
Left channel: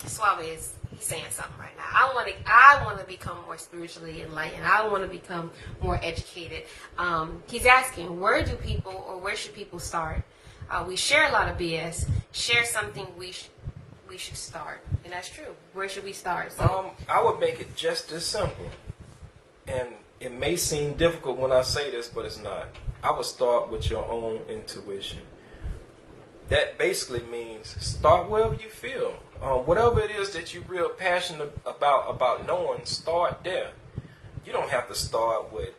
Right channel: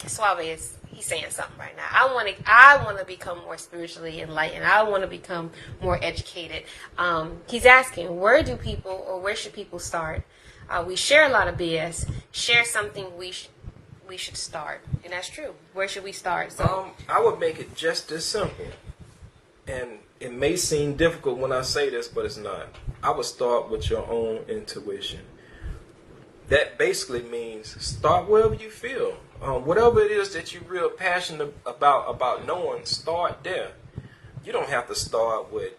Suave he's saying something right now. I want to become more spiritually enlightened. I want to become more educated. He's asking, where should people start? We share a lot of BS. Share something we should start, and that's true. Where should we start? So I would make it just as simple, and it may seem difficult when I say this, but it's not. I would start with your own intuition. That basically means start wherever you feel. Whatever it is that you're real passionate about knowing, start there. You don't have to start with,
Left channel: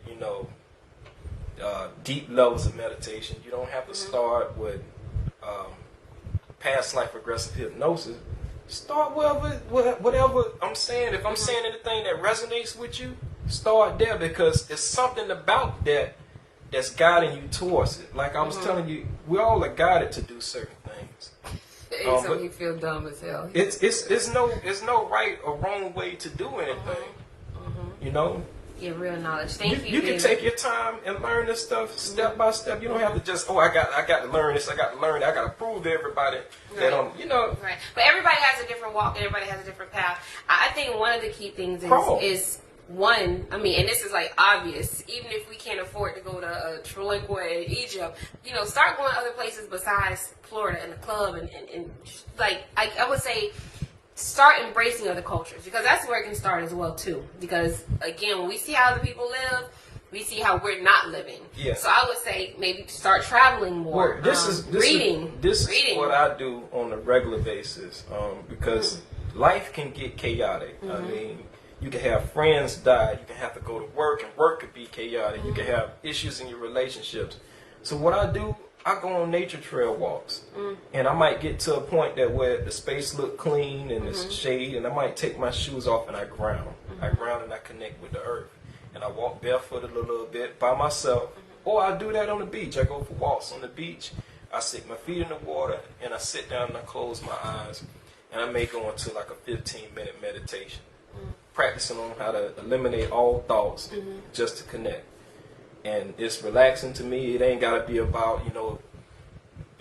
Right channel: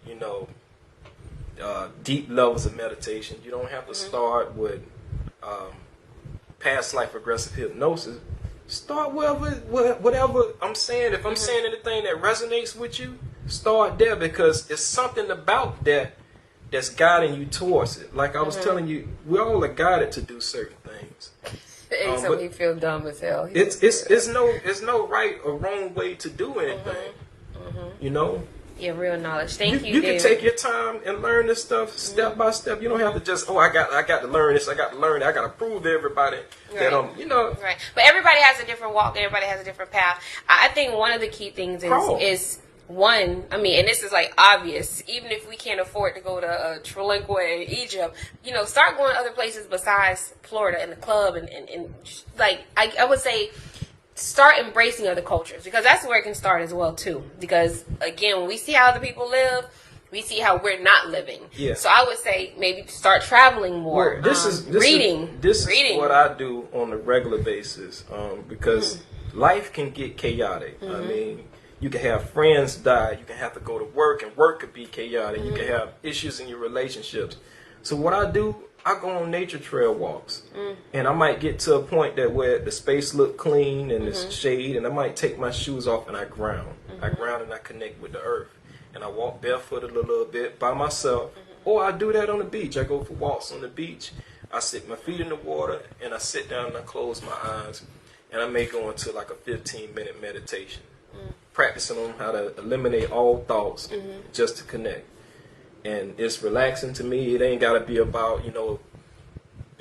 deep levels of meditation. You don't have to start with past life regressive hypnosis. Start whatever I'm saying. If I'm saying anything that resonates with you, start there, because it's something about that that's guiding you towards it. Like I was telling you, we all are guided to do certain things. it makes me feel dumb as hell. It's no right or wrong way to do anything. Yeah, real knowledge. Thank you. You can take your time and learn this stuff step by step. You don't have to just I got to learn this. I got to learn that. I got to prove to everybody that I'm Right. But everybody has a different walk. Everybody has a different path. I think one of the key things is one, and this is like obvious, even if we can't afford to go to Trinquois in Egypt, start going to other places besides Florida and the club and just, like, I would say start embracing other cultures, because that's where it can start as well too. Because again, when we see how other people live, we see how we're not living. Yeah. So I would say maybe start traveling more. Well, this is reading. This reading. is what I do on a regular basis, because life can get chaotic. I mean, you can have friends die. You can have to go to work, and work could be chaotic. You can have issues in your relationships. So what I do, I go on nature trail walks, and I might get to a point that where the space look clean and it's shade, and I might take my shoes off and I ground. I ground and I connect with the earth. And I walk barefooted a little bit by myself. Or I do that on the beach. I go for walks on the beach. I stick my feet in the water, and I sit down and I close my eyes. And I may go into like a 15-minute meditation. Practicing on how to eliminate all thoughts just to connect. And it's relaxing to me. It ain't got to be about,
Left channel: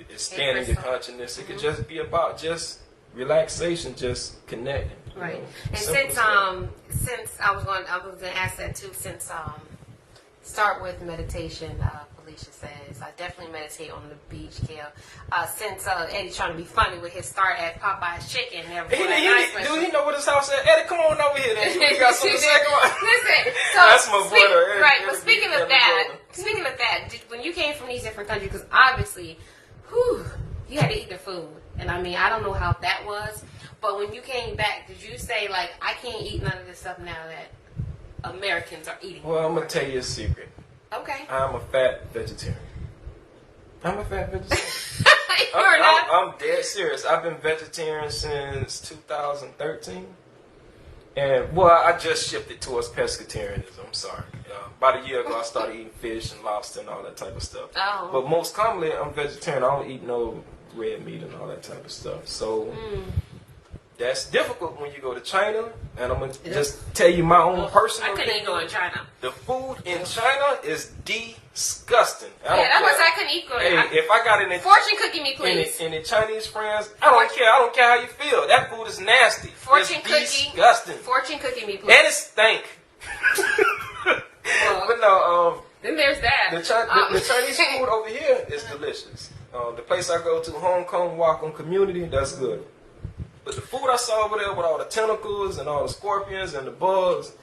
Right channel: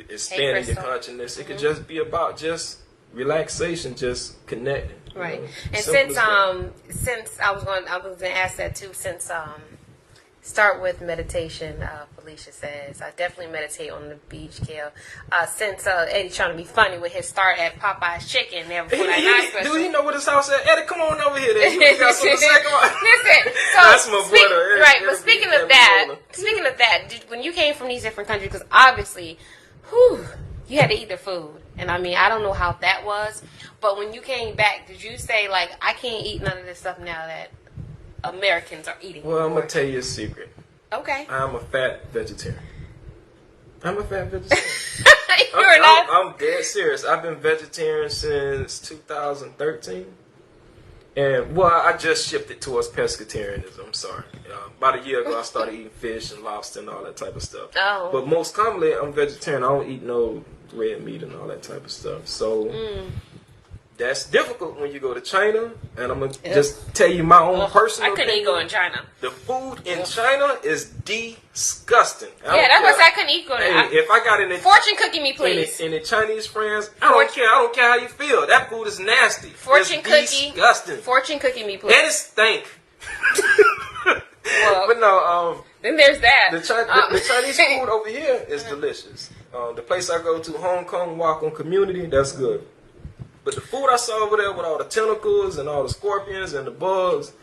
expanding your consciousness. It could just be about just relaxation, just connecting. Right. And Simple since I was going to ask that too. Since start with meditation. Felicia says I definitely meditate on the beach, Kel. Since Eddie's trying to be funny with his start at Popeye's Chicken. Do he know what his house at? Eddie, come on over here. Then you got something to say. Listen, so that's my brother. Right. But speaking of that, when you came from these different countries, because obviously, you had to eat the food. And I mean, I don't know how that was. But when you came back, did you say, like, I can't eat none of this stuff now that Americans are eating? Well, I'm going to tell you a secret. Okay. I'm a fat vegetarian. I'm dead serious. I've been vegetarian since 2013. And, well, I just shifted towards pescatarianism. I'm sorry. About a year ago, I started eating fish and lobster and all that type of stuff. Oh. But most commonly, I'm vegetarian. I don't eat no red meat and all that type of stuff. So that's difficult when you go to China. And I'm going to just tell you my own personal I couldn't opinion. eat go in China. The food in China is disgusting. That's why I couldn't eat go in China. If I got any fortune cookie me, please. Any Chinese friends, I don't care. I don't care how you feel. That food is nasty. Fortune it's cookie. Disgusting. Fortune cookie me, please. And it stink. Well, but no, then there's that. The Chinese food over here is delicious. The place I go to, Hong Kong Wacom Community, that's good. But the food I saw over there with all the tentacles and all the scorpions and the bugs,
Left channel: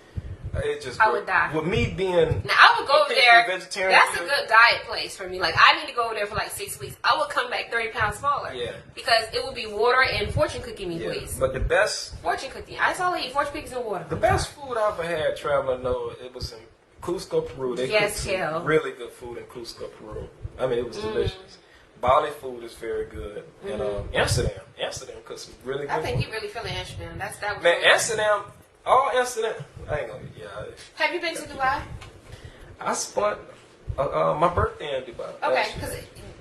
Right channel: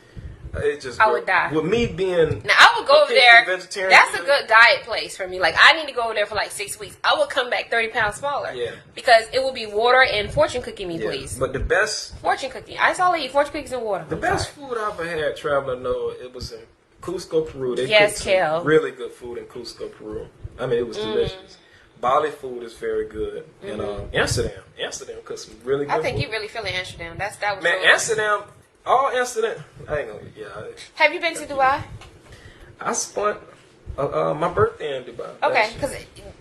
it just I would die. With me being now, I would go over there. Vegetarian, that's a good diet place for me. Like, I need to go over there for like 6 weeks. I would come back 30 pounds smaller. Yeah. Because it would be water and fortune cookie me, please. But the best fortune cookie. I saw eat fortune cookies and water. The best food I ever had traveling though, it was in Cusco, Peru. They cooked Kel. some really good food in Cusco, Peru. I mean, it was delicious. Bali food is very good. And Amsterdam cooks some really good food. I think you really feeling Amsterdam. That was man, so Amsterdam. All Amsterdam. I ain't gonna. Yeah. Have you been to Dubai? I spent my birthday in Dubai. Okay, because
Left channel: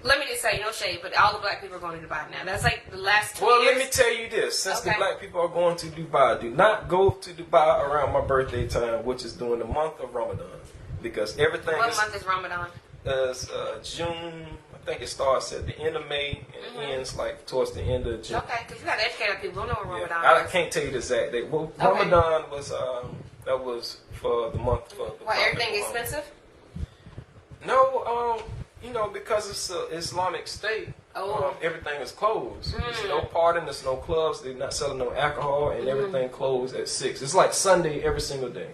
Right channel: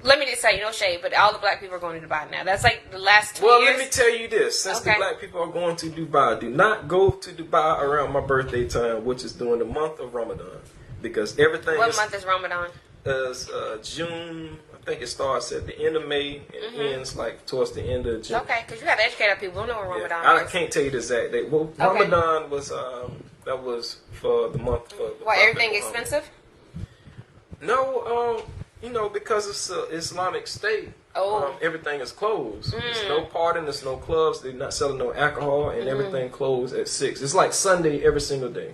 let me just say, no shade, but all the black people are going to Dubai now. That's like the last 2 years. Well, let me tell you this: since the black people are going to Dubai, do not go to Dubai around my birthday time, which is during the month of Ramadan, because everything. What month is Ramadan? Is June. I think it starts at the end of May and ends like towards the end of June. Okay, because you got to educate our people. We don't know what Ramadan I is. can't tell you the exact date. Well, Ramadan was that was for the month. For the why everything expensive? No, because it's an Islamic state. Everything is closed. There's no partying. There's no clubs. They're not selling no alcohol, and everything closed at 6. It's like Sunday every single day.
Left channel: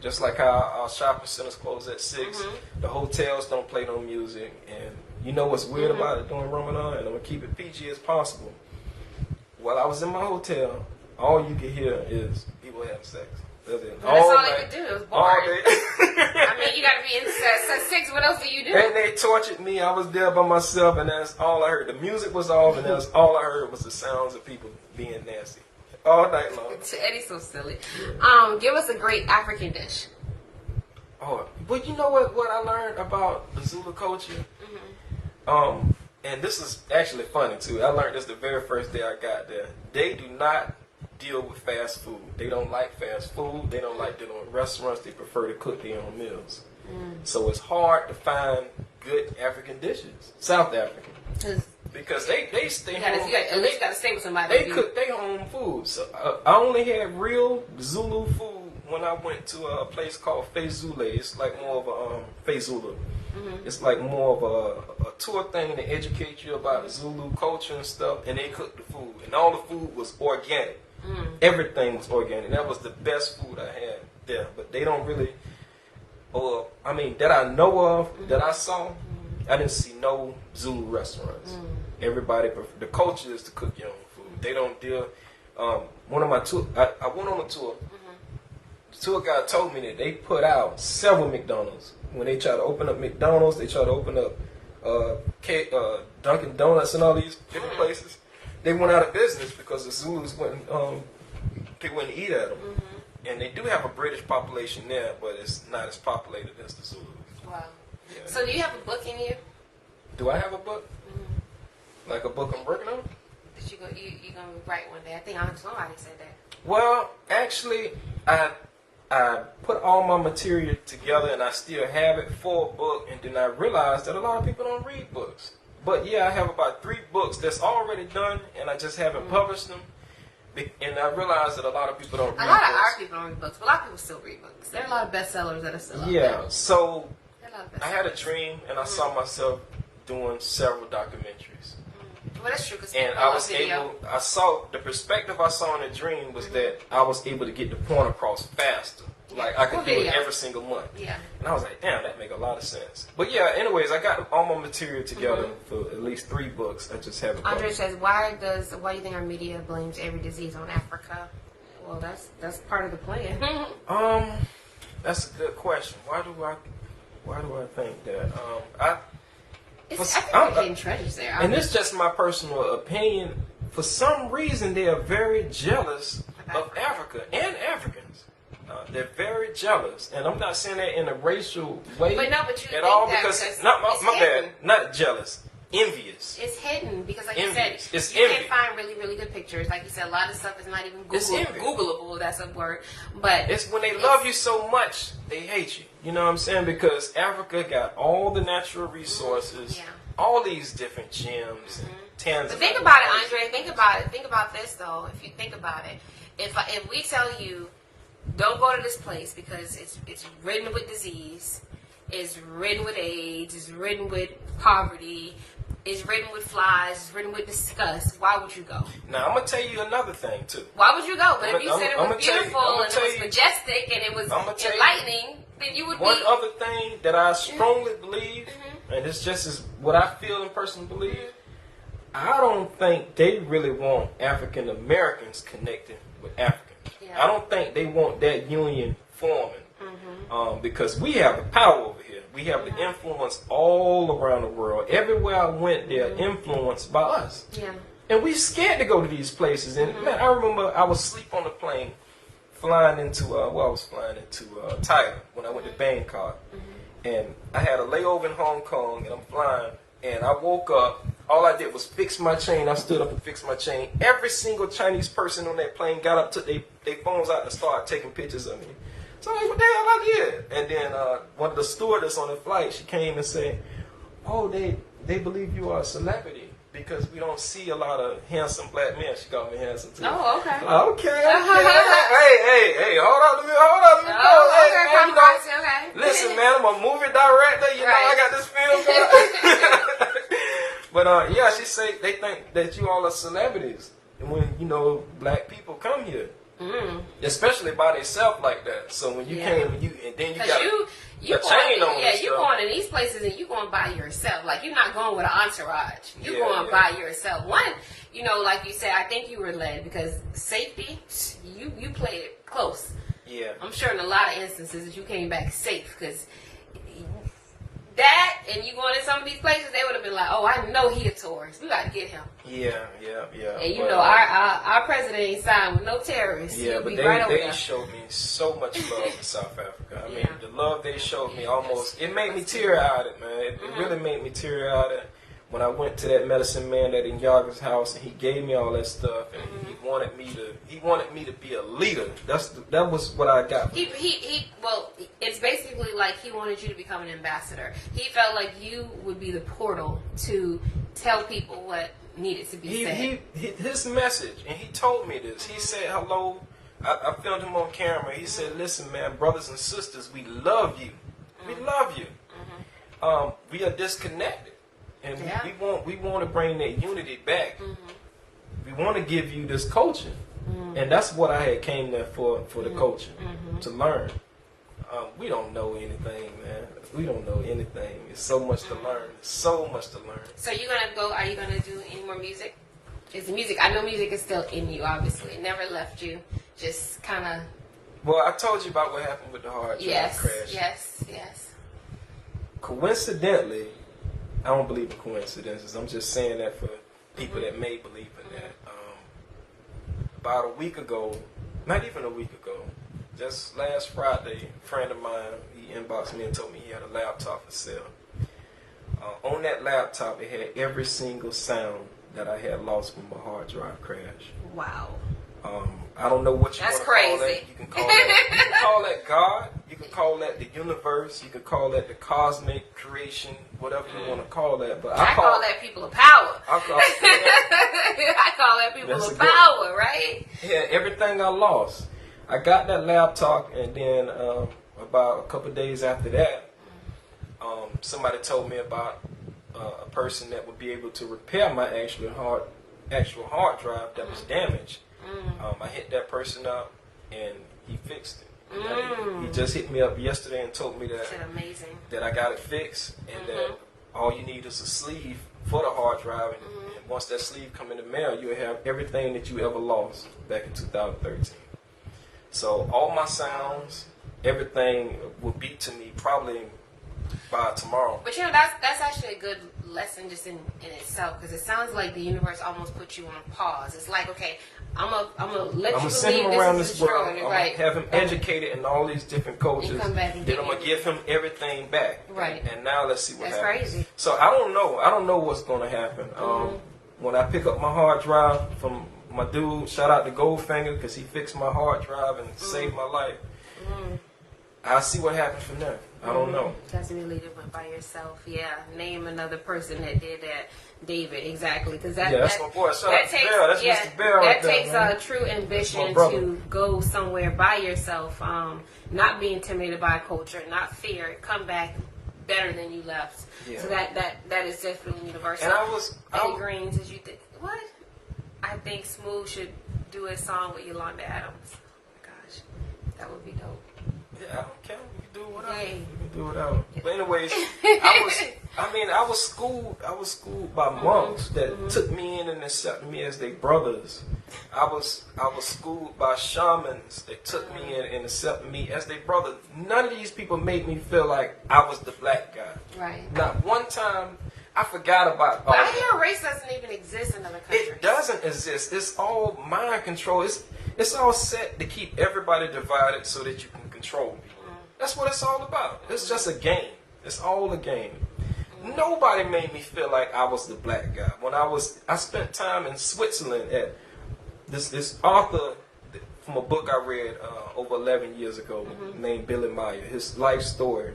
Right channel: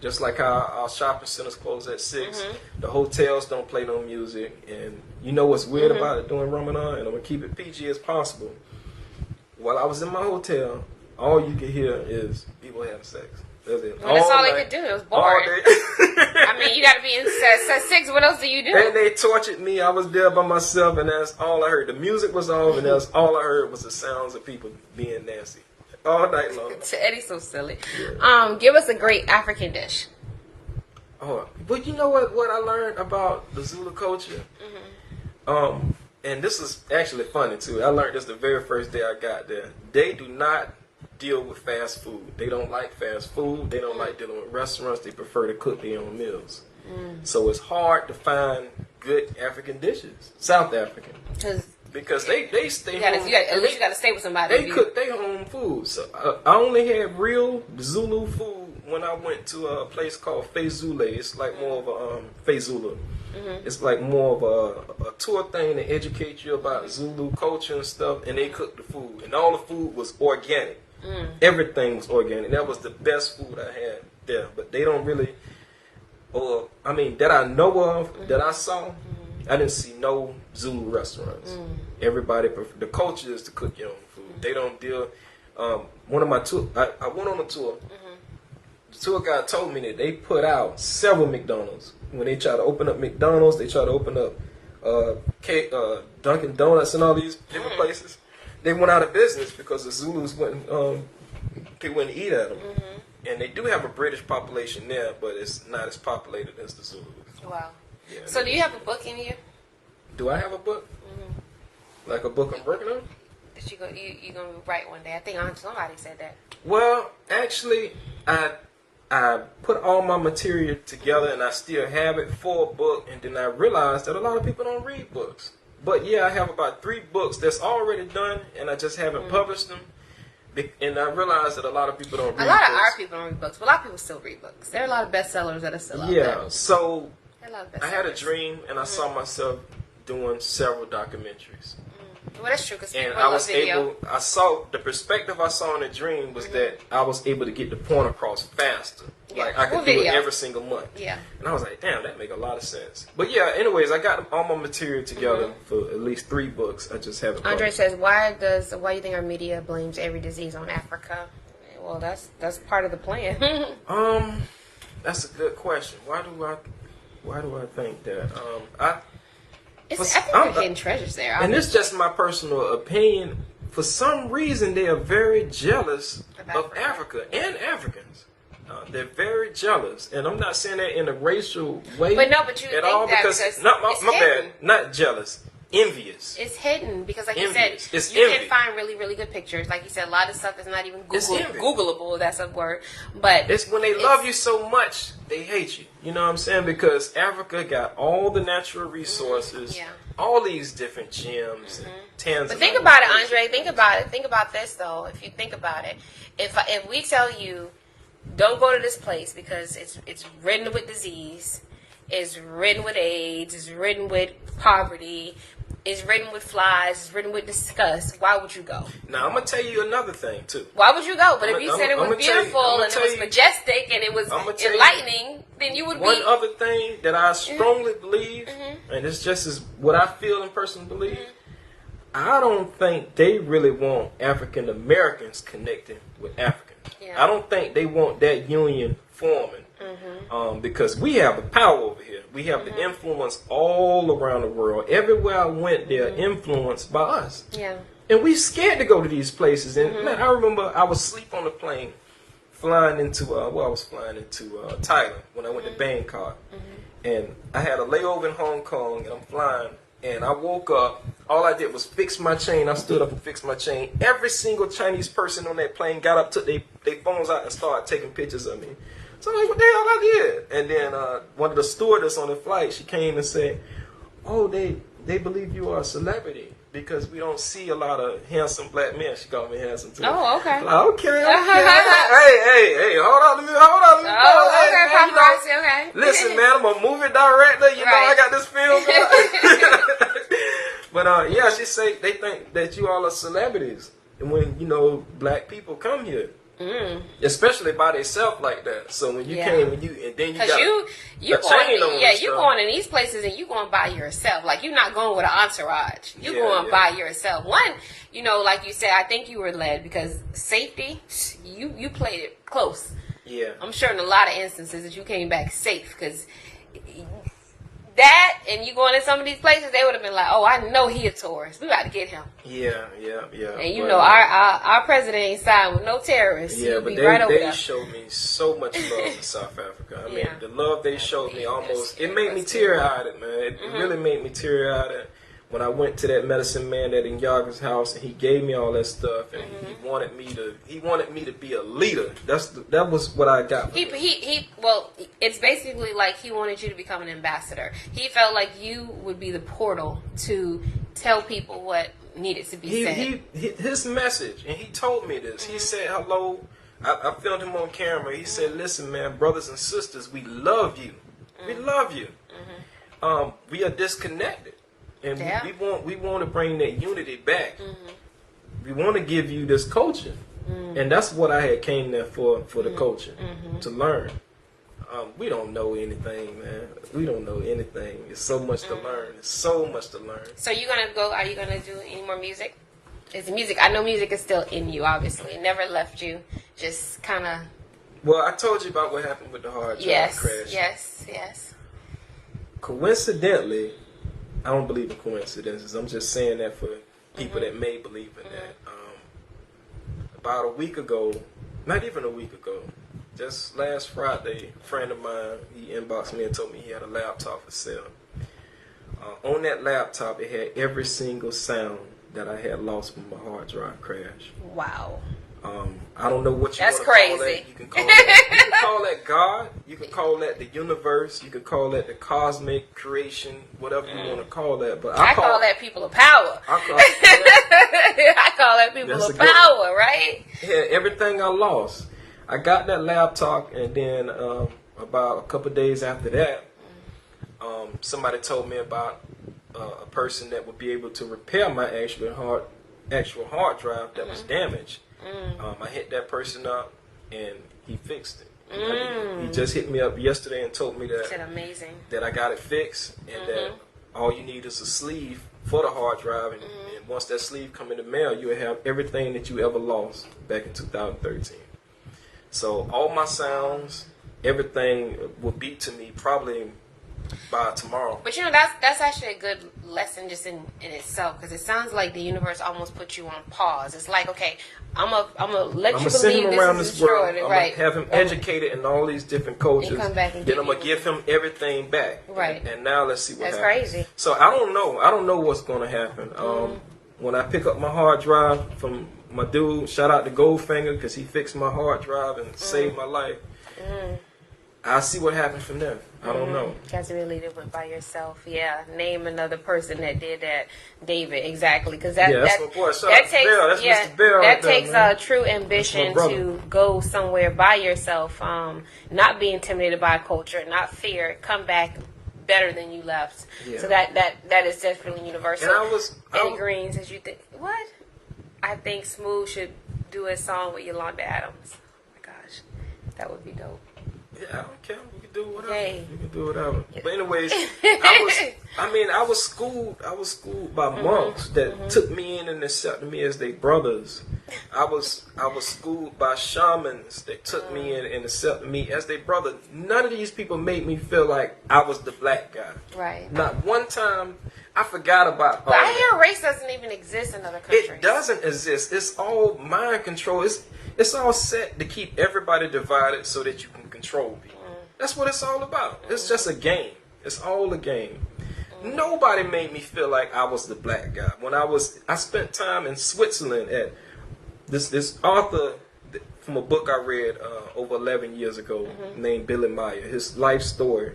Just like how our shopping centers close at 6. The hotels don't play no music. And you know what's weird about it during Ramadan? And I'm going to keep it PG as possible. While I was in my hotel, all you could hear is people having sex. That's it. Well, that's all they could do. It was boring. I mean, you got to be in set 6. What else do you do? And they tortured me. I was there by myself, and that's all I heard. The music was off, and that's all I heard was the sounds of people being nasty all night long. Eddie's so silly. Yeah. Give us a great African dish. Oh, but you know what I learned about the Zulu culture? And this is actually funny, too. I learned this the very first day I got there. They do not deal with fast food. They don't like fast food. They don't like dealing with restaurants. They prefer to cook their own meals. So it's hard to find good African dishes, South African, because they stay home. At least you got to stay with somebody. They cook their home food. So I only had real Zulu food when I went to a place called Fezule. It's like more of a Fezula. It's like more of a tour thing to educate you about Zulu culture and stuff. And they cooked the food, and all the food was organic. Everything was organic. That was the best food I had there. But they don't really. or I mean that I know of, that I saw, I didn't see no Zulu restaurants. Everybody, the culture is to cook your own food. They don't deal. One of my tour, I went on a tour. The tour guide told me that they put out several McDonald's. When they try to open up McDonald's, they try to open up Dunkin' Donuts and all these different places. They went out of business because the Zulus wouldn't eat at them. And they do have a British population there, but it's not as populated as the Zulus. Wow. Yeah, so do you have a book in you? Do I have a book? Like a book I'm working on? That you gonna write one day? I think somebody said that. Well, actually, I put all my material together and I still have it for a book, and then I realized that a lot of people don't read books. But yeah, I have about 3 books that's already done, and I just haven't published them. And I realized that a lot of people don't read books. A lot of our people don't read books, but a lot of people still read books. There are a lot of bestsellers that are still out there. Yeah, so I had a dream, and I saw myself doing several documentaries. Well, that's true. And I saw the perspective I saw in the dream was that I was able to get the point across faster. Yeah. Like I could do it every single month. Yeah. And I was like, damn, that make a lot of sense. But yeah, anyways, I got all my material together for at least 3 books. I just haven't. Andre says, why do you think our media blames every disease on Africa? Well, that's part of the plan. That's a good question. Why do I think that? I think they're hidden treasures there. And it's just my personal opinion. For some reason, they are very jealous of Africa and Africans. They're very jealous, and I'm not saying that in a racial way but you at think all. that Because not my bad, not jealous, envious. It's hidden because, like Envious. you said, It's you envy. can find really, really good pictures. Like you said, a lot of stuff is not even It's envy. Googleable. That's a word, but It's when they love you so much, they hate you. You know what I'm saying? Because Africa got all the natural resources, all these different gems and tons. But think about it, Andre. Think about it. Think about this, though. If you think about it, if we tell you, don't go to this place because it's ridden with disease, it's ridden with AIDS, it's ridden with poverty, it's ridden with flies, it's ridden with disgust, why would you go? Now I'm gonna tell you another thing too. Why would you go? But if you said it was beautiful and it was majestic and it was enlightening, then you would be. One other thing that I strongly believe, and it's just as what I feel and personally believe, I don't think they really want African Americans connecting with Africans. Yeah. I don't think they want that union forming. Because we have the power over here. We have the influence all around the world. Everywhere I went, they're influenced by us. Yeah. And we scared to go to these places. And man, I remember I was asleep on the plane flying into Thailand when I went to Bangkok. And I had a layover in Hong Kong, and I'm flying. And I woke up. All I did was fix my chain. I stood up and fixed my chain. Every single Chinese person on that plane got up, took their phones out, and started taking pictures of me. So what the hell I did? And then one of the stewardess on the flight, she came and said, "Oh, they believe you are a celebrity because we don't see a lot of handsome black men." She called me handsome too. Oh, okay. Okay. Hey, hold on, let me go. Okay. Listen, man, I'm a movie director. You know I got this film. But yeah, she say they think that you all are celebrities, and when black people come here. Especially by themselves like that. So when you came and then you got a chain on. Yeah, you going in these places and you going by yourself. Like you're not going with an entourage. You going by yourself. One, like you said, I think you were led because safety. You played it close. Yeah, I'm sure in a lot of instances that you came back safe because that and you going to some of these places, they would have been like, "Oh, I know he a tourist. We got to get him." Yeah. And our president ain't signed with no terrorists. Yeah, but they showed me so much love in South Africa. I mean, the love they showed me it made me teary-eyed, man. It really made me teary-eyed. When I went to that medicine man at Nyaga's house and he gave me all that stuff and he wanted me to be a leader. That was what I got. Well, it's basically like he wanted you to become an ambassador. He felt like you would be the portal to tell people what needed to be said. His message, and he told me this. He said, "Hello." I filmed him on camera. He said, "Listen, man, brothers and sisters, we love you. We love you. We are disconnected." And we want to bring that unity back. We want to give you this culture, and that's what I had came there for the culture to learn. We don't know anything, man. We don't know anything. It's so much to learn. So much to learn. So you gonna go? Are you gonna do any more music? Is the music? I know music is still in you. Obviously, it never left you. Just kind of. Well, I told you about what happened with the hard drive crash. Yes. Coincidentally, I don't believe in coincidences. I'm just saying that for people that may believe in that. About a week ago, not even a week ago, just last Friday, a friend of mine, he inboxed me and told me he had a laptop for sale. On that laptop, it had every single sound that I had lost when my hard drive crashed. Wow. I don't know what you want to call that. You can call that God. You can call that the universe. You can call that the cosmic creation, whatever you want to call that. But I call that people of power. I call that people of power, right? Yeah, everything I lost. I got that laptop, and then about a couple of days after that, somebody told me about a person that would be able to repair my actual hard drive that was damaged. I hit that person up, and he fixed it. He just hit me up yesterday and told me that I got it fixed, and that all you need is a sleeve for the hard drive, and once that sleeve come in the mail, you'll have everything that you ever lost back in 2013. So all my sounds, everything will be to me probably by tomorrow. But that's actually a good lesson just in itself, because it sounds like the universe almost put you on pause. It's like, okay, I'm gonna let you believe send him around this this is world. destroyed, I'm right? gonna have him educated in all these different cultures. And come back and then I'm gonna give him everything back. Right. And now let's see what happens. That's crazy. So I don't know. I don't know what's gonna happen. When I pick up my hard drive from my dude, shout out to Goldfinger, because he fixed my hard drive and saved my life. I'll see what happens from there. I don't know. Got to really do it by yourself. Yeah, name another person that did that. David, exactly, because that's my boy. Shout out to Bill. That's Mr. Bill right there, takes man. True ambition to go somewhere by yourself, not be intimidated by culture, not fear, come back better than you left. Yeah. So that is definitely universal. And Eddie Greens, as you think, what? I think Smooth should do a song with Yolanda Adams. Oh my gosh, that would be dope. Yeah, I don't care. We can do whatever. Yay. We can do whatever. But anyways, I was schooled by monks that took me in and accepted me as their brothers. I was schooled by shamans that took me in and accepted me as their brother. None of these people made me feel like I was the black guy. Right. Not one time I forgot about But I hear race doesn't even exist in other countries. It doesn't exist. It's all mind control. It's all set to keep everybody divided so that you can control people. That's what it's all about. It's just a game. It's all a game. Nobody made me feel like I was the black guy. When I spent time in Switzerland at this author from a book I read over 11 years ago named Billy Meyer. His life story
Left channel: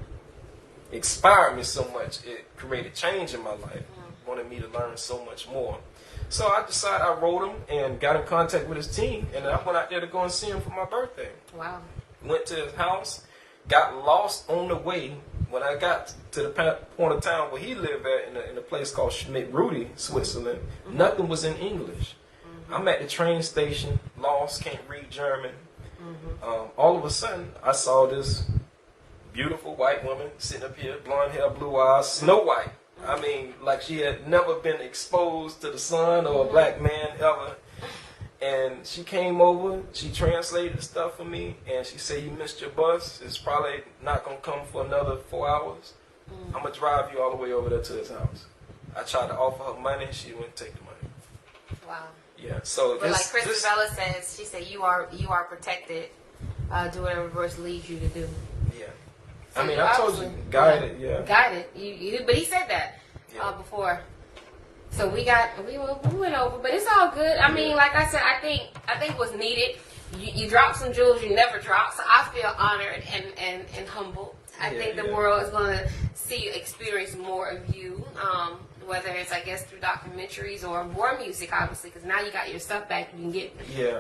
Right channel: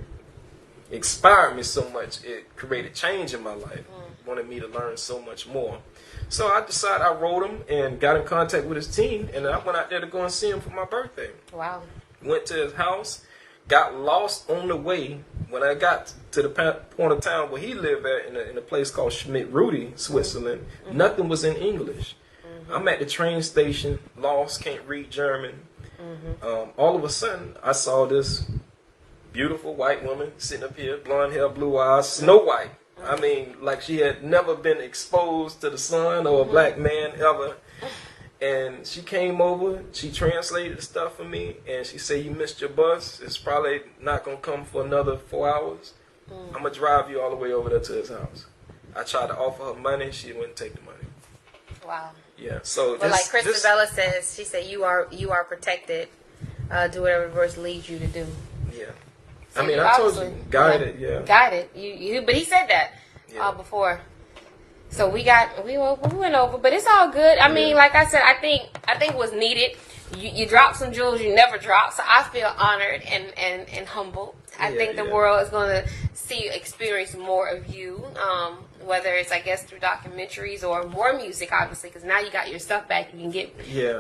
inspired me so much. It created change in my life. Wanted me to learn so much more. So I decided, I wrote him and got in contact with his team, and I went out there to go and see him for my birthday. Wow. Went to his house, got lost on the way. When I got to the point of town where he lived at, in a place called Schmidt-Rudy, Switzerland, nothing was in English. I'm at the train station, lost, can't read German. All of a sudden, I saw this beautiful white woman sitting up here, blonde hair, blue eyes, Snow White. I mean, like she had never been exposed to the sun or a black man ever. And she came over, she translated the stuff for me, and she said, "You missed your bus. It's probably not going to come for another 4 hours. I'm going to drive you all the way over there to his house." I tried to offer her money. She wouldn't take the money. Wow. Yeah, so but like Christabella says, she said, you are protected. Do whatever the verse leads you to do. Yeah. So I mean, I told you, guided, yeah. Guided. You, but he said that before. So we went over, but it's all good. I mean, like I said, I think what's needed. You dropped some jewels you never dropped, so I feel honored and humbled. I think the world is going to experience more of you, whether it's, I guess, through documentaries or more music, obviously, because now you got your stuff back. You can get.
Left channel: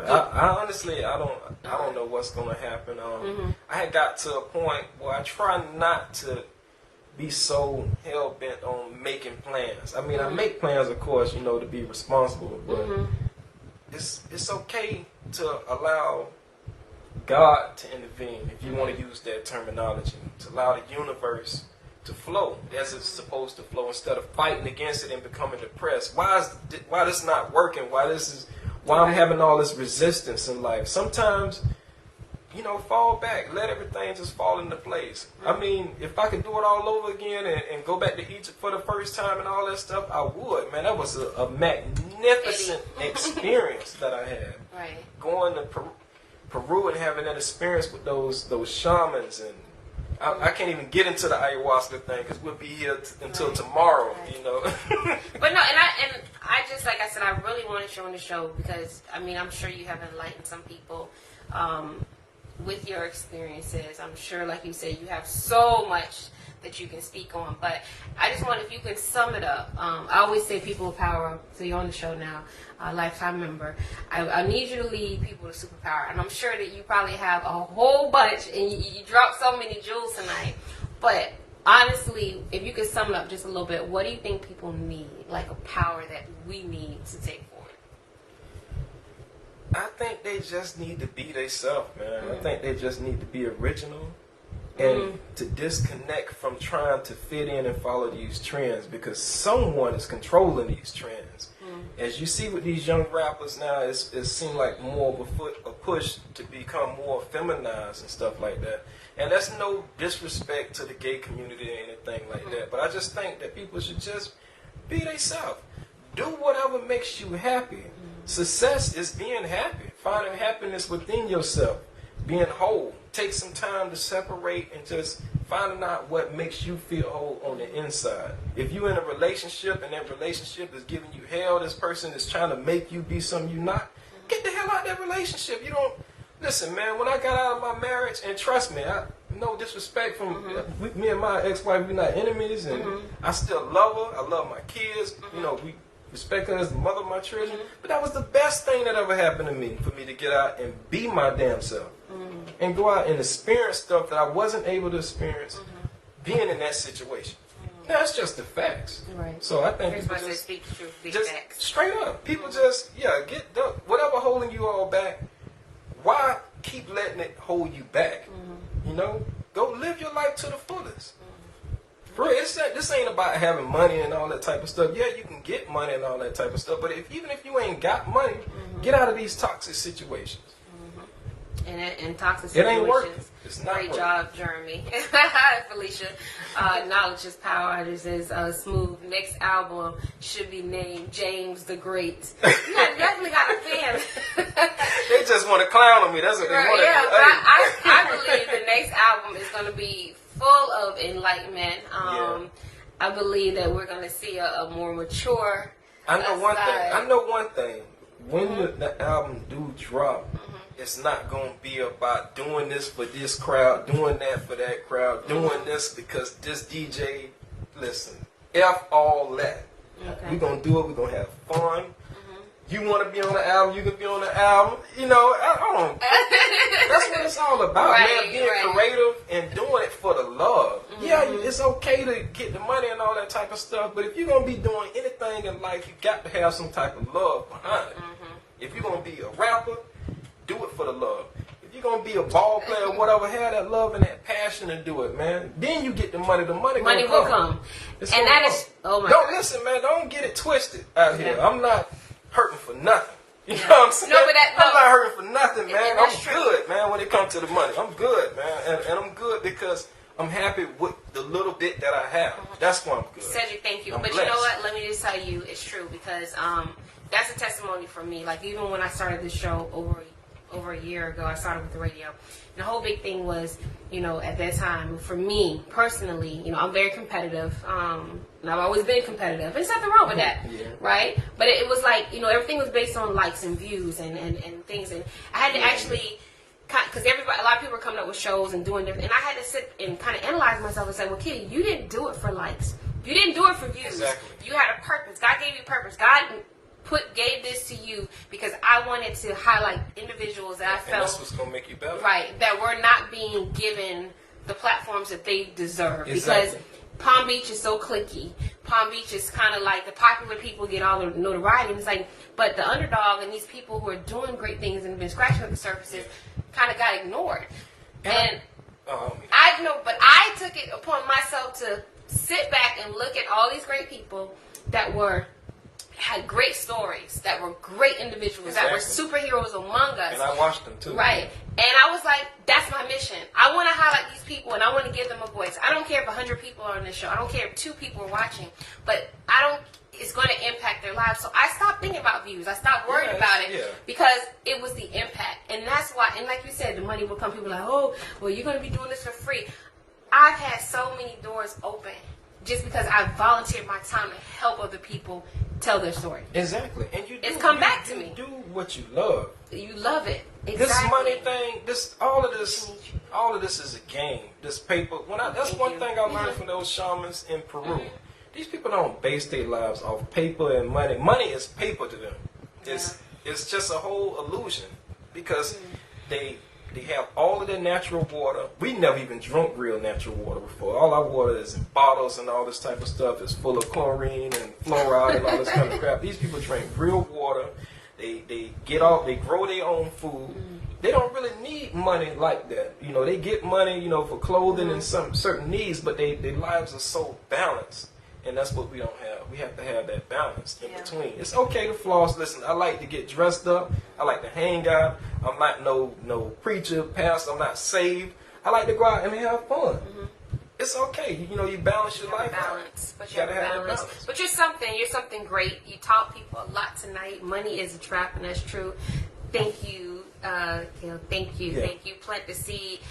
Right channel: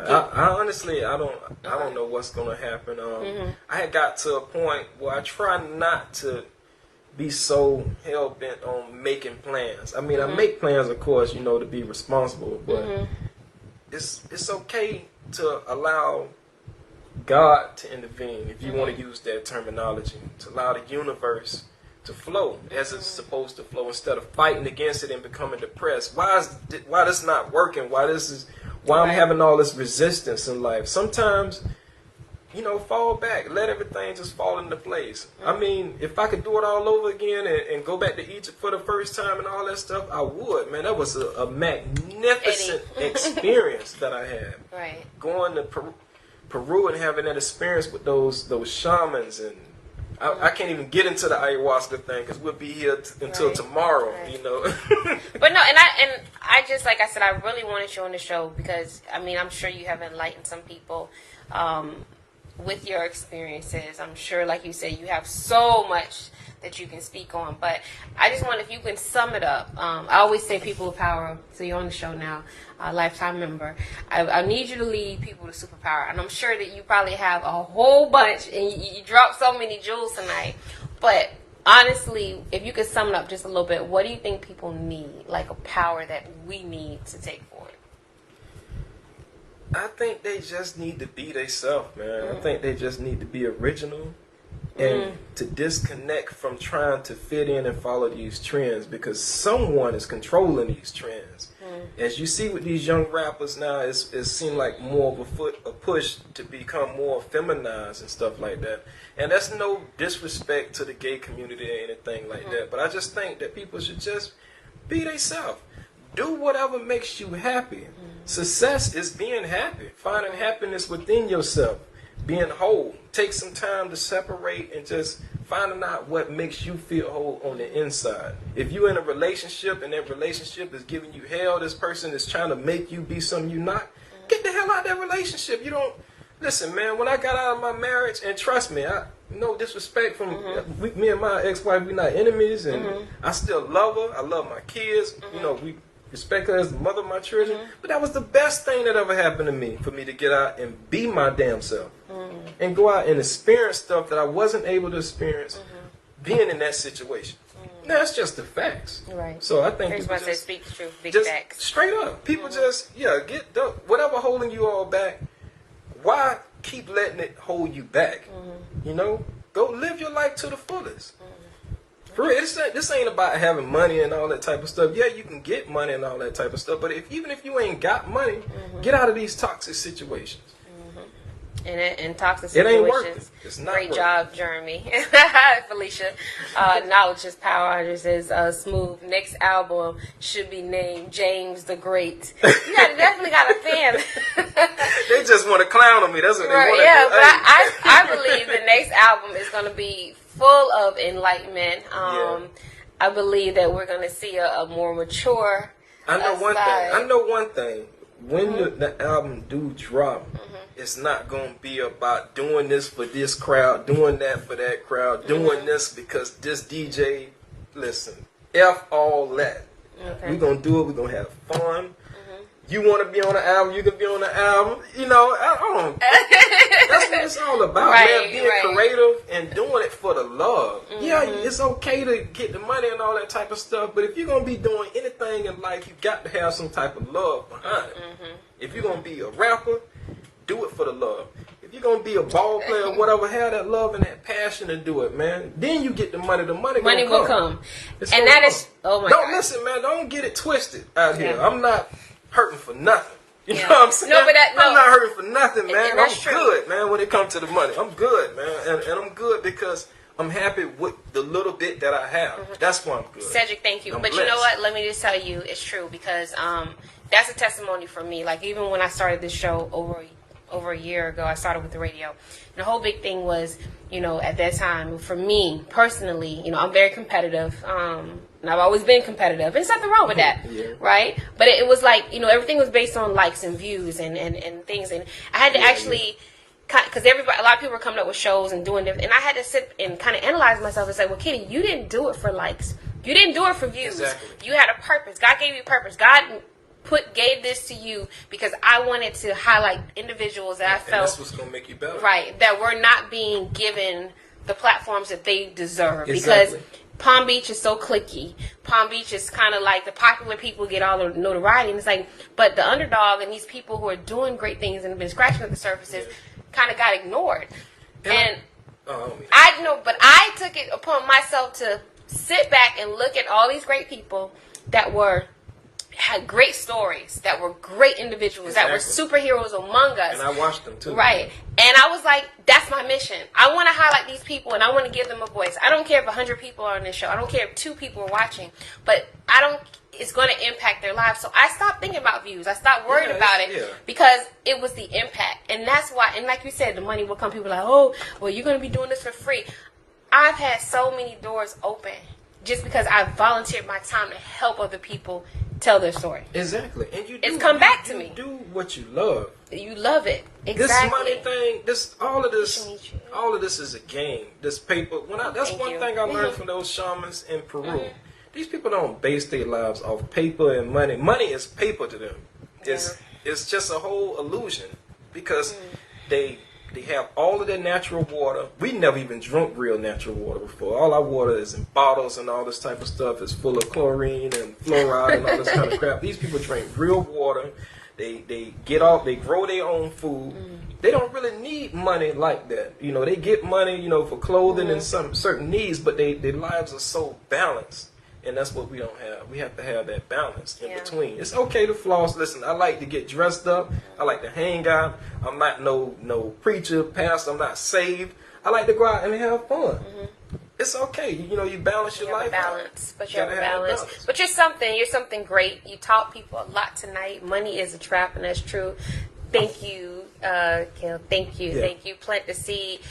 I honestly, I don't know what's going to happen. I had got to a point where I try not to be so hell bent on making plans. I mean, I make plans, of course, to be responsible, but it's okay to allow God to intervene, if you want to use that terminology, to allow the universe to flow as it's supposed to flow instead of fighting against it and becoming depressed. Why this not working? Why I'm having all this resistance in life? Sometimes, fall back. Let everything just fall into place. I mean, if I could do it all over again and go back to Egypt for the first time and all that stuff, I would. Man, that was a magnificent experience that I had. Right. Going to Peru and having that experience with those shamans, and I can't even get into the ayahuasca thing because we'll be here until tomorrow, But no, and I just, like I said, I really wanted you on the show because, I mean, I'm sure you have enlightened some people with your experiences. I'm sure, like you said, you have so much that you can speak on. But I just wonder if you can sum it up. I always say people with power, so you're on the show now, a lifetime member. I need you to lead people to superpower. And I'm sure that you probably have a whole bunch, and you dropped so many jewels tonight. But honestly, if you could sum it up just a little bit, what do you think people need, like a power that we need to take forward? I think they just need to be themselves, man. I think they just need to be original and to disconnect from trying to fit in and follow these trends, because someone is controlling these trends. As you see with these young rappers now, it seems like more of a push to become more feminized and stuff like that. And that's no disrespect to the gay community or anything like that, but I just think that people should just be themselves. Do whatever makes you happy. Success is being happy, finding happiness within yourself, being whole. Take some time to separate and just finding out what makes you feel whole on the inside. If you're in a relationship and that relationship is giving you hell, this person is trying to make you be something you're not, get the hell out of that relationship. You don't, listen, man, when I got out of my marriage, and trust me, no disrespect from me and my ex-wife, we're not enemies, and I still love her. I love my kids. We respect her as the mother of my children. But that was the best thing that ever happened to me, for me to get out and be my damn self. And go out and experience stuff that I wasn't able to experience being in that situation. That's just the facts. Right. So I think people just speak the truth, big just facts. Straight up. People just, get the, whatever holding you all back, why keep letting it hold you back? Go live your life to the fullest. For real, this ain't about having money and all that type of stuff. Yeah, you can get money and all that type of stuff, but even if you ain't got money, get out of these toxic situations. And toxic situations. It ain't worth it. It's not Great worth job, Jeremy. Felicia. Knowledge is power. This is Smooth. Next album should be named James the Great. You definitely got a fan. They just want to clown on me. That's what they want to do. Yeah, but I believe the next album is going to be full of enlightenment. I believe that we're going to see a more mature I know one thing. When the album do drop, it's not going to be about doing this for this crowd, doing that for that crowd, doing this because this DJ, listen, F all that. Okay. We're going to do it. We're going to have fun. You want to be on the album, you can be on the album. That's what it's all about, man. Being creative and doing it for the love. Yeah, it's okay to get the money and all that type of stuff, but if you're going to be doing anything in life, you got to have some type of love behind it. If you're going to be a rapper, do it for the love. If you're going to be a ball player or whatever, have that love and that passion to do it, man. Then you get the money. The money will come. And that is, oh my God. Listen, man, don't get it twisted out here. I'm not hurting for nothing. You know what I'm saying? I'm not hurting for nothing, man. I'm good, man, when it comes to the money. I'm good, man. And I'm good because I'm happy with the little bit that I have. That's why I'm good. Cedric, thank you. But you know what? Let me just tell you, it's true because that's a testimony for me. Like, even when I started this show over a year ago, I started with the radio. And the whole big thing was, at that time, for me personally, I'm very competitive. And I've always been competitive. There's nothing wrong with that, right? But it was like, everything was based on likes and views and things. And I had to actually, because a lot of people were coming up with shows and doing different, and I had to sit and kind of analyze myself and say, well, Kitty, you didn't do it for likes. You didn't do it for views. Exactly. You had a purpose. God gave you a purpose. God gave this to you because I wanted to highlight individuals that I felt, and that's what's gonna make you better, right? That were not being given the platforms that they deserve. Exactly. Because Palm Beach is so cliquey. Palm Beach is kind of like the popular people get all the notoriety, and it's like, but the underdog and these people who are doing great things and have been scratching at the surfaces, kind of got ignored. And I know, but I took it upon myself to sit back and look at all these great people that had great stories, that were great individuals, that were superheroes among us. And I watched them too. Right. And I was like, that's my mission. I want to highlight these people and I want to give them a voice. I don't care if 100 people are on this show. I don't care if 2 people are watching. But it's going to impact their lives. So I stopped thinking about views. I stopped worrying about it because it was the impact. And that's why, and like you said, the money will come. People are like, oh, well, you're going to be doing this for free. I've had so many doors open just because I volunteered my time to help other people tell their story. Exactly. And it's come back to me. You do what you love. You love it. Exactly. This money thing, all of this is a game. This paper. That's one thing I learned from those shamans in Peru. These people don't base their lives off paper and money. Money is paper to them. It's just a whole illusion because they have all of their natural water. We never even drunk real natural water before. All our water is in bottles and all this type of stuff. It's full of chlorine and fluoride and all this kind of crap. These people drink real water. They grow their own food. They don't really need money like that. They get money, for clothing and some certain needs, but their lives are so balanced. And that's what we don't have. We have to have that balance in between. It's okay to floss. Listen, I like to get dressed up. I like to hang out. I'm not no preacher, pastor. I'm not saved. I like to go out and have fun. It's okay. You balance your life. Balance, but you have a balance. But you're something great. You taught people a lot tonight. Money is a trap, and that's true. Thank you, Kel. Thank you. Yeah. Thank you. Plant the seed.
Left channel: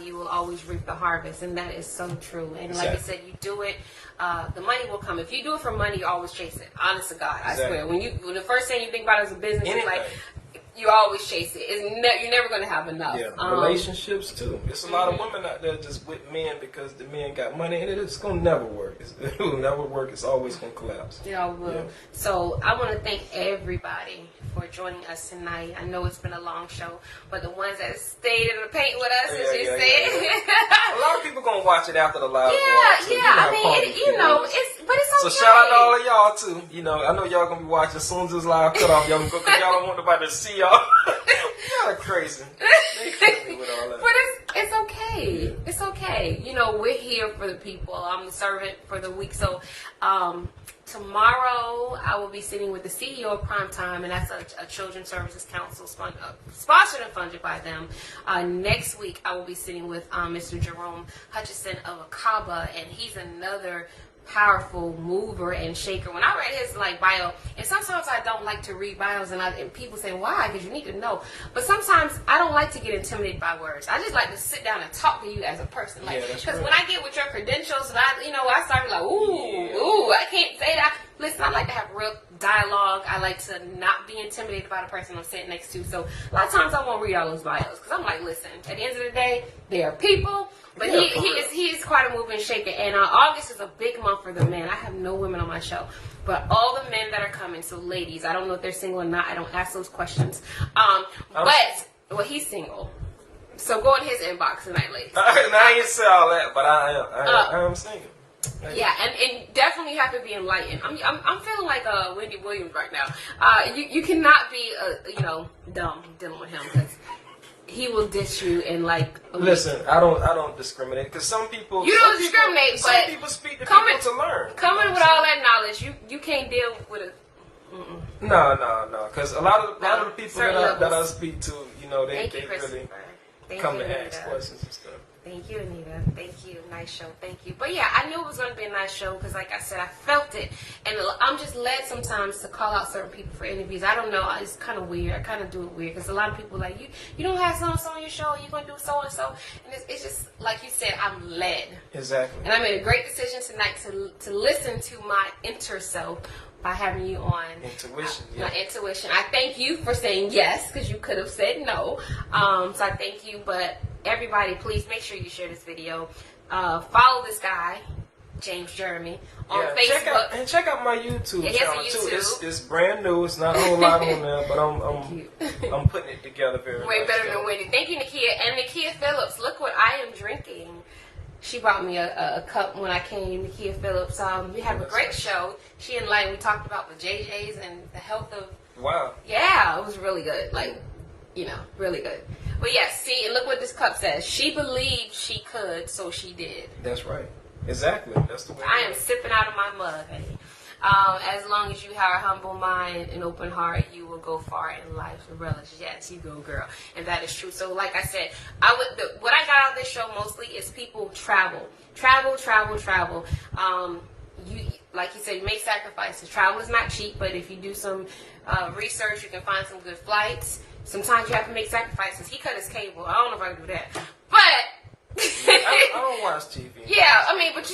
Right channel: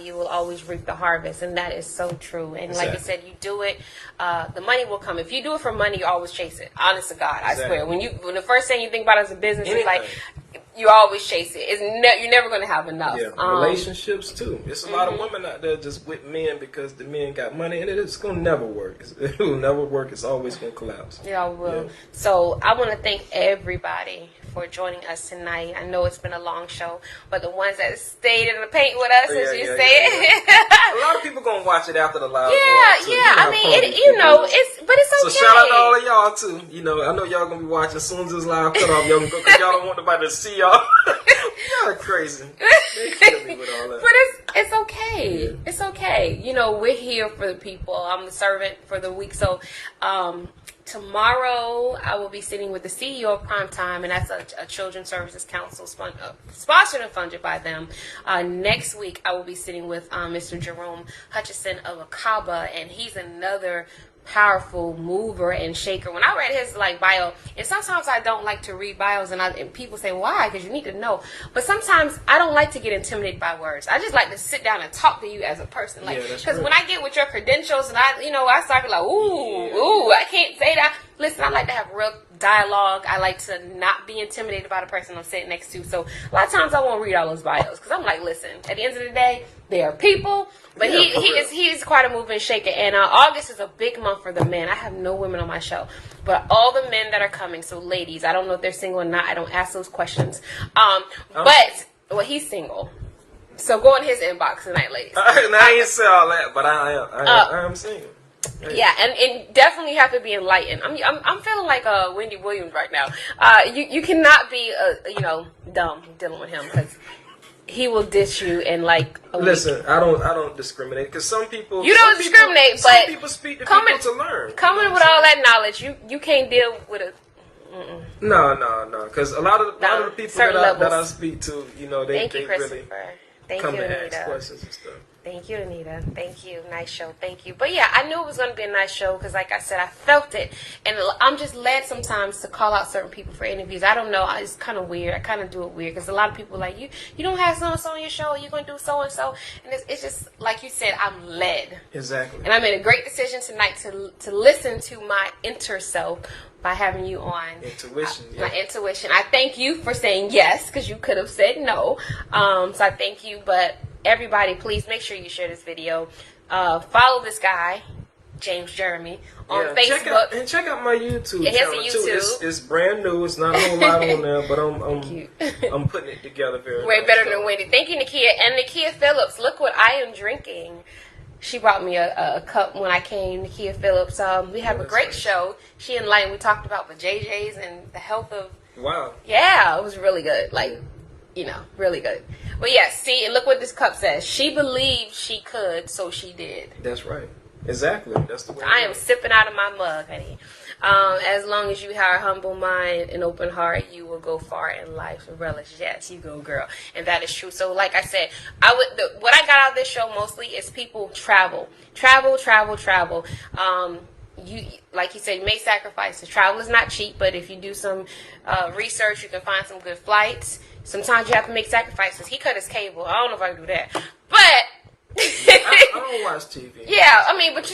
You will always reap the harvest. And that is so true. And like you said, you do it. The money will come. If you do it for money, you always chase it. Honest to God. I swear. When the first thing you think about as a business is like, you always chase it. You're never going to have enough. Yeah, relationships too. There's a lot of women out there just with men because the men got money, and it's going to never work. It will never work. It's always going to collapse. It all will. Yeah. So I want to thank everybody for joining us tonight. I know it's been a long show, but the ones that stayed in the paint with us, as you said. A lot of people going to watch it after the live. I mean, but it's okay. So shout out to all of y'all too. I know y'all going to be watching as soon as this live cut off. Y'all because y'all don't want nobody to see y'all. Y'all are crazy. They kill me with all that. But it's okay. Yeah. It's okay. We're here for the people. I'm the servant for the week. So tomorrow I will be sitting with the CEO of Primetime, and that's a Children's Services Council sponsored and funded by them. Next week I will be sitting with Mr. Jerome Hutchison of Akaba, and he's another powerful mover and shaker. When I read his bio, and sometimes I don't like to read bios, and people say why, because you need to know, but sometimes I don't like to get intimidated by words. I just like to sit down and talk to you as a person, because when I get with your credentials and I start like ooh, I can't say that. Listen, I like to have real dialogue. I like to not be intimidated by the person I'm sitting next to. So a lot of times I won't read all those bios because I'm like, listen, at the end of the day, they are people. But he is quite a mover and shaker. And August is a big month for the men. I have no women on my show, but all the men that are coming. So ladies, I don't know if they're single or not. I don't ask those questions. But he's single. So go in his inbox tonight, ladies. I ain't say all that, but I am single. Yeah, and definitely have to be enlightened. I'm feeling like Wendy Williams right now. You cannot be dumb dealing with him because he will dish you in Listen, I don't discriminate because some people discriminate, but some people speak to people to learn. Coming with all that knowledge, you can't deal with a. No, because a lot of the people that I speak to, they really come to ask questions and stuff. Thank you, Anita. Thank you. Nice show. Thank you. But yeah, I knew it was going to be a nice show because, like I said, I felt it. And I'm just led sometimes to call out certain people for interviews. I don't know. It's kind of weird. I kind of do it weird because a lot of people are like, you don't have so-and-so on your show. You're going to do so-and-so. And it's just, like you said, I'm led. Exactly. And I made a great decision tonight to listen to my inner self by having you on. Intuition. My intuition. I thank you for saying yes because you could have said no. So I thank you. But everybody, please make sure you share this video. Follow this guy, James Jeremy, on Facebook. Check out my YouTube channel too. It's brand new. It's not a whole lot on there, but I'm putting it together very way better than Wendy. Thank you, Nakia. And Nakia Phillips, look what I am drinking. She brought me a cup when I came, Nakia Phillips. We have a great show. She enlightened. We talked about the JJs and the health of. Wow. Yeah, it was really good. really good. But yeah, see, look what this cup says. She believed she could, so she did. That's right. Exactly. That's the way. I am sipping out of my mug, honey. As long as you have a humble mind and open heart, you will go far in life and relish. Yes, you go, girl. And that is true. So like I said, what I got out of this show mostly is people travel. You, like you said, you make sacrifices. Travel is not cheap, but if you do some research, you can find some good flights. Sometimes you have to make sacrifices. He cut his cable. I don't know if I can do that. But I don't watch TV. Yeah, I mean, but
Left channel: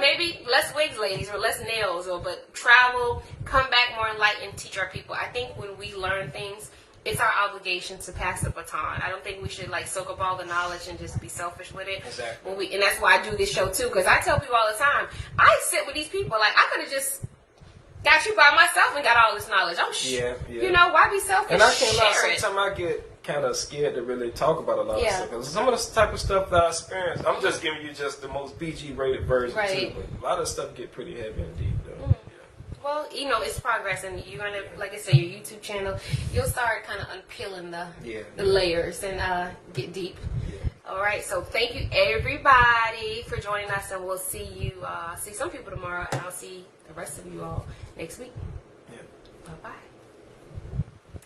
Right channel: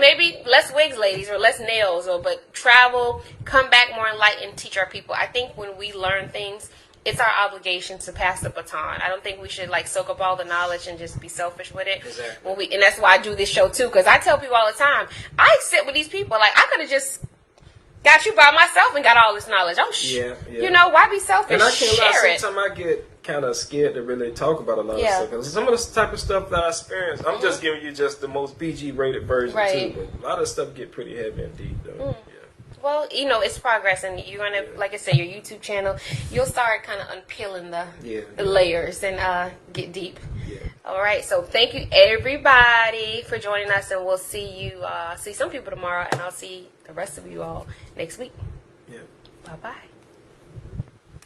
maybe less wigs, ladies, or less nails, but travel, come back more enlightened, teach our people. I think when we learn things, it's our obligation to pass the baton. I don't think we should soak up all the knowledge and just be selfish with it. Exactly. And that's why I do this show too, because I tell people all the time, I sit with these people I could have just got you by myself and got all this knowledge. Why be selfish? And I can't lie, sometimes I get kind of scared to really talk about a lot of stuff. Because some of the type of stuff that I experience, I'm just giving you just the most PG rated version too. But a lot of stuff get pretty heavy indeed, though. Yeah. Well, it's progress, and you're gonna, like I said, your YouTube channel, you'll start kind of unpeeling the layers and get deep. Yeah. All right, so thank you everybody for joining us, and we'll see some people tomorrow, and I'll see the rest of you all next week. Yeah. Bye bye.